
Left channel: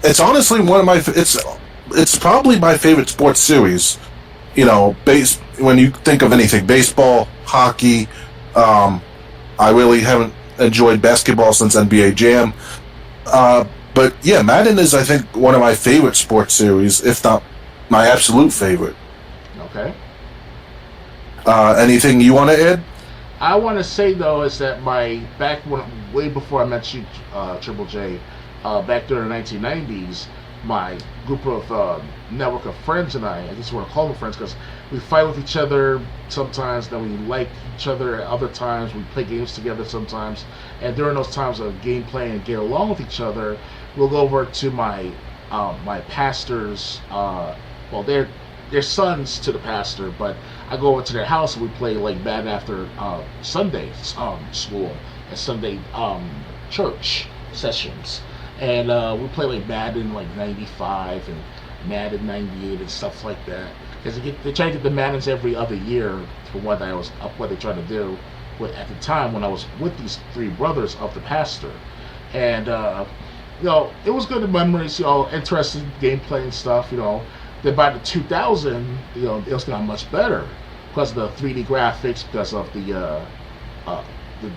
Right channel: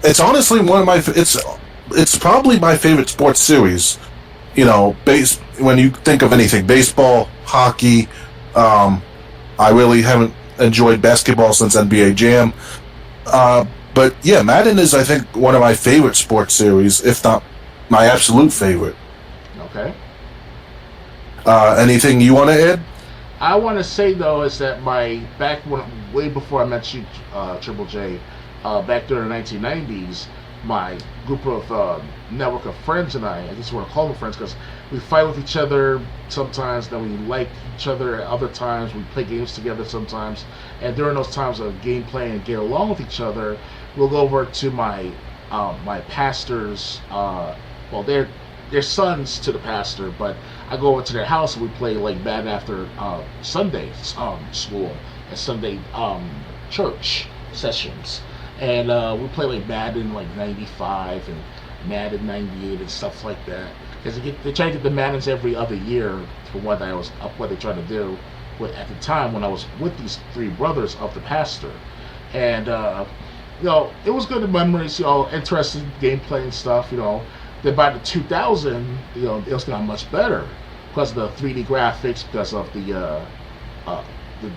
it's honestly one of my it's probably my favorite sports series. When you think of anything, baseball, hockey. I really haven't enjoyed basketball since NBA Jam. But yeah, Madden is, I think, one of my favorite sports series, if not my absolute favorite. Okay. Anything you want to add? I want to say, though, is that way before I met you, Triple J, back during the 1990s, my group of network of friends and I guess you want to call them friends, because we fight with each other sometimes, then we like each other at other times, we play games together sometimes, and during those times of gameplay and get along with each other, we'll go over to my pastors, they're sons to the pastor, but I go over to their house and we play like Madden after Sunday school and Sunday church sessions. And we play like Madden like 95 and Madden 98 and stuff like that. Because they try to get the Maddens every other year for what they try to do at the time when I was with these 3 brothers of the pastor. And it was good memories, interesting gameplay and stuff, Then by the 2000, it was not much better because of the 3D graphics, because of the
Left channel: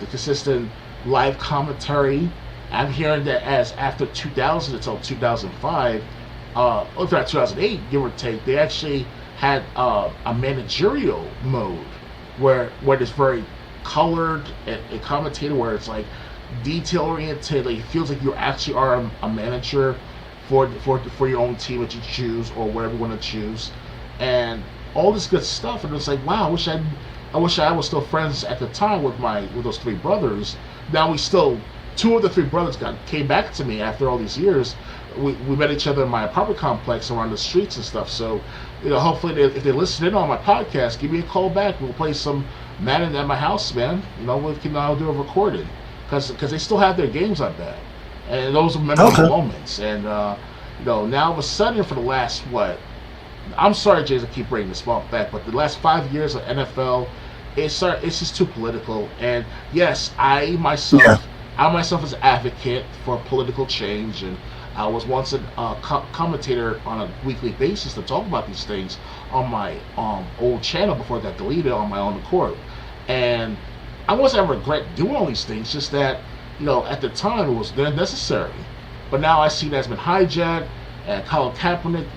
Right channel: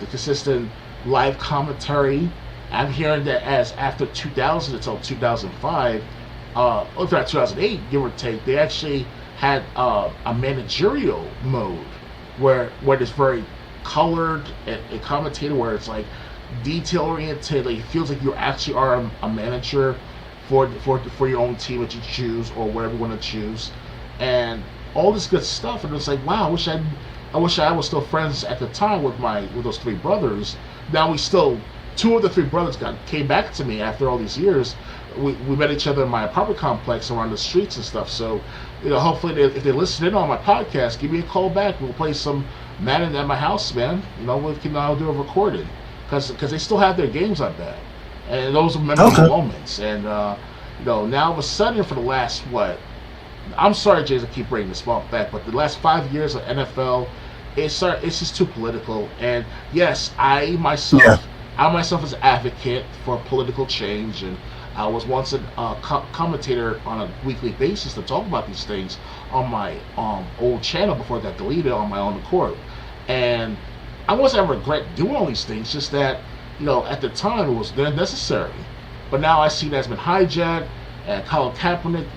consistent live commentary. I'm hearing that as after 2000 until 2005, or 2008, give or take, they actually had a managerial mode where it's very colored and commentated, where it's like detail oriented. Like it feels like you actually are a manager for your own team that you choose or whatever you want to choose, and all this good stuff. And it's like, wow, I wish I was still friends at the time with those 3 brothers. Now we still. 2 of the 3 brothers came back to me after all these years. We met each other in my apartment complex around the streets and stuff. So, hopefully if they listen in on my podcast, give me a call back. We'll play some Madden at my house, man. We can do a recording because they still have their games, I bet. And those are memorable moments. And now all of a sudden, for the last I'm sorry, Jason, I keep bringing this back, but the last 5 years of NFL, it's just too political. And yes, I myself as an advocate for political change, and I was once a commentator on a weekly basis to talk about these things on my old channel before it got deleted on my own accord. And I wasn't ever regret doing all these things, just that, at the time it was necessary. But now I see that's been hijacked, and Colin Kaepernick,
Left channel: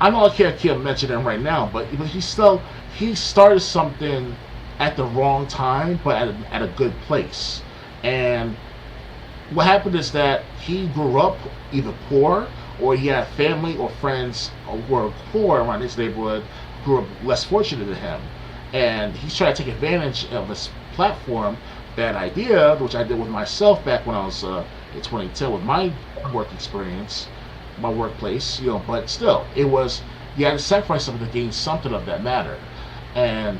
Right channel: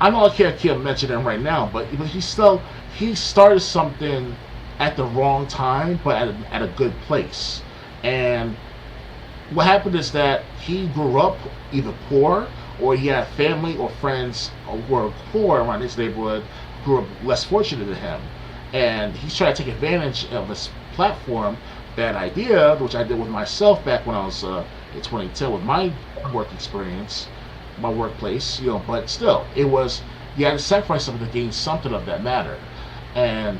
I know I can't mention him right now, but he started something at the wrong time, but at a good place. And what happened is that he grew up either poor or he had family or friends who were poor around his neighborhood who were less fortunate than him. And he's trying to take advantage of this platform. Bad idea, which I did with myself back when I was in 2010 with my work experience, my workplace, but still, it was, you had to sacrifice something to gain something of that matter. And,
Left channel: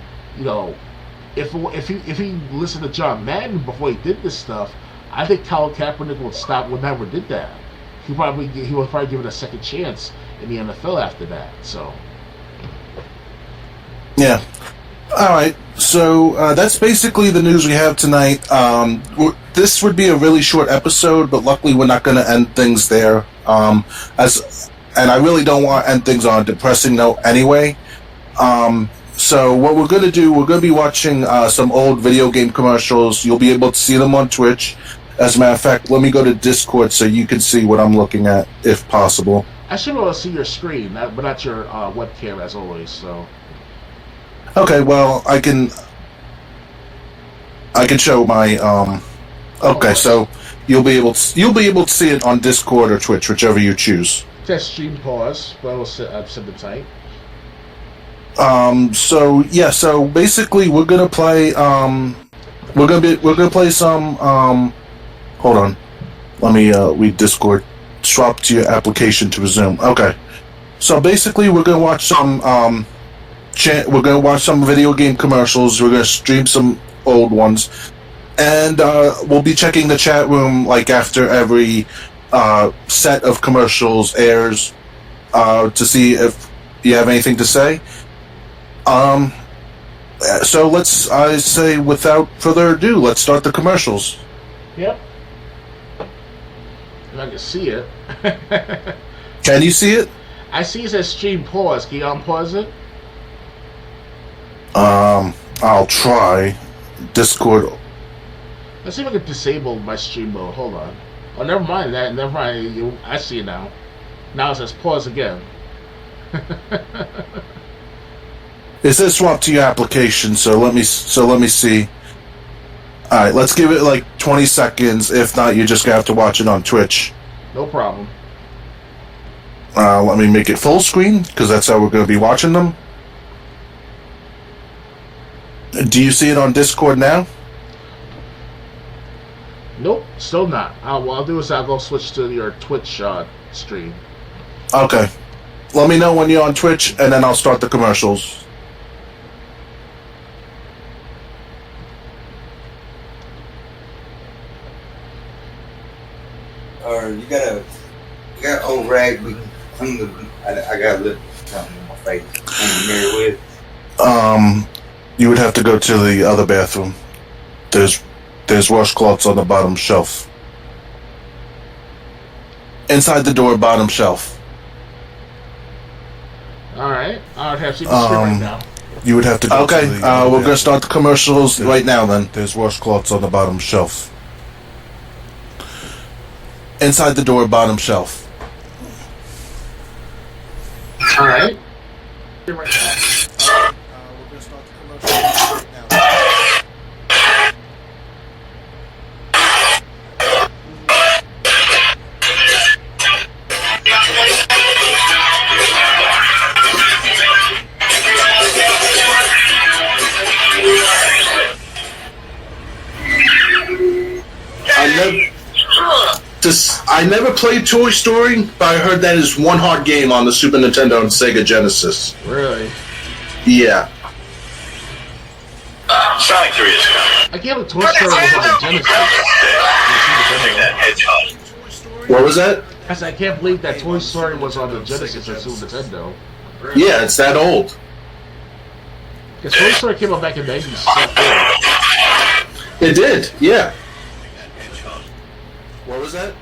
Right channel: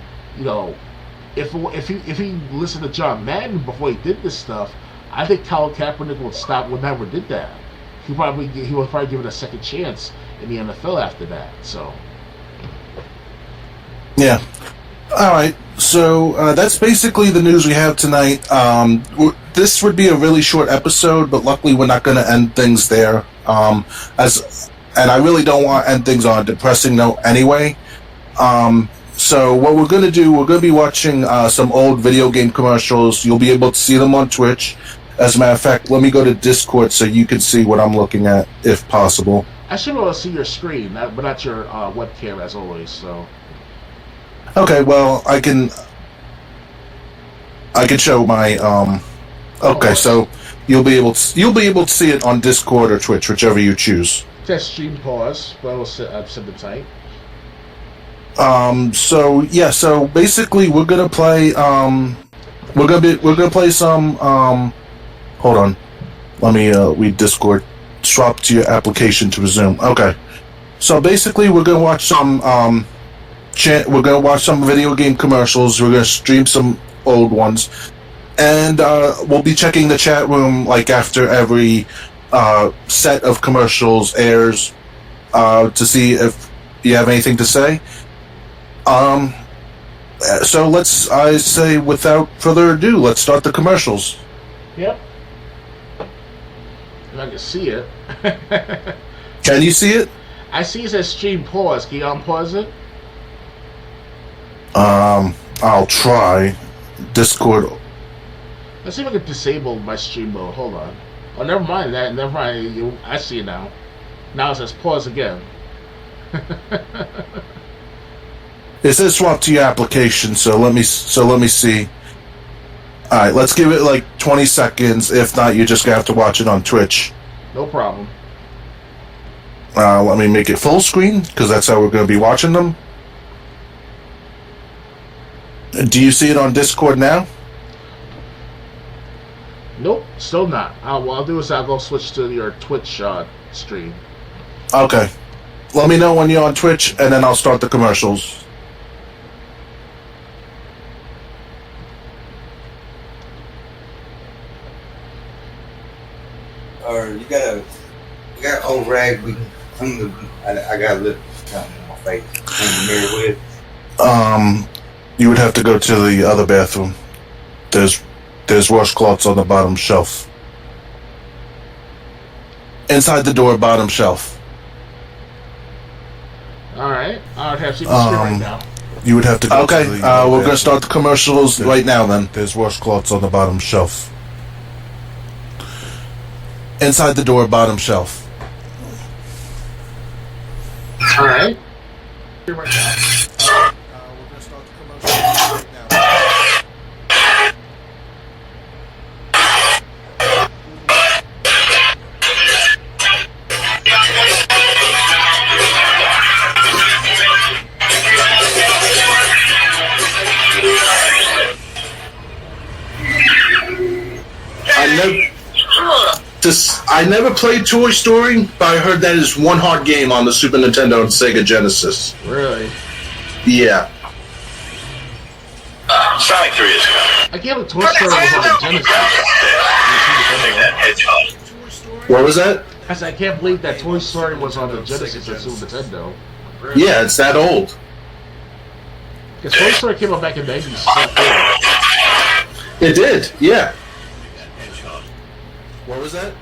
if he listened to John Madden before he did this stuff, I think Colin Kaepernick would never did that. He would probably give it a second chance in the NFL after that. So, yeah. All right. So that's basically the news we have tonight. This would be a really short episode, but luckily we're not going to end things there. And I really don't want to end things on a depressing note anyway. So what we're going to do, we're going to be watching some old video game commercials. You'll be able to see them on Twitch. As a matter of fact, let me go to Discord so you can see what I'm looking at, if possible. I should be able to see your screen, but not your webcam as always. So. Okay, well, I can show my okay, so you'll be able to see it on Discord or Twitch, whichever you choose. Test stream pause, but I'll set the type. So basically we're gonna play some hold on. Let me read Discord. Swap to your application to resume. Okay. So basically we're gonna watch some we're going to watch some video game commercials. We're going to stream some old ones. And we'll be checking the chat room like after every set of commercials airs to see if you have anything to say. So I say without further ado, let's start the commercials. Yep. If I can see it. Can you see it? I see it says stream pause. Can you unpause it? I'll try. Discord. Let's see if I can disable my stream mode. Hold on. Oh, never mind that. Never mind. I see it now. Now it says pause again. It says swap to your application, so let me see. Alright, let's give it like 20 seconds. If not, you're just gonna have to watch it on Twitch. No problem. Let me make it full screen, because that's how we're gonna be watching them. Do you see it on Discord now? Nope, still not. What I'll do is I'll go switch to your Twitch stream. Okay. Let me know when you're on Twitch, and then I'll start the commercials. Or you got old rag we can clean the. I got a little something in my face. Clean the mirror with. You would have to go to the other bathroom. There's washcloths on the bottom shelf. Inside the door, bottom shelf. Alright. I have to see the screen right now. You would have to go okay, to the we're going to start the commercials right now then. There's washcloths on the bottom shelf. Inside the door, bottom shelf. Alright. I never played Toy Story, but I heard that is one hard game on the Super Nintendo and Sega Genesis. Really? Yeah. Sonic 3 is coming. I can't believe Toy Story was on the Genesis. What was that? I said, I can't believe that Toy Story was on the Genesis at Super Nintendo. Yeah, it's that old. Because Toy Story came out back in 97. It did, yeah. What was that?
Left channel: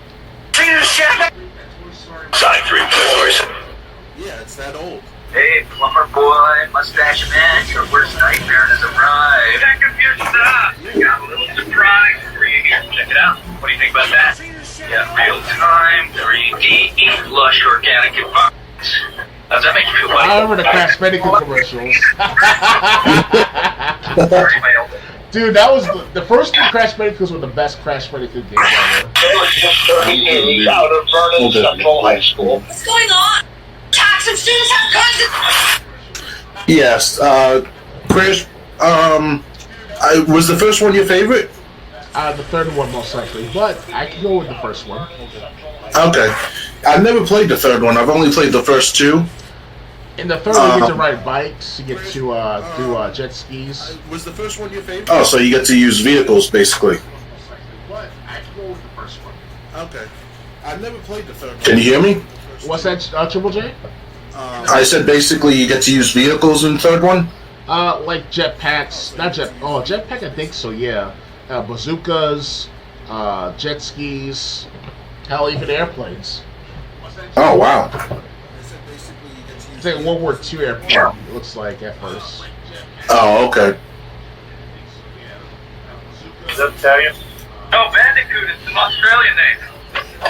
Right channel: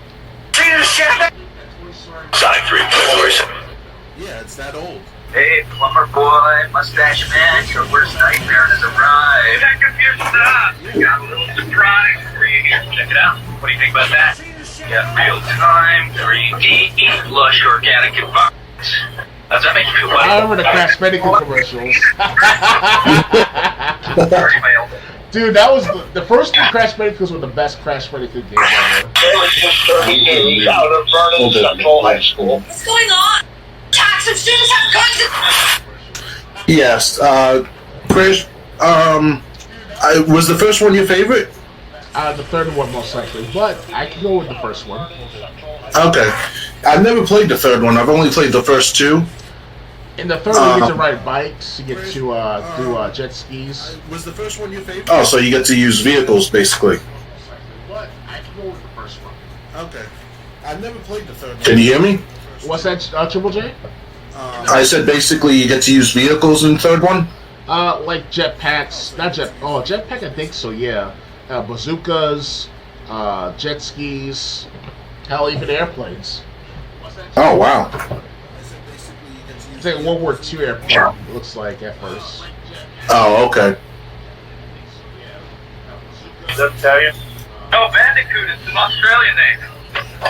Sonic 3 Toys. Yeah, it's that old. Hey, plumber boy, mustache man, your worst nightmare has arrived. Check your stuff. Got a little surprise for you here. Check it out. What do you think about that? Yeah, real-time, 3D, lush organic environments. How's that make you feel? I remember the Crash Bandicoot commercials. Dude, that was the first 3 Crash Bandicoots were the best Crash Bandicoot games ever. 38 out of Vernon Central High School. What's going on? Toxic students have guns. Yes, Chris. Was the first one your favorite? The third one most likely, but I can go with the first one. Okay, I've never played the third one. I've only played the first 2. In the third one, you get to ride bikes, you get to do jet skis. Was the first one your favorite? Oh, so you get to use vehicles, basically. But I can go with the first one. Okay. I've never played the third one. Can you hear me? What's that, Triple J? I said basically you get to use vehicles in the third one? Like jetpacks. Jetpack, I think so, yeah. Bazookas, jet skis, hell, even airplanes. Oh, wow. It's like a World War II airplane, it looks like, at first. Oh, okay. Does that tell you? No, Bandicoot is an Australian name.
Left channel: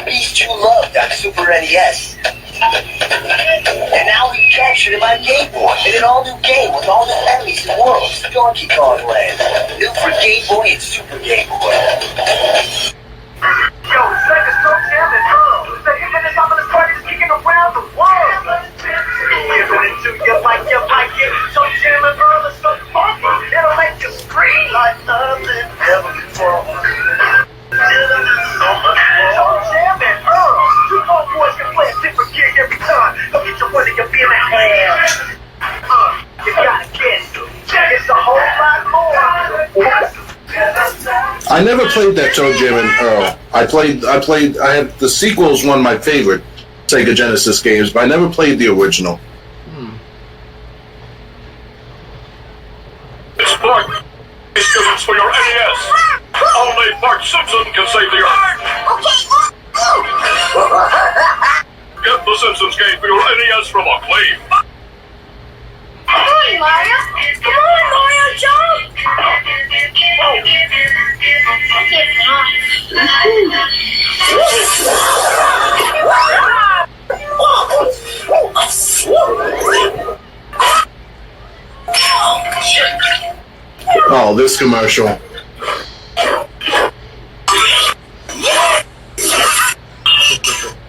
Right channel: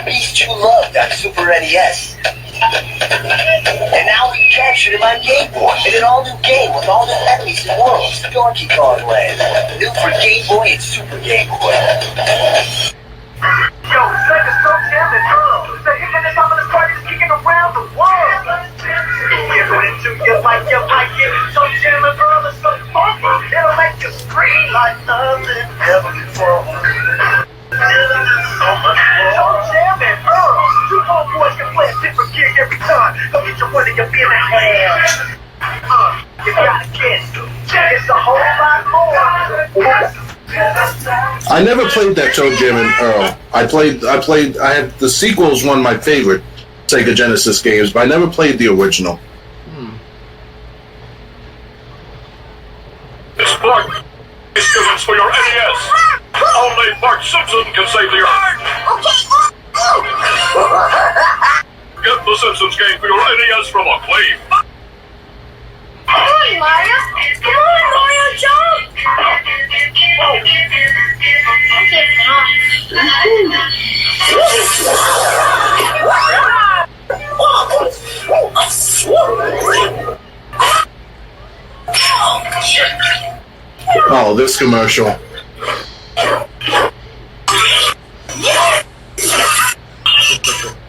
He's too low, that Super NES. And now we captured him on Game Boy in an all-new game with all the enemies and worlds, Donkey Kong Land. New for Game Boy and Super Game Boy. Yo, it's like a so damn and the internet on the party is kicking around the world. Giving it to you like it. So damn and it's so funky. It'll make you scream like nothing ever before. So much more. Jam and Earl. You homeboys can play a different gig every time. Go get your money, you'll be in a hand. You gotta get it. It's a whole lot more. I never played that Toe Jam and Earl. I had the sequels, one of my favorite Sega Genesis games, but I never played the original. This plug is students for your NES. Only Bart Simpson can save the Earth. Get the Simpsons game for your NES from Acclaim. Come on, Mario. Come on, Mario, jump. Oh, this commercial.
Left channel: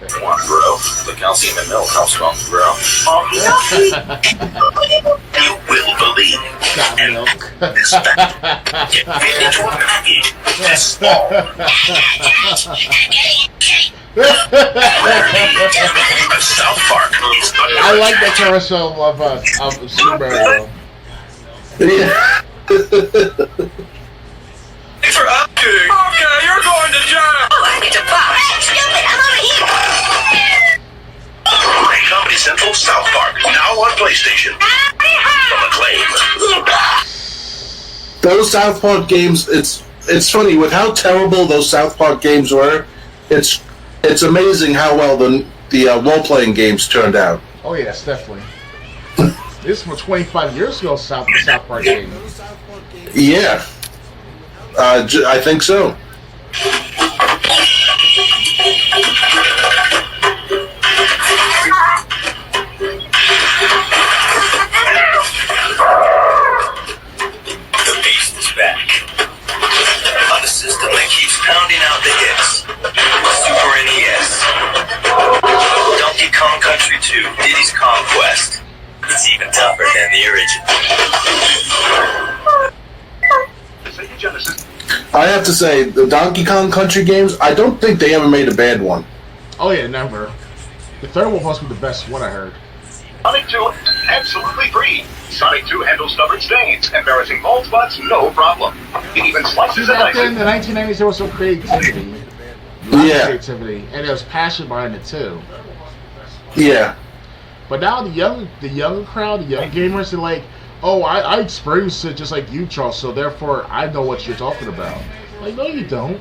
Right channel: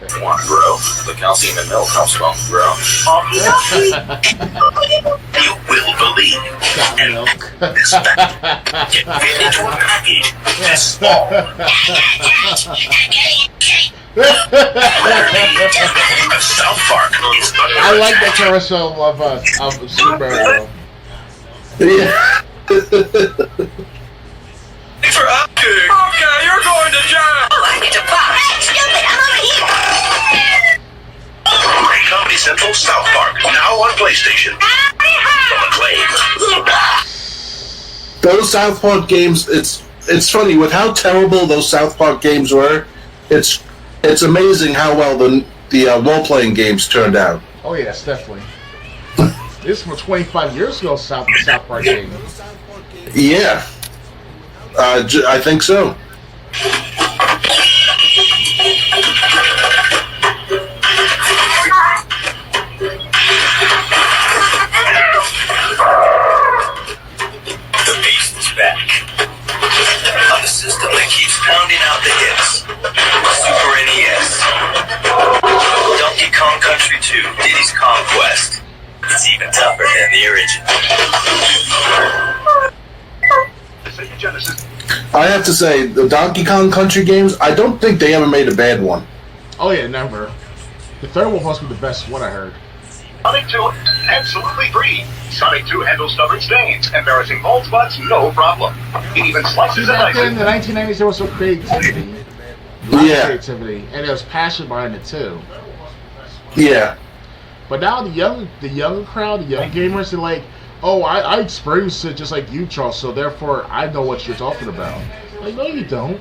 Come on, bro. The calcium in milk helps strong grow. You will believe. Got milk. This pack can fit into a package this small. South Park is I like that commercial of Super Mario. Yeah. Thanks for asking. Okay, you're going to jail. Oh, I need to buy. Stupid, I'm over here. Comedy Central South Park, now on PlayStation. From Acclaim. Those South Park games, it's funny with how terrible those South Park games were. It's amazing how well the role-playing games turned out. Oh yes, definitely. This is from 25 years ago, South Park game. Yeah. I think so. The beast is back. On the system that keeps pounding out the hits. Super NES. Donkey Kong Country 2, Diddy's Conquest. It's even tougher than the original. I have to say, the Donkey Kong Country games, I don't think they ever made a bad one. Oh yeah, never. The third one must be the best one I heard. Sonic 2, absolutely free. Sonic 2 handles stubborn stains, embarrassing bald spots, no problem. It even slices See, and back then in dices. the 1990s, there was some creativity. Lots of Yeah. creativity. And there was passion behind it too. Yeah. But now the young crowd, the young gamers, they're like, oh, I experienced it just like you, Charles, so therefore I know what you're talking about. Like, no, you don't.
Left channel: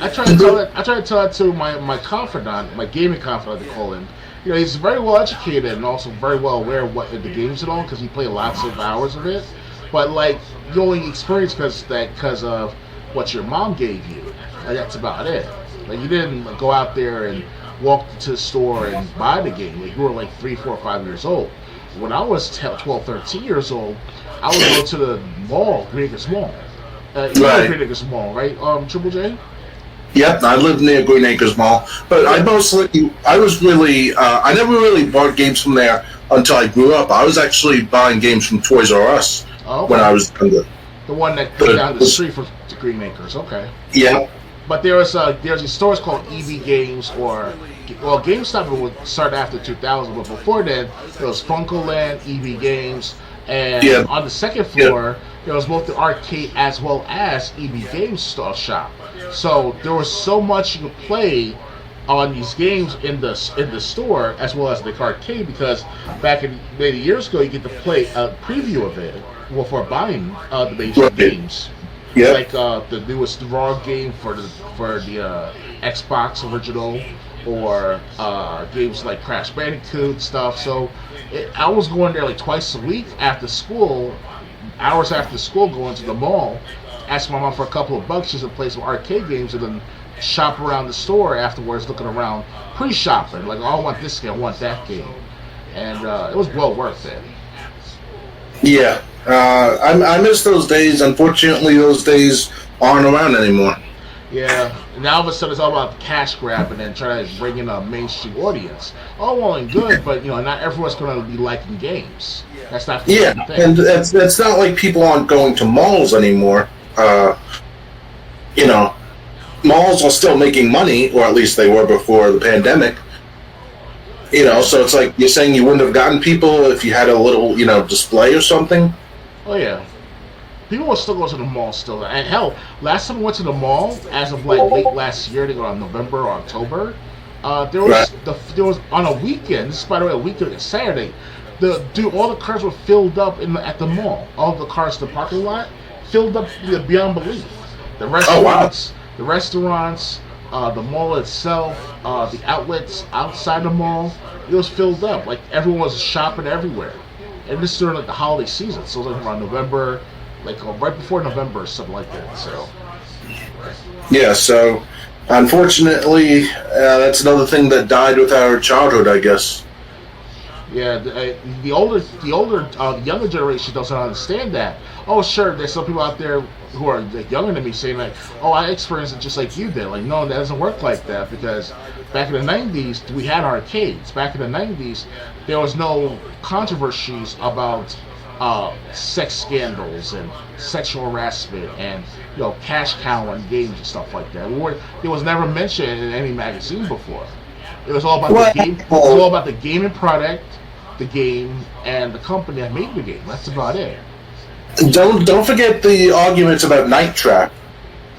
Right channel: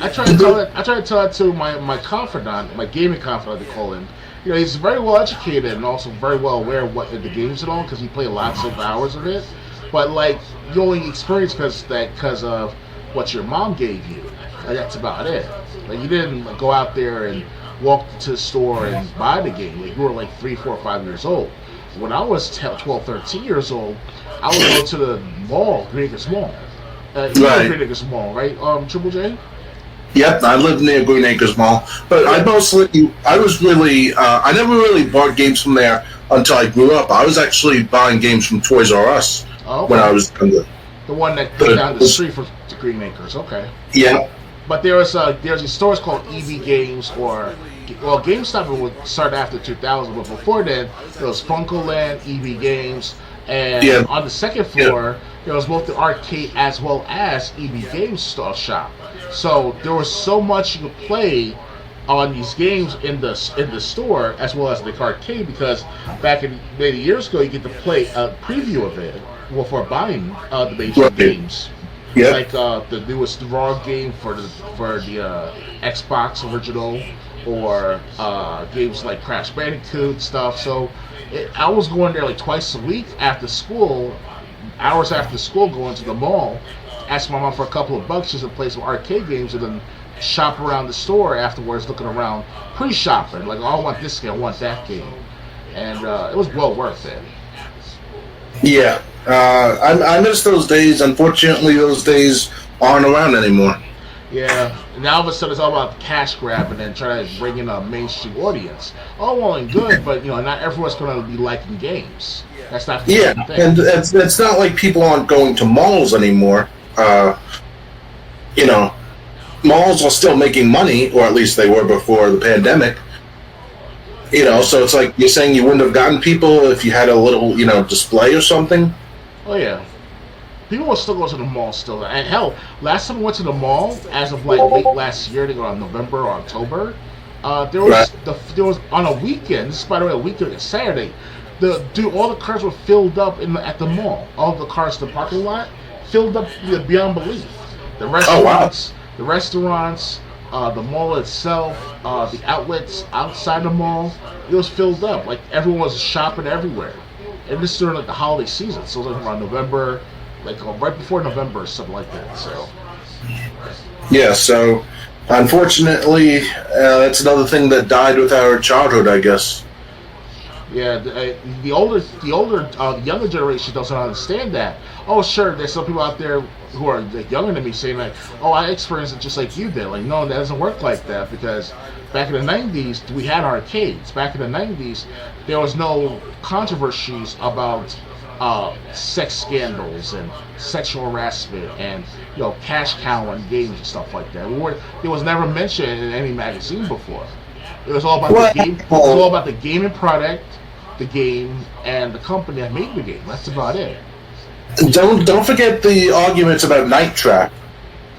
I try to tell that to my confidant, my gaming confidant, they call him. You know, he's very well educated and also very well aware of what the games and all, because he played lots of hours of it. But like, you only experience because of what your mom gave you. Like, that's about it. Like, you didn't like, go out there and walk to the store and buy the game. Like, you were like 3, 4, 5 years old. When I was 12, 13 years old, I would go to the mall, Greenacres Mall, You know Right. Green Acres Mall, right? Triple J. Yep, I lived near Green Acres Mall, but I never really bought games from there until I grew up. I was actually buying games from Toys R Us when I was younger. The one that goes down the street from the Green Acres. Okay. Yeah. But there's these stores called EB Games GameStop would start after 2000, but before then there was Funko Land, EB Games, and on the second floor there was both the arcade as well as EB Games shop. So there was so much you could play on these games in the store as well as the arcade, because back in many years ago you get to play a preview of it before buying the major games. Yeah. Like the newest Raw game for the Xbox original, or games like Crash Bandicoot stuff. So I was going there like twice a week after school, hours after school, going to the mall, ask my mom for a couple of bucks just to play some arcade games, and then shop around the store afterwards, looking around, pre-shopping, like, oh, I want this game, I want that game, and it was well worth it. Yeah. I miss those days. Unfortunately, those days aren't around anymore. Yeah, now all of a sudden it's all about cash grab and then trying to bring in a mainstream audience. All well and good, but not everyone's going to be liking games. That's not the same thing. And it's not like people aren't going to malls anymore. Malls are still making money, or at least they were before the pandemic. So it's like you're saying you wouldn't have gotten people if you had a little, display or something. Oh yeah, people will still go to the mall still. And hell, last time I went to the mall, as of like late last year, I think around November or October, there was on a weekend. This is, by the way, a weekend, Saturday. All the cars were filled up at the mall. All the cars in the parking lot filled up beyond belief. The restaurants, the mall itself, the outlets outside the mall, it was filled up. Like everyone was shopping everywhere. And this is during like the holiday season, so it was like around November, like right before November or something like that. So yeah, so unfortunately, that's another thing that died with our childhood, I guess. Yeah, the younger generation doesn't understand that. Oh, sure, there's some people out there who are like younger than me saying like, "Oh, I experienced it just like you did." Like, no, that doesn't work like that, because back in the '90s we had arcades. Back in the '90s, there was no controversies about sex scandals and sexual harassment and cash cow and games and stuff like that. It was never mentioned in any magazine before. It was all about the game. It was all about the gaming product, the game, and the company that made the game. That's about it. Don't forget the arguments about Night Trap.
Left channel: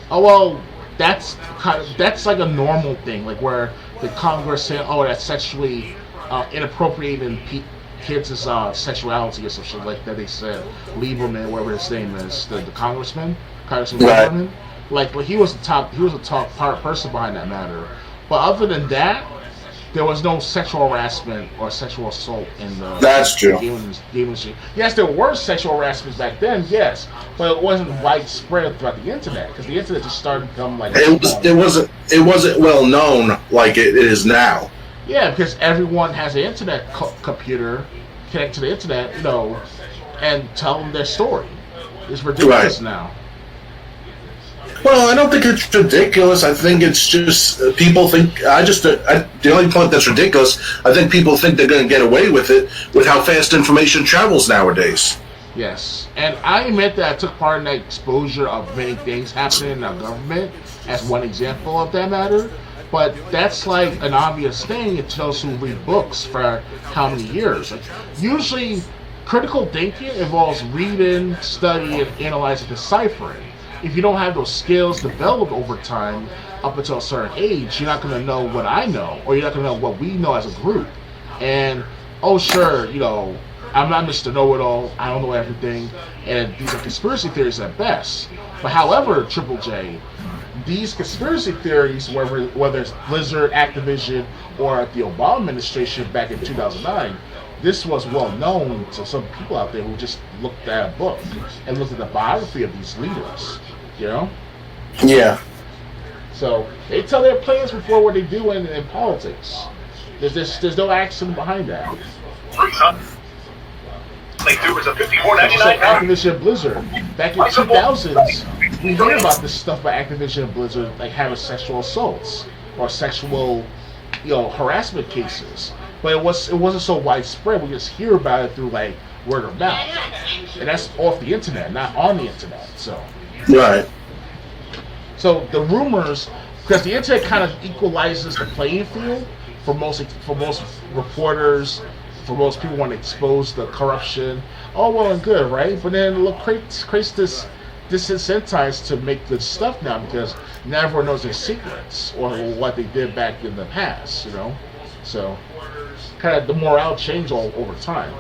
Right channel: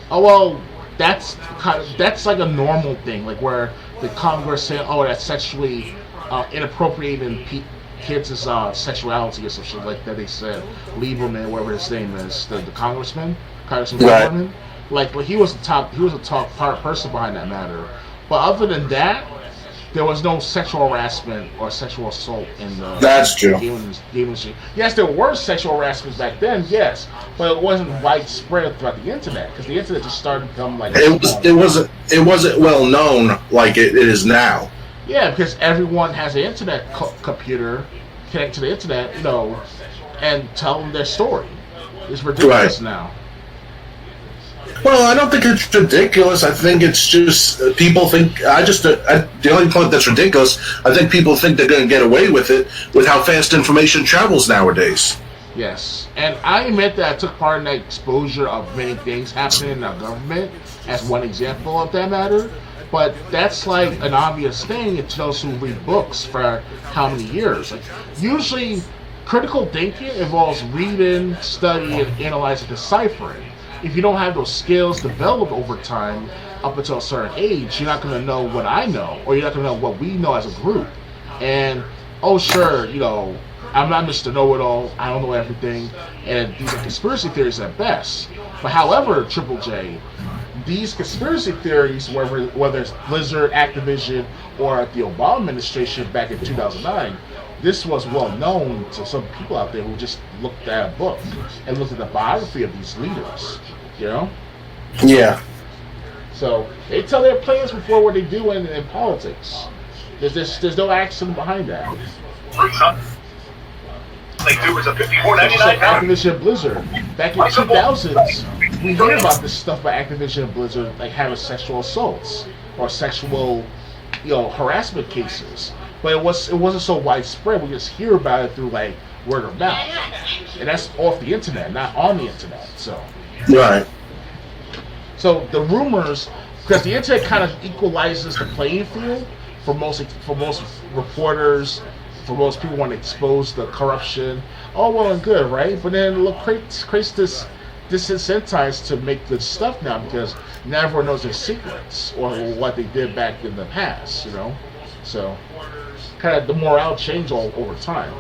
Oh well, that's like a normal thing, like where the Congress saying, "Oh, that's sexually inappropriating kids' sexuality" or some shit like that. They said Lieberman, whatever his name is, the Congressman Lieberman. Like he was a top person behind that matter. But other than that, there was no sexual harassment or sexual assault in the gaming industry. Yes, there were sexual harassments back then, yes, but it wasn't widespread throughout the internet, because the internet just started to become like it wasn't well known like it is now. Yeah, because everyone has an internet computer connected to the internet, and tell them their story. It's ridiculous now. Well, I don't think it's ridiculous. I think it's just people think. The only point that's ridiculous, I think people think they're going to get away with it with how fast information travels nowadays. Yes, and I admit that I took part in that exposure of many things happening in our government as one example of that matter. But that's like an obvious thing to those who read books for how many years. Like usually, critical thinking involves reading, studying, analyzing, deciphering. If you don't have those skills developed over time up until a certain age, you're not going to know what I know, or you're not going to know what we know as a group. And, oh sure, I'm not Mr. Know-It-All, I don't know everything, and these are conspiracy theories at best. But however, Triple J, these conspiracy theories, whether it's Blizzard, Activision, or the Obama administration back in 2009, this was well known to some people out there who just looked at a book and looked at the biography of these leaders. Yeah. So they tell their plans before what they do in politics. There's no accident behind that. Like there was a $54.99. Just like Activision Blizzard back in 2000s. we hear about this stuff by Activision and Blizzard, like having sexual assaults or sexual, harassment cases. But it wasn't so widespread. We just hear about it through like word of mouth, and that's off the internet, not on the internet. So, right. So the rumors, because the internet kind of equalizes the playing field for most reporters, for most people want to expose the corruption. Oh, well and good, right? But then look, creates this disincentives to make good stuff now because now everyone knows their secrets or what they did back in the past, So, kind of the morale changed all over time.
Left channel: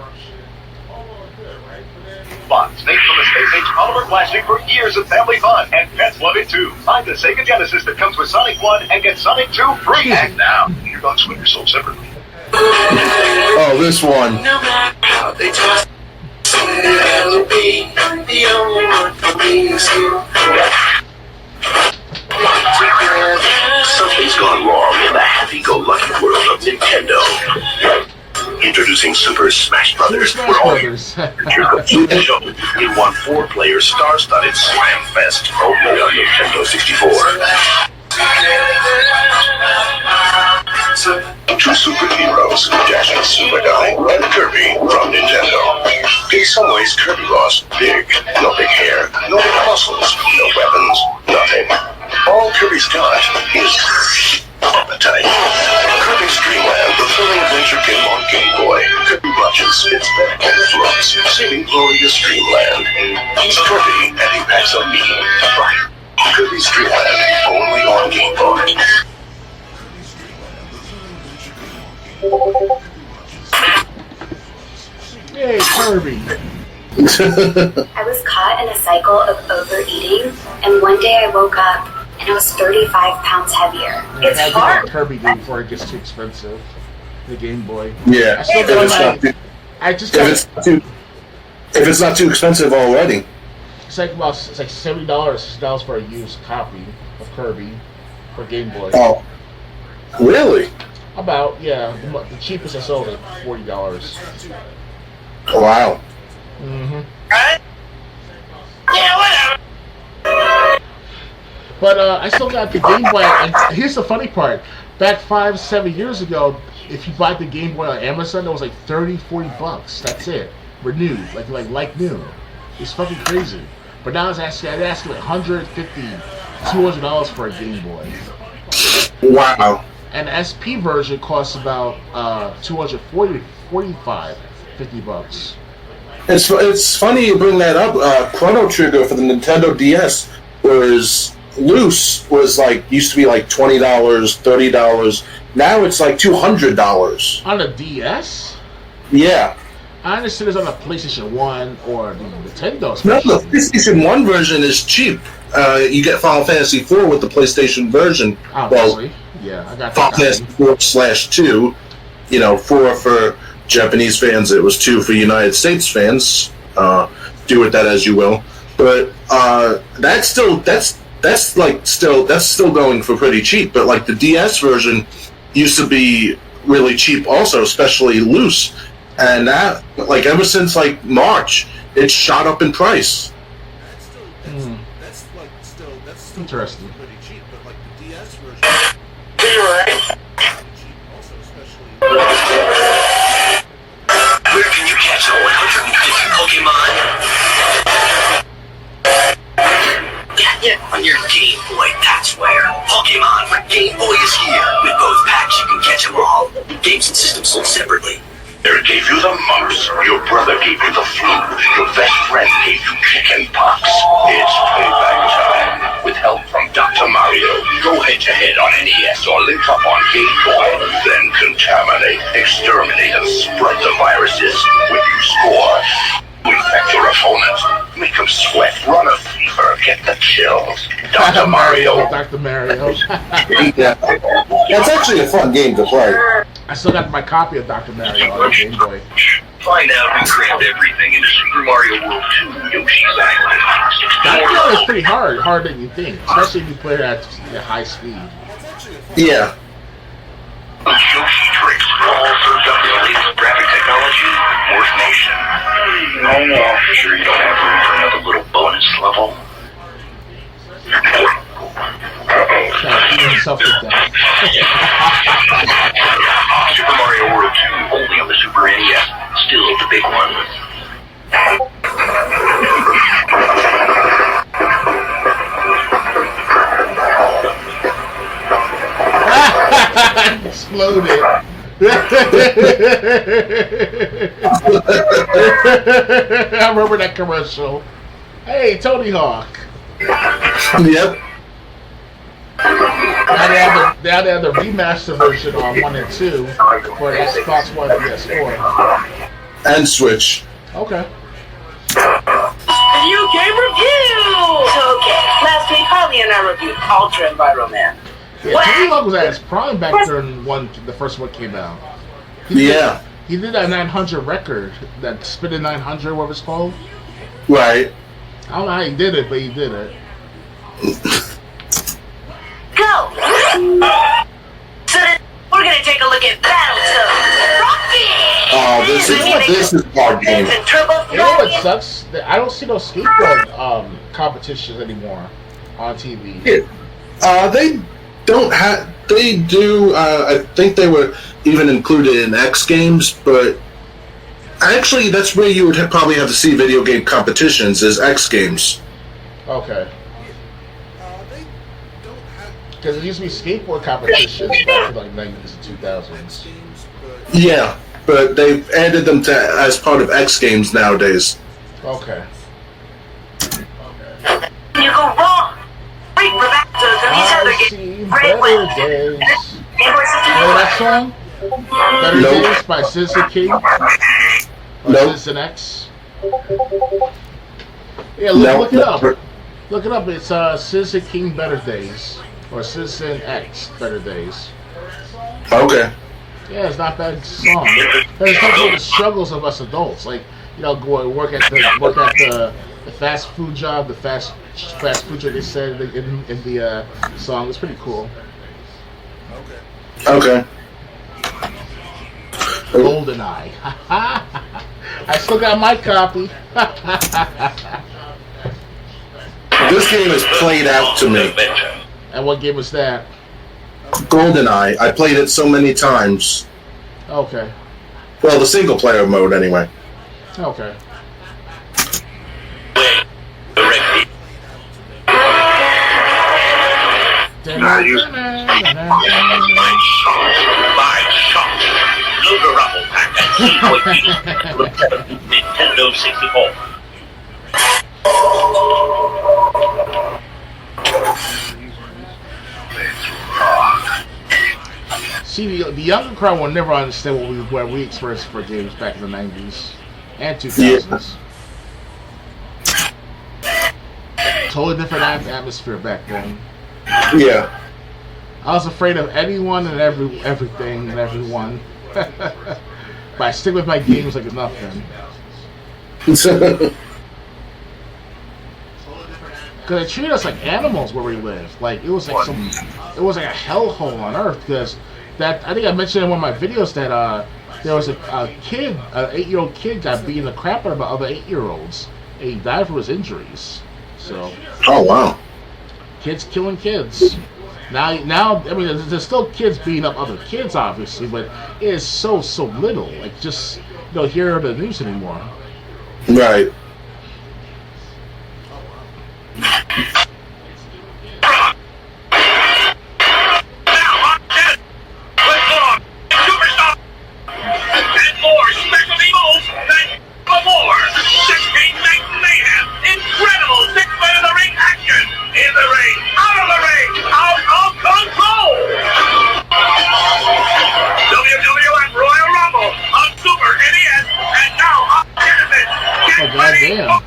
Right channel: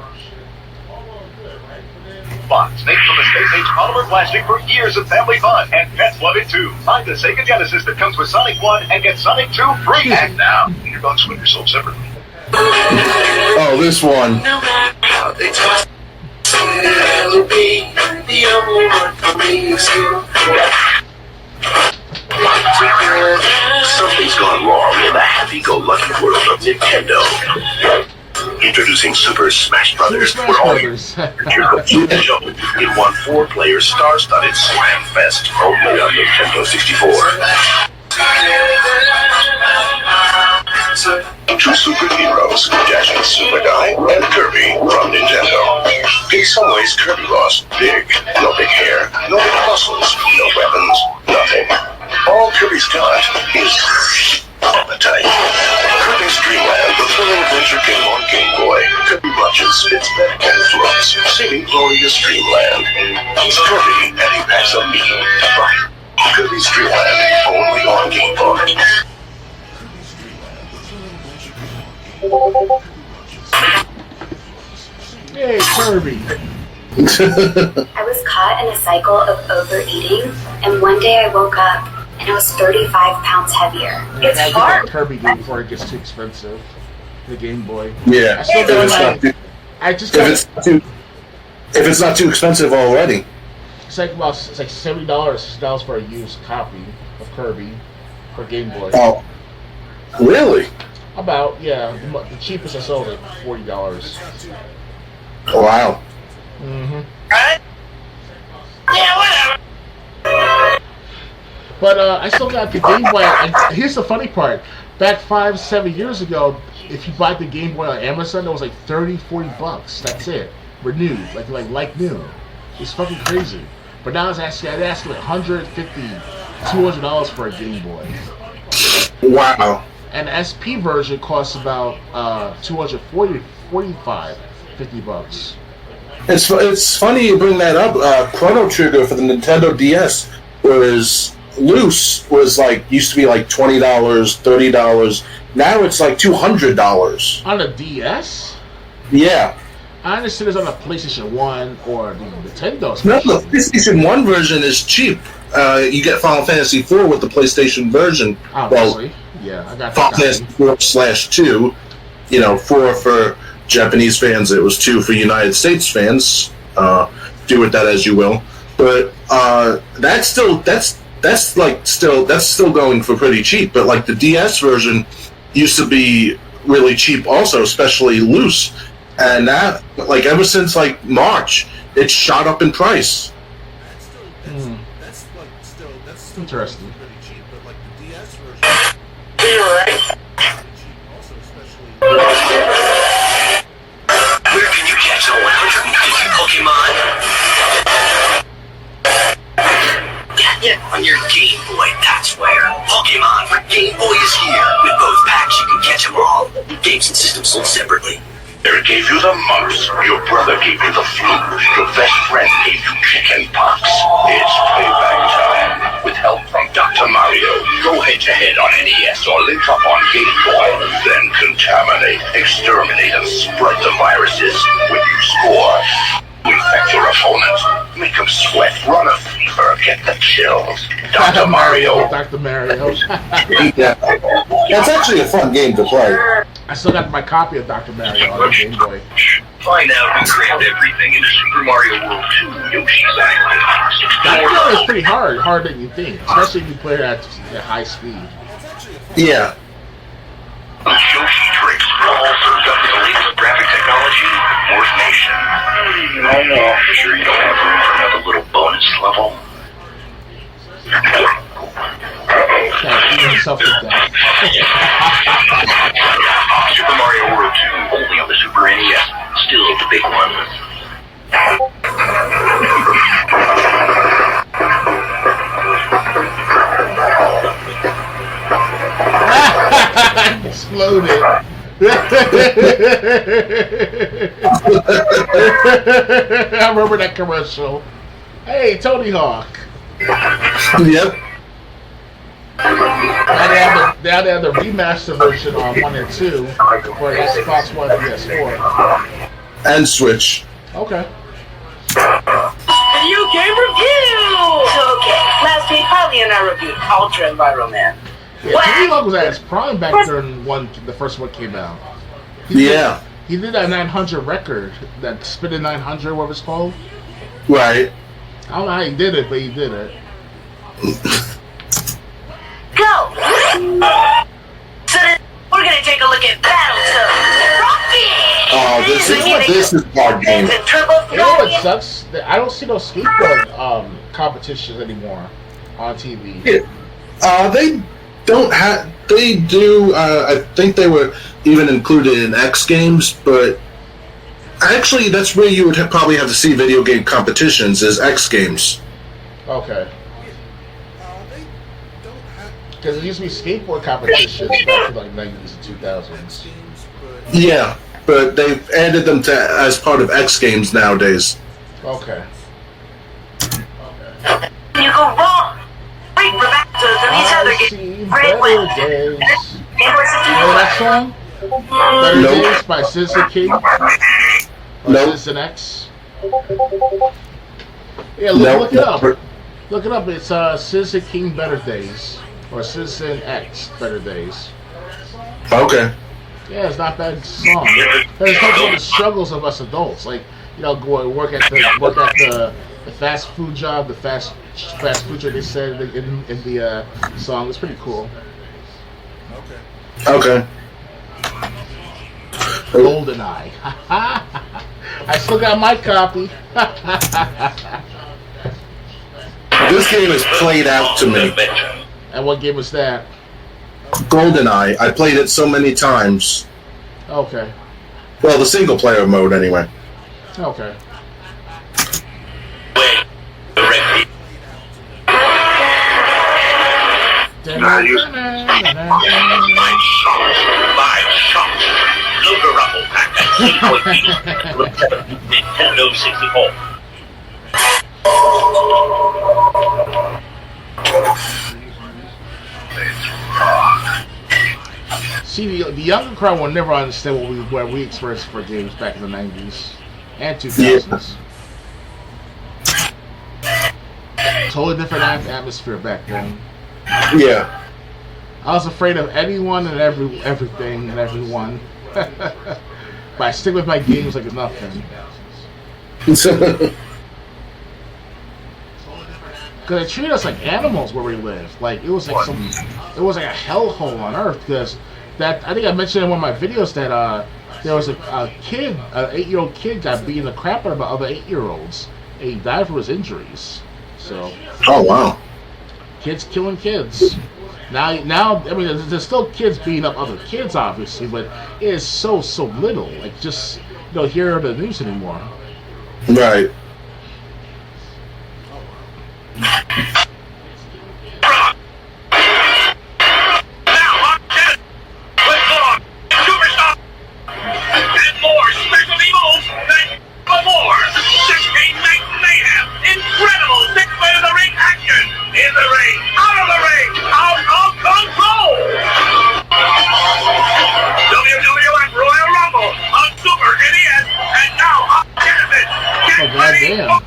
Fox made the Space Age Polymer plastic for years of family fun, and pets love it too. Buy the Sega Genesis that comes with Sonic 1 and get Sonic 2 free. And now, your dogs will be sold separately. Oh, this one. No matter how they talk, it'll be the only one for me is you. Something's gone wrong in the happy-go-lucky world of Nintendo. Introducing Super Smash Brothers. Super Smash Brothers. It won 4-player star-studded Slam Fest only on Nintendo 64. Two superheroes, Dashing Super Guy and Kirby from Nintendo. In some ways, Kirby lost big. No big hair, no big muscles, no weapons, nothing. All Kirby's got is appetite. Kirby's Dream Land, the thrilling adventure game on Game Boy. Kirby watches, spits back, and floats, singing glorious Dreamland. He's Kirby, and he packs a mean fight. Kirby's Dream Land, only on Game Boy. Yay, Kirby. I was caught in a cycle of overeating, and one day I woke up and I was 35 pounds heavier. Yeah, It's I gotta get hard. that Kirby game before it gets too expensive. The Game Boy. Yeah. I still got my. I just got. If it's not too expensive already. It's like $70 for a used copy of Kirby for Game Boy. Oh, really? About the cheapest I sold it $40. Wow. Mm-hmm. Yeah, whatever. But I still got the Game Boy. Here's the funny part. Back 5-7 years ago, if you bought the Game Boy on Amazon, it was like $30-$40. That's it. Renewed, like new. It's fucking crazy. But now I'd asking like $150, $200 for a Game Boy. Wow. And the SP version costs about $245, $50. It's funny you bring that up. Chrono Trigger for the Nintendo DS was loose. Used to be like $20, $30. Now it's like $200 On a DS? Yeah. I understand it's on a PlayStation 1 or the Nintendo No, especially. the PlayStation 1 version is cheap. You get Final Fantasy 4 with the PlayStation version. Obviously. Yeah, I got that. Final Fantasy 4/2. 4 for Japanese fans. It was 2 for United States fans. Do with that as you will. But that's still going for pretty cheap. But like the DS version used to be really cheap also, especially loose. And that, ever since March, it's shot up in price. Interesting. Where can you catch a 150 Pokemon? Yeah, on your Game Boy, that's where. Pokemon for Game Boy is here. With both packs, you can catch them all. Games and systems sold separately. Eric gave you the mumps. Your brother gave you the flu. Your best friend gave you chicken pox. It's payback time. With help from Dr. Mario. Go head-to-head on NES or link up on Game Boy. Then contaminate, exterminate, and spread the viruses. When you score, infect your opponent. Make them sweat, run a fever, get the chills. Dr. Mario. Dr. Mario. Yeah. That's actually a fun game to play. I still got my copy of Dr. Mario on the Game Boy. Find out who crammed everything into Super Mario World 2 Yoshi's Island. Dr. Mario is pretty harder than you think, especially if you play it at high speed. Yeah. Yoshi tricks all served up the latest graphic technology, Fourth Nation. No more. Sure you don't have room for another little bonus level? beating himself to death. Super Mario World 2, only on the Super NES. Still the big one. Exploded. I remember that commercial. Hey, Tony Hawk. Yep. Now they have the remaster version on 1 and 2 for the Xbox One and PS4. And Switch. Okay. Video game review! Okay, last week, Harley and I reviewed Ultra Environment. Yeah, Tony Hawk was at his prime back during the first one came out. He did that 900 record, that Spinning 900, whatever it's called. Right. I don't know how he did it, but he did it. Go! So we're gonna take a look at Battletoads. This is hard game. You know what sucks? I don't see those skateboard competitions anymore on TV. Yeah. They don't have. They do. I think they were even included in X Games, but actually, that's where you would probably have to see video game competitions is X Games. Okay. Because it used to be skateboard competitions back in like 90s and 2000s. Yeah, but they've added them to as part of X Games nowadays. Okay. You go wrong. Wait, we're back to I see better days. Remember that song? Better Days by Citizen King? Or Citizen X? Yeah, look it up. Look it up. It's Citizen King Better Days. Or Citizen X Better Days. Okay. Yeah, it's not a bad song. And it talks about the struggles of us adults. Like, go and work at the fast food job, the fast food job they said in the song. It's pretty cool. Okay. GoldenEye. I still got my copy. This game is played out to me. And what game was that? GoldenEye. I played it so many times. Okay. Well, the single player mode anyway. Okay. Nintendo 64. See, the younger crowd will never understand what we experienced for games back in the 90s and 2000s. Totally different atmosphere back then. Yeah. I was afraid of anyone and everything and everyone. But I stick with my games like it's nothing. Because they treat us like animals where we live. Like, it was like a hellhole on earth. Because I think I mentioned in one of my videos that there was a kid, an 8-year-old kid got beaten the crap out of other 8-year-olds. And he died from his injuries. So. Oh, wow. Kids killing kids. Now, I mean, there's still kids beating up other kids, obviously, but it is so little. Like, just, hear the news anymore. Right. Goddamn.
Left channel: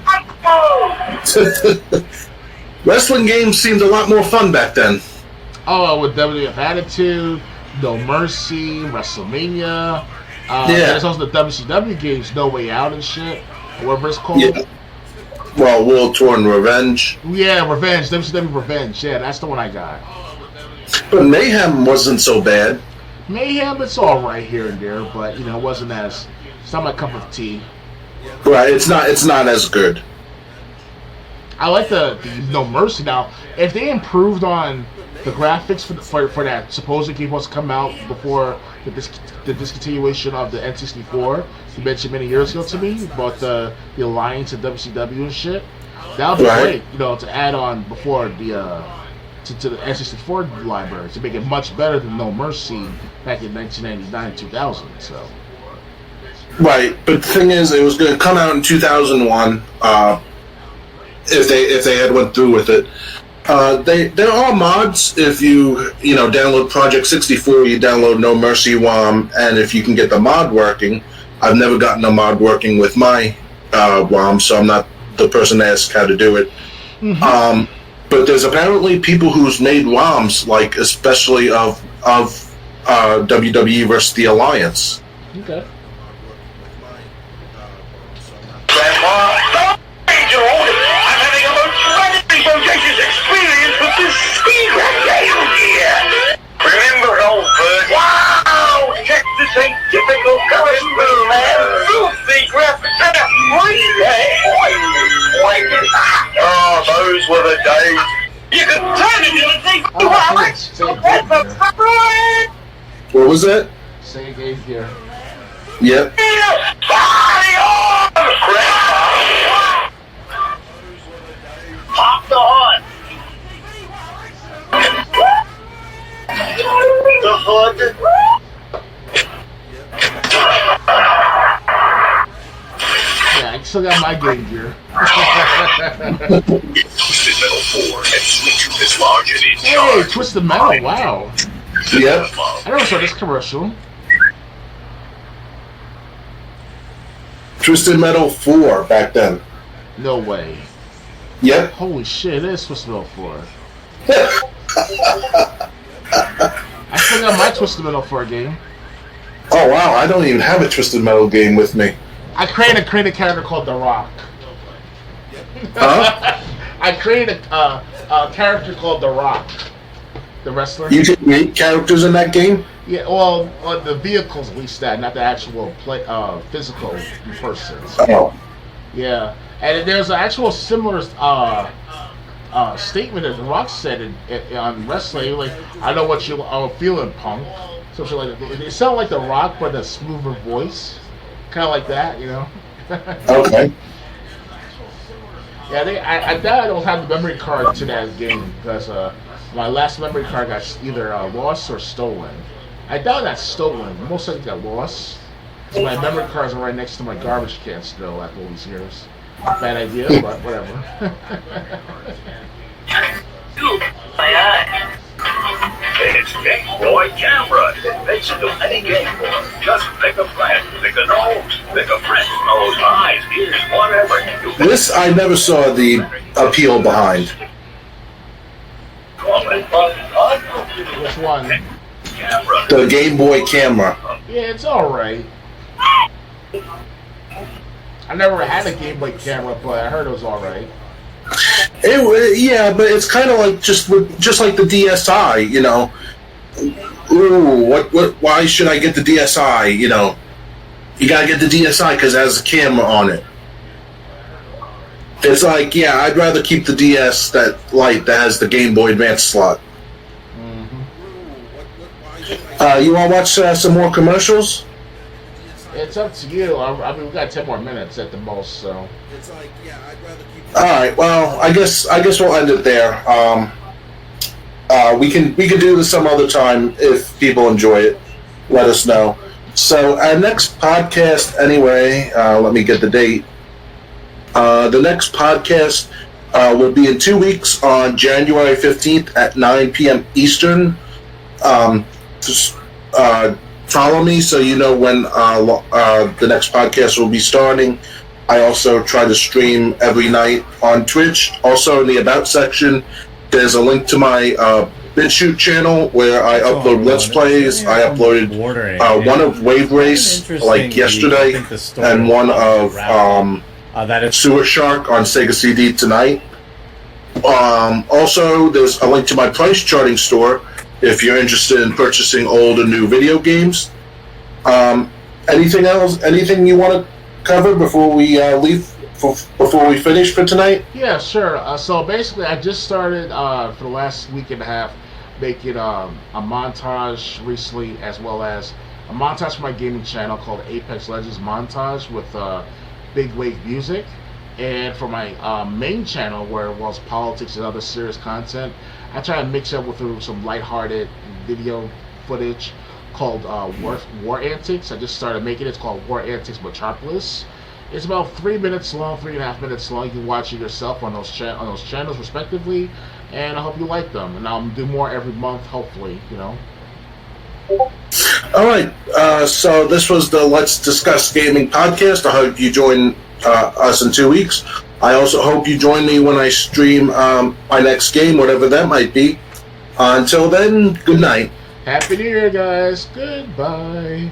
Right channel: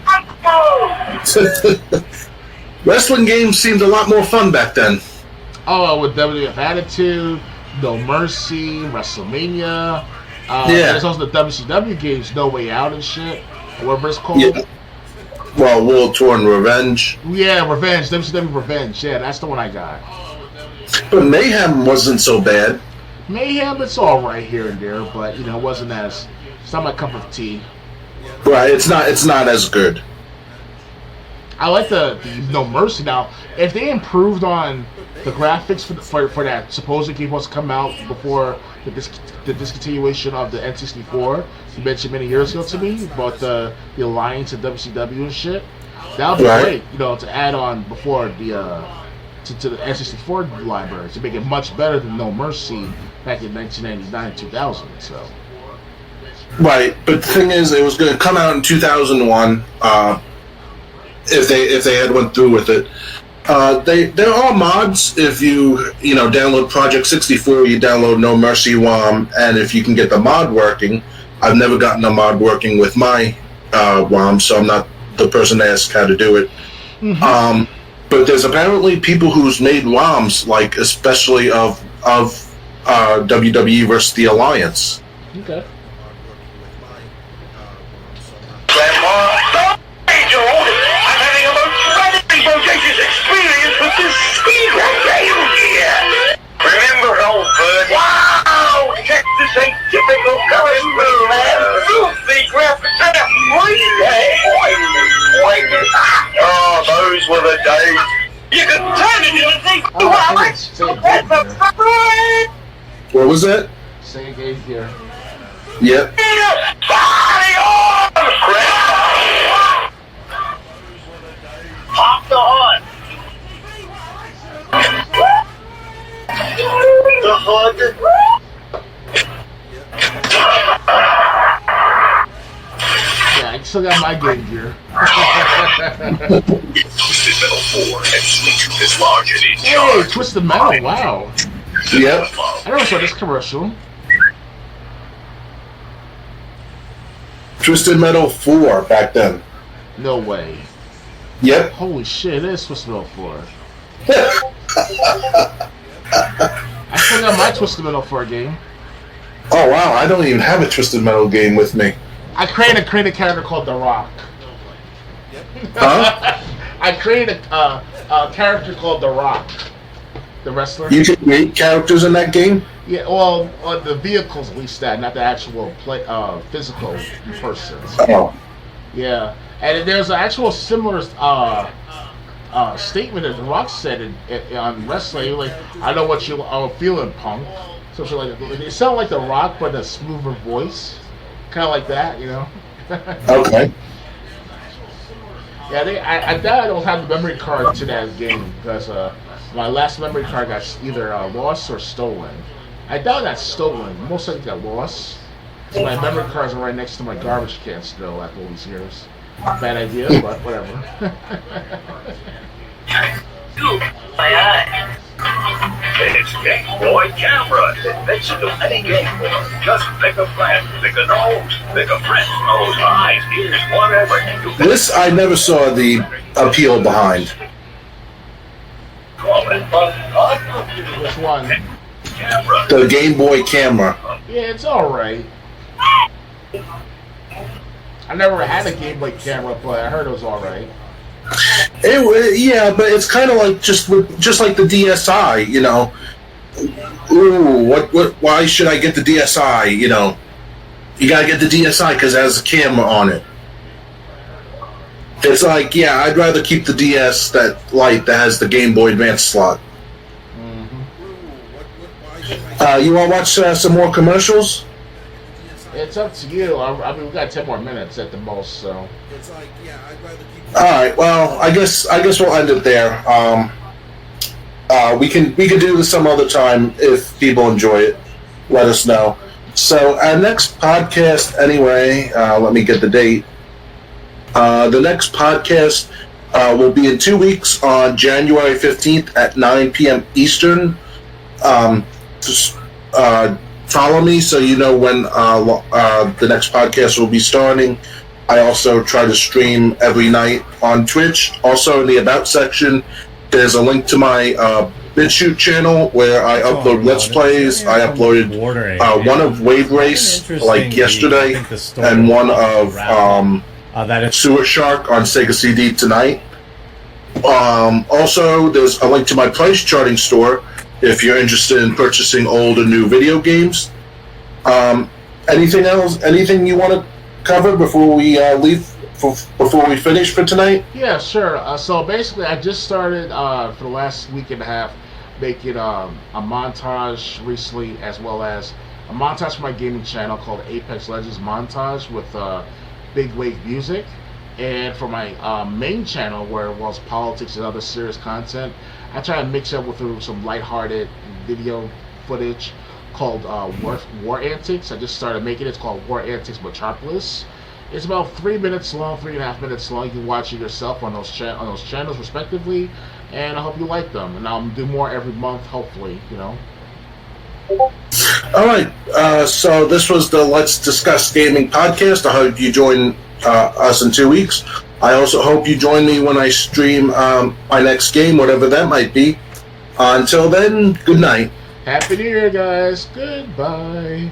Wrestling games seemed a lot more fun back then. Oh, with WWF Attitude, No Mercy, WrestleMania. There's also the WCW games, No Way Out and shit. Or whatever it's called. Yeah. Well, World Tour and Revenge. Yeah, Revenge. WCW Revenge. Yeah, that's the one I got. But Mayhem wasn't so bad. Mayhem, it's alright here and there, but, it wasn't as... It's not my cup of tea. Right, it's not as good. I like the No Mercy. Now, if they improved on the graphics for that supposed game was to come out before the discontinuation of the N64. You mentioned many years ago to me about the alliance and WCW and shit. That would be great, to add on before the to the N64 library to make it much better than No Mercy back in 1999 2000. So. Right, but the thing is, it was going to come out in 2001. If they had went through with it. There are mods. If you download Project 64, you download No Mercy ROM, and if you can get the mod working, I've never gotten a mod working with my ROM, so I'm not the person to ask how to do it. Mm-hmm. But there's apparently people who's made ROMs, like especially of WWE versus the Alliance. Okay. Remember, old bird? Wow! Texas ain't typical colors, man. Goofy graphics and a oh, those were the days. You could turn it into a thing. What was that? Say again here. Yep. Pop the horn. The hood. Yeah, I still got my Game Gear. Hey, Twisted Metal, wow. Yep. I never saw this commercial. Twisted Metal 4 back then. No way. Yep. Holy shit, it is Twisted Metal 4. I still got my Twisted Metal 4 game. Oh wow, I don't even have a Twisted Metal game with me. I created a character called The Rock. Huh? I created a character called The Rock. The wrestler. You can create characters in that game? Yeah, well, the vehicles at least that, not the actual physical person. So, Oh. yeah, and there's an actual similar statement that The Rock said on wrestling, like, I know what you are feeling, punk. So like, it sounded like The Rock, but a smoother voice, kind of like that, Okay. Yeah, I doubt I don't have the memory card to that game because my last memory card got either lost or stolen. I doubt that's stolen. Most likely got lost. So my memory cards are right next to my garbage can still after all these years. Bad idea, but whatever. It's Game Boy Camera. It makes you do any game for them. Just pick a friend, pick a nose, pick a friend, nose, eyes, ears, whatever. This I never saw the appeal behind. Which one? The Game Boy camera. Yeah, it's alright. I never had a Game Boy camera, but I heard it was alright. Yeah, but it's kind of like just like the DSi, Ooh, what? Why should I get the DSi? You gotta get the DSi because it has a camera on it. It's like, yeah, I'd rather keep the DS that has the Game Boy Advance slot. Mm-hmm. You want to watch some more commercials? It's up to you. I mean, we got 10 more minutes at the most, so. All right. Well, I guess we'll end it there. We can do this some other time if people enjoy it. Let us know. So our next podcast, anyway. Let me get the date. The next podcast will be in 2 weeks on January 15th at 9 p.m. Eastern. Just follow me so you know when the next podcast will be starting. I also try to stream every night on Twitch. Also, in the About section, there's a link to my BitChute channel where I upload Let's Plays. I uploaded one of Wave Race, like yesterday, and one of Sewer Shark on Sega CD tonight. Also, there's a link to my price charting store if you're interested in purchasing old and new video games. Anything else? Anything you want to cover before we leave? Before we finish for tonight? Yeah, sure. So basically, I just started for the last week and a half making a montage recently, as well as a montage for my gaming channel called Apex Legends Montage with big wave music. And for my main channel, where it was politics and other serious content, I try to mix it up with some lighthearted video footage called War Antics. I just started making it. It's called War Antics Metropolis. It's about 3 minutes long, 3.5 minutes long. You can watch it yourself on those channels respectively, and I hope you like them. And I'll do more every month, hopefully. All right. So this was the Let's Discuss Gaming podcast. I hope you join us in 2 weeks. I also hope you join me when I stream my next game, whatever that might be. Until then, good night. Happy New Year, guys. Goodbye.